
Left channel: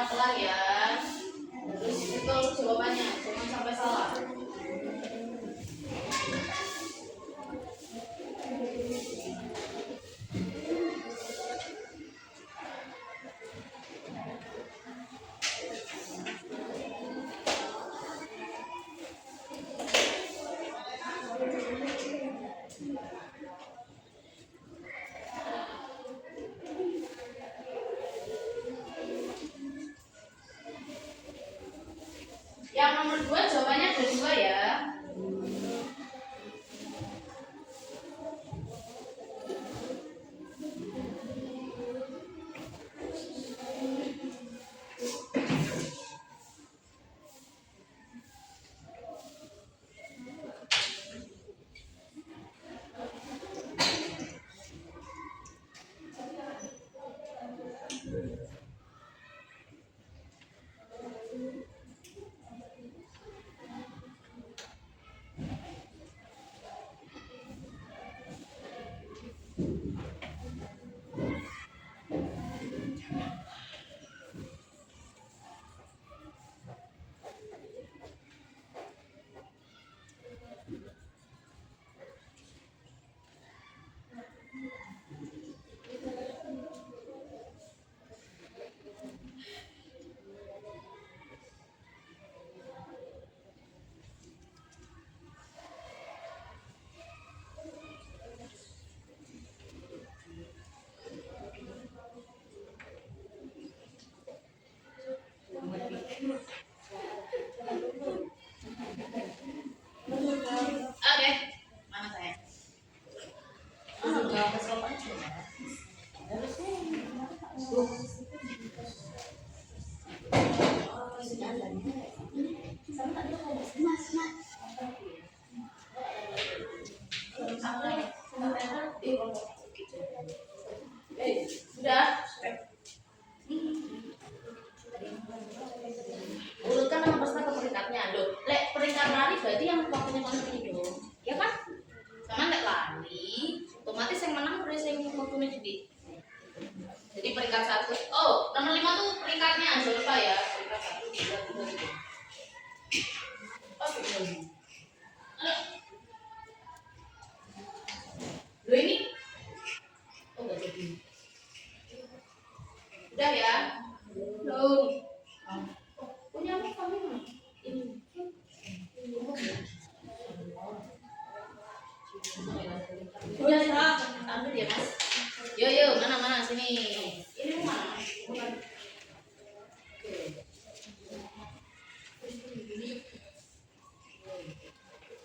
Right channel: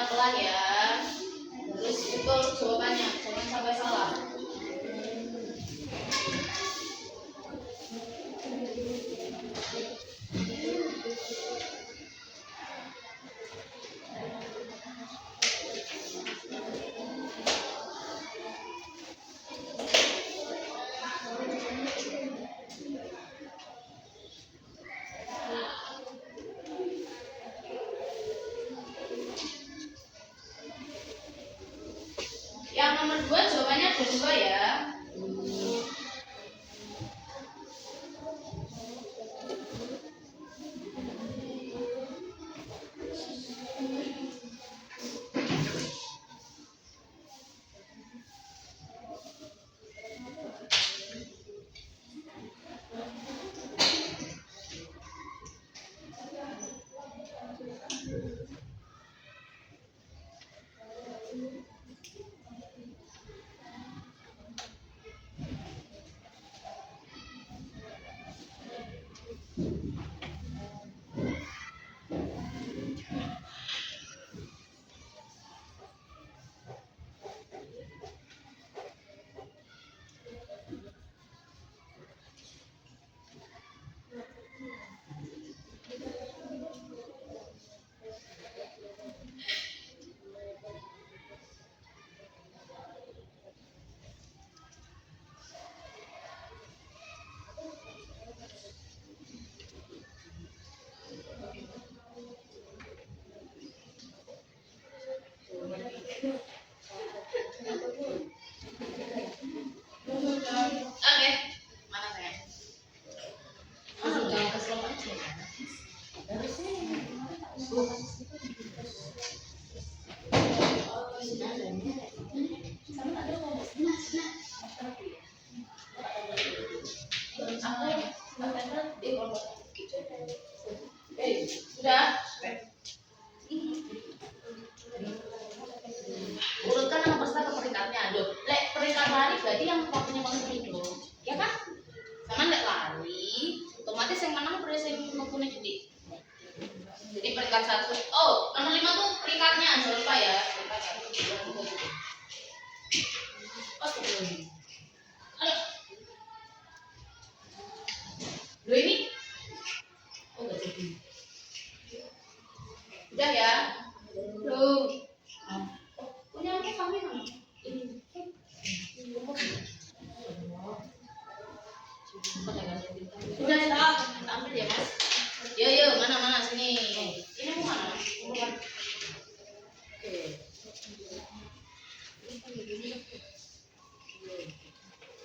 pelan-pelan ya. Terus betul jawabannya, jangan sampai salah. Yang nomor 2 jawabannya ada 2 ya. Oke, mana saya? Sudah keselopan sih ya. Sudah. Urutkan nama peserta ke peringkatnya. Loh, lek peringkat lari berarti yang waktunya paling itu, ya kan? Sama lek lari, otomatis yang menang berarti yang waktunya jadi. Jadi peringkat 1. Oh, nomor 5 tuh peringkatnya, jangan lupa ya. Peringkat 1, 2, 3. Oh, sebelum. Ayo. Loh ini? Oh, enggak jadi. Udah ya. Loh. Punya apa kami kan? Ini. Udah lah, ambil ya mas. Yo, mana sini. Ini mau mana? Bukan. Oke.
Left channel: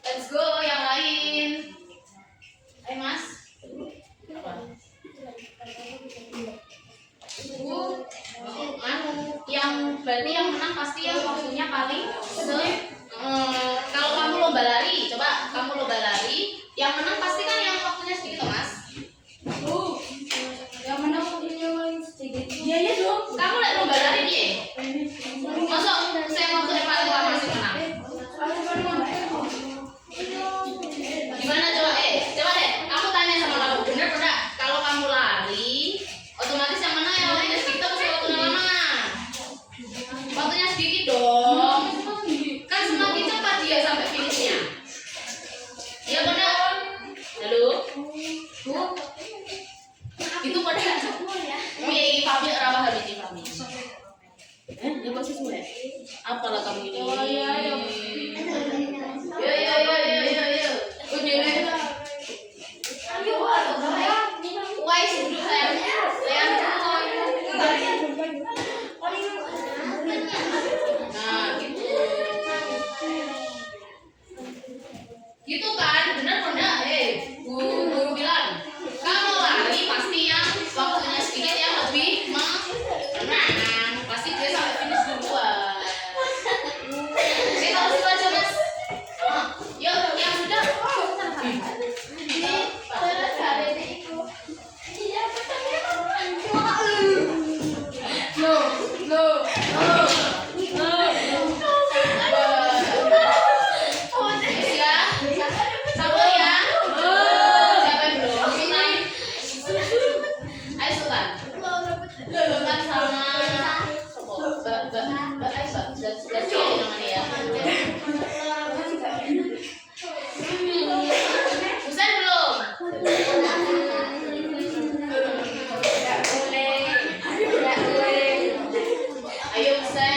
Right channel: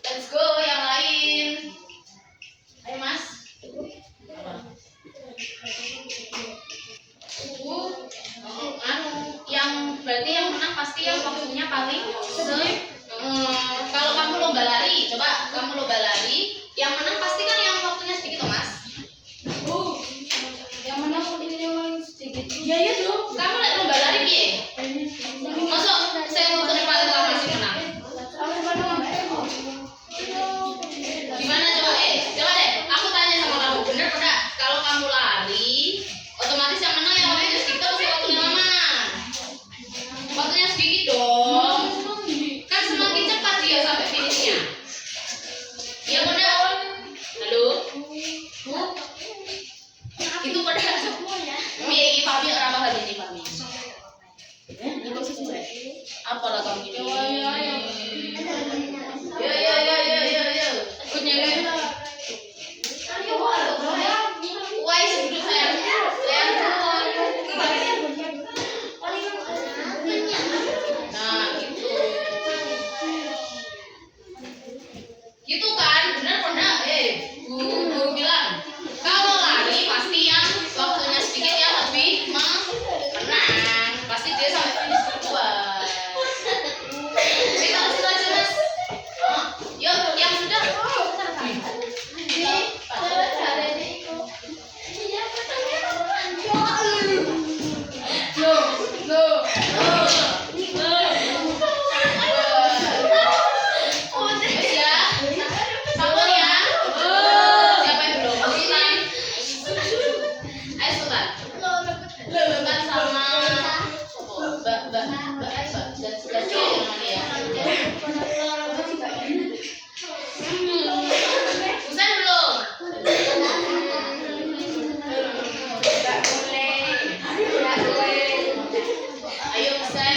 Let's go yang lain. Ayo mas. Apa? Yang berarti yang menang pasti yang waktunya paling kalau kamu lomba lari, coba kamu lomba lari, yang menang pasti kan yang waktunya sedikit, mas. Yang menang ini yang sedikit. Iya dong. Kamu lagi lomba lari piye? Masuk saya waktunya paling lama sih menang. Gimana coba? Coba deh. Aku tanya sama kamu, bener enggak? Kalau kamu lari, otomatis yang menang yang waktunya sedikit atau waktunya lama? Waktunya sedikit dong. Kan semakin cepat dia sampai finishnya. Iya benar. Halo. Itu pada piye pami ora paham ini pami. Ya kok sesuai. Apalah kamu ini? Yo. Unyele. Ayo wah, sebelum saya. Nah, gitu kan, benar guru bilang kalau lari pasti yang waktunya sedikit yang lebih menang, pasti dia sampai finish duluan. Oke, kalau itu aja mas. Yuk, yang sudah. Busan belum? Ayo Busan.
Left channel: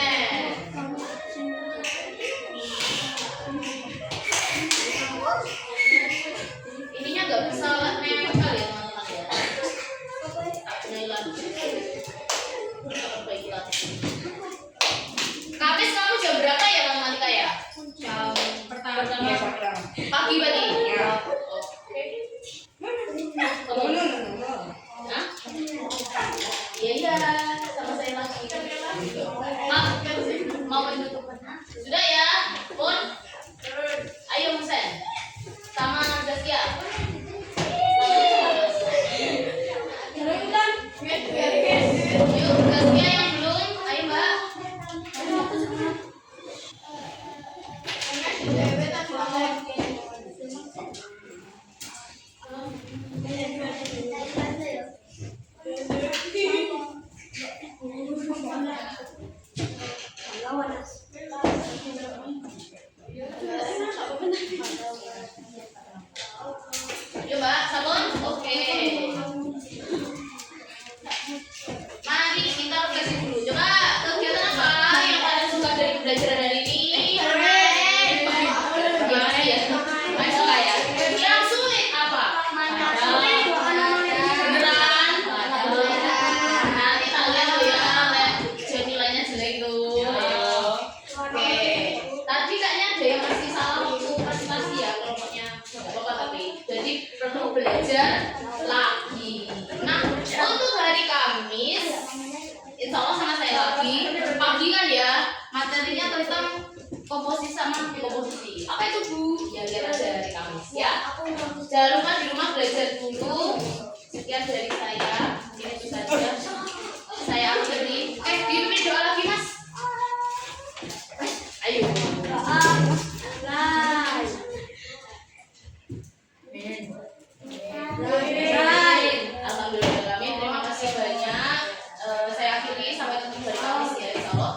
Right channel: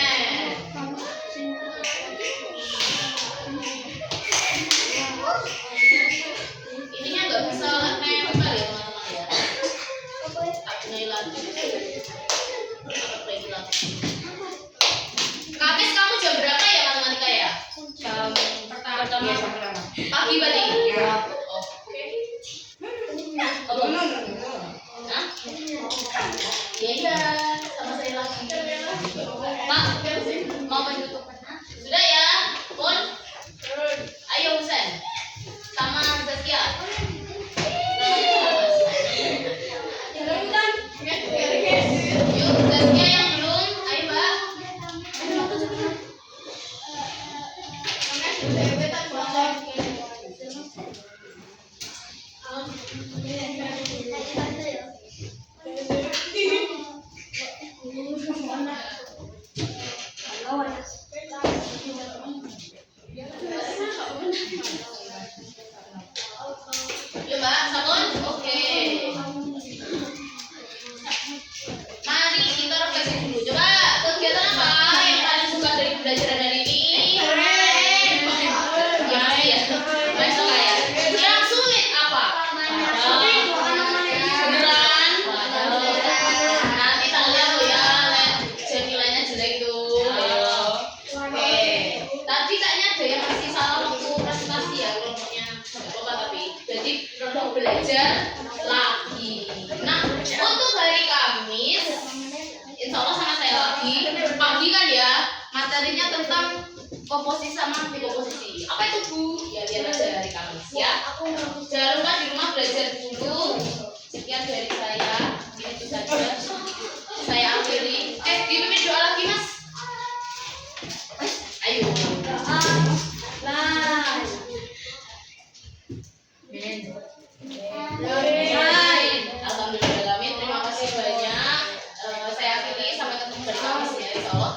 Ininya nggak bisa nempel ya teman-teman ya. Tak punya lagi. Apa lagi lagi? Kamis kamu jam berapa ya matematika ya? Jam pertama. Pagi berarti? Ya. Oke. Kamu? Hah? Iya, sama saya lagi. Mak, mau menutup. Sudah ya, Pun? Ayo Husen. Sama Zaskia. Yuk, Zaskia yang belum. Ayo Mbak. Yuk Mbak, sabun. Oke. Mari kita refleksi dulu. Coba kegiatan apa yang paling suka dari pembelajaran hari ini? Ya, main suka ya. Yang sulit apa? Beneran? Nanti tak lihat tuh ya, jadi nilainya jelek itu. Oke. Tadi kayaknya ada yang masih salah waktu presentasi ya, kelompoknya nggak apa-apa tapi. Jadi perlu belajar lagi. Nah, untuk hari Kamis, insya Allah sama saya lagi. Pagi kan ya, materinya tentang komposisi sama dekomposisi. Apa itu Bu? Ya lihat aja hari Kamis ya. Jangan lupa di rumah belajar dulu. Sekian dari saya. Itu saja. Saya akhiri. Dipimpin doa lagi Mas. Ayo. Alhamdulillah kami terima kasih banyak. Saya akhiri sampai ketemu hari Kamis ya insya Allah.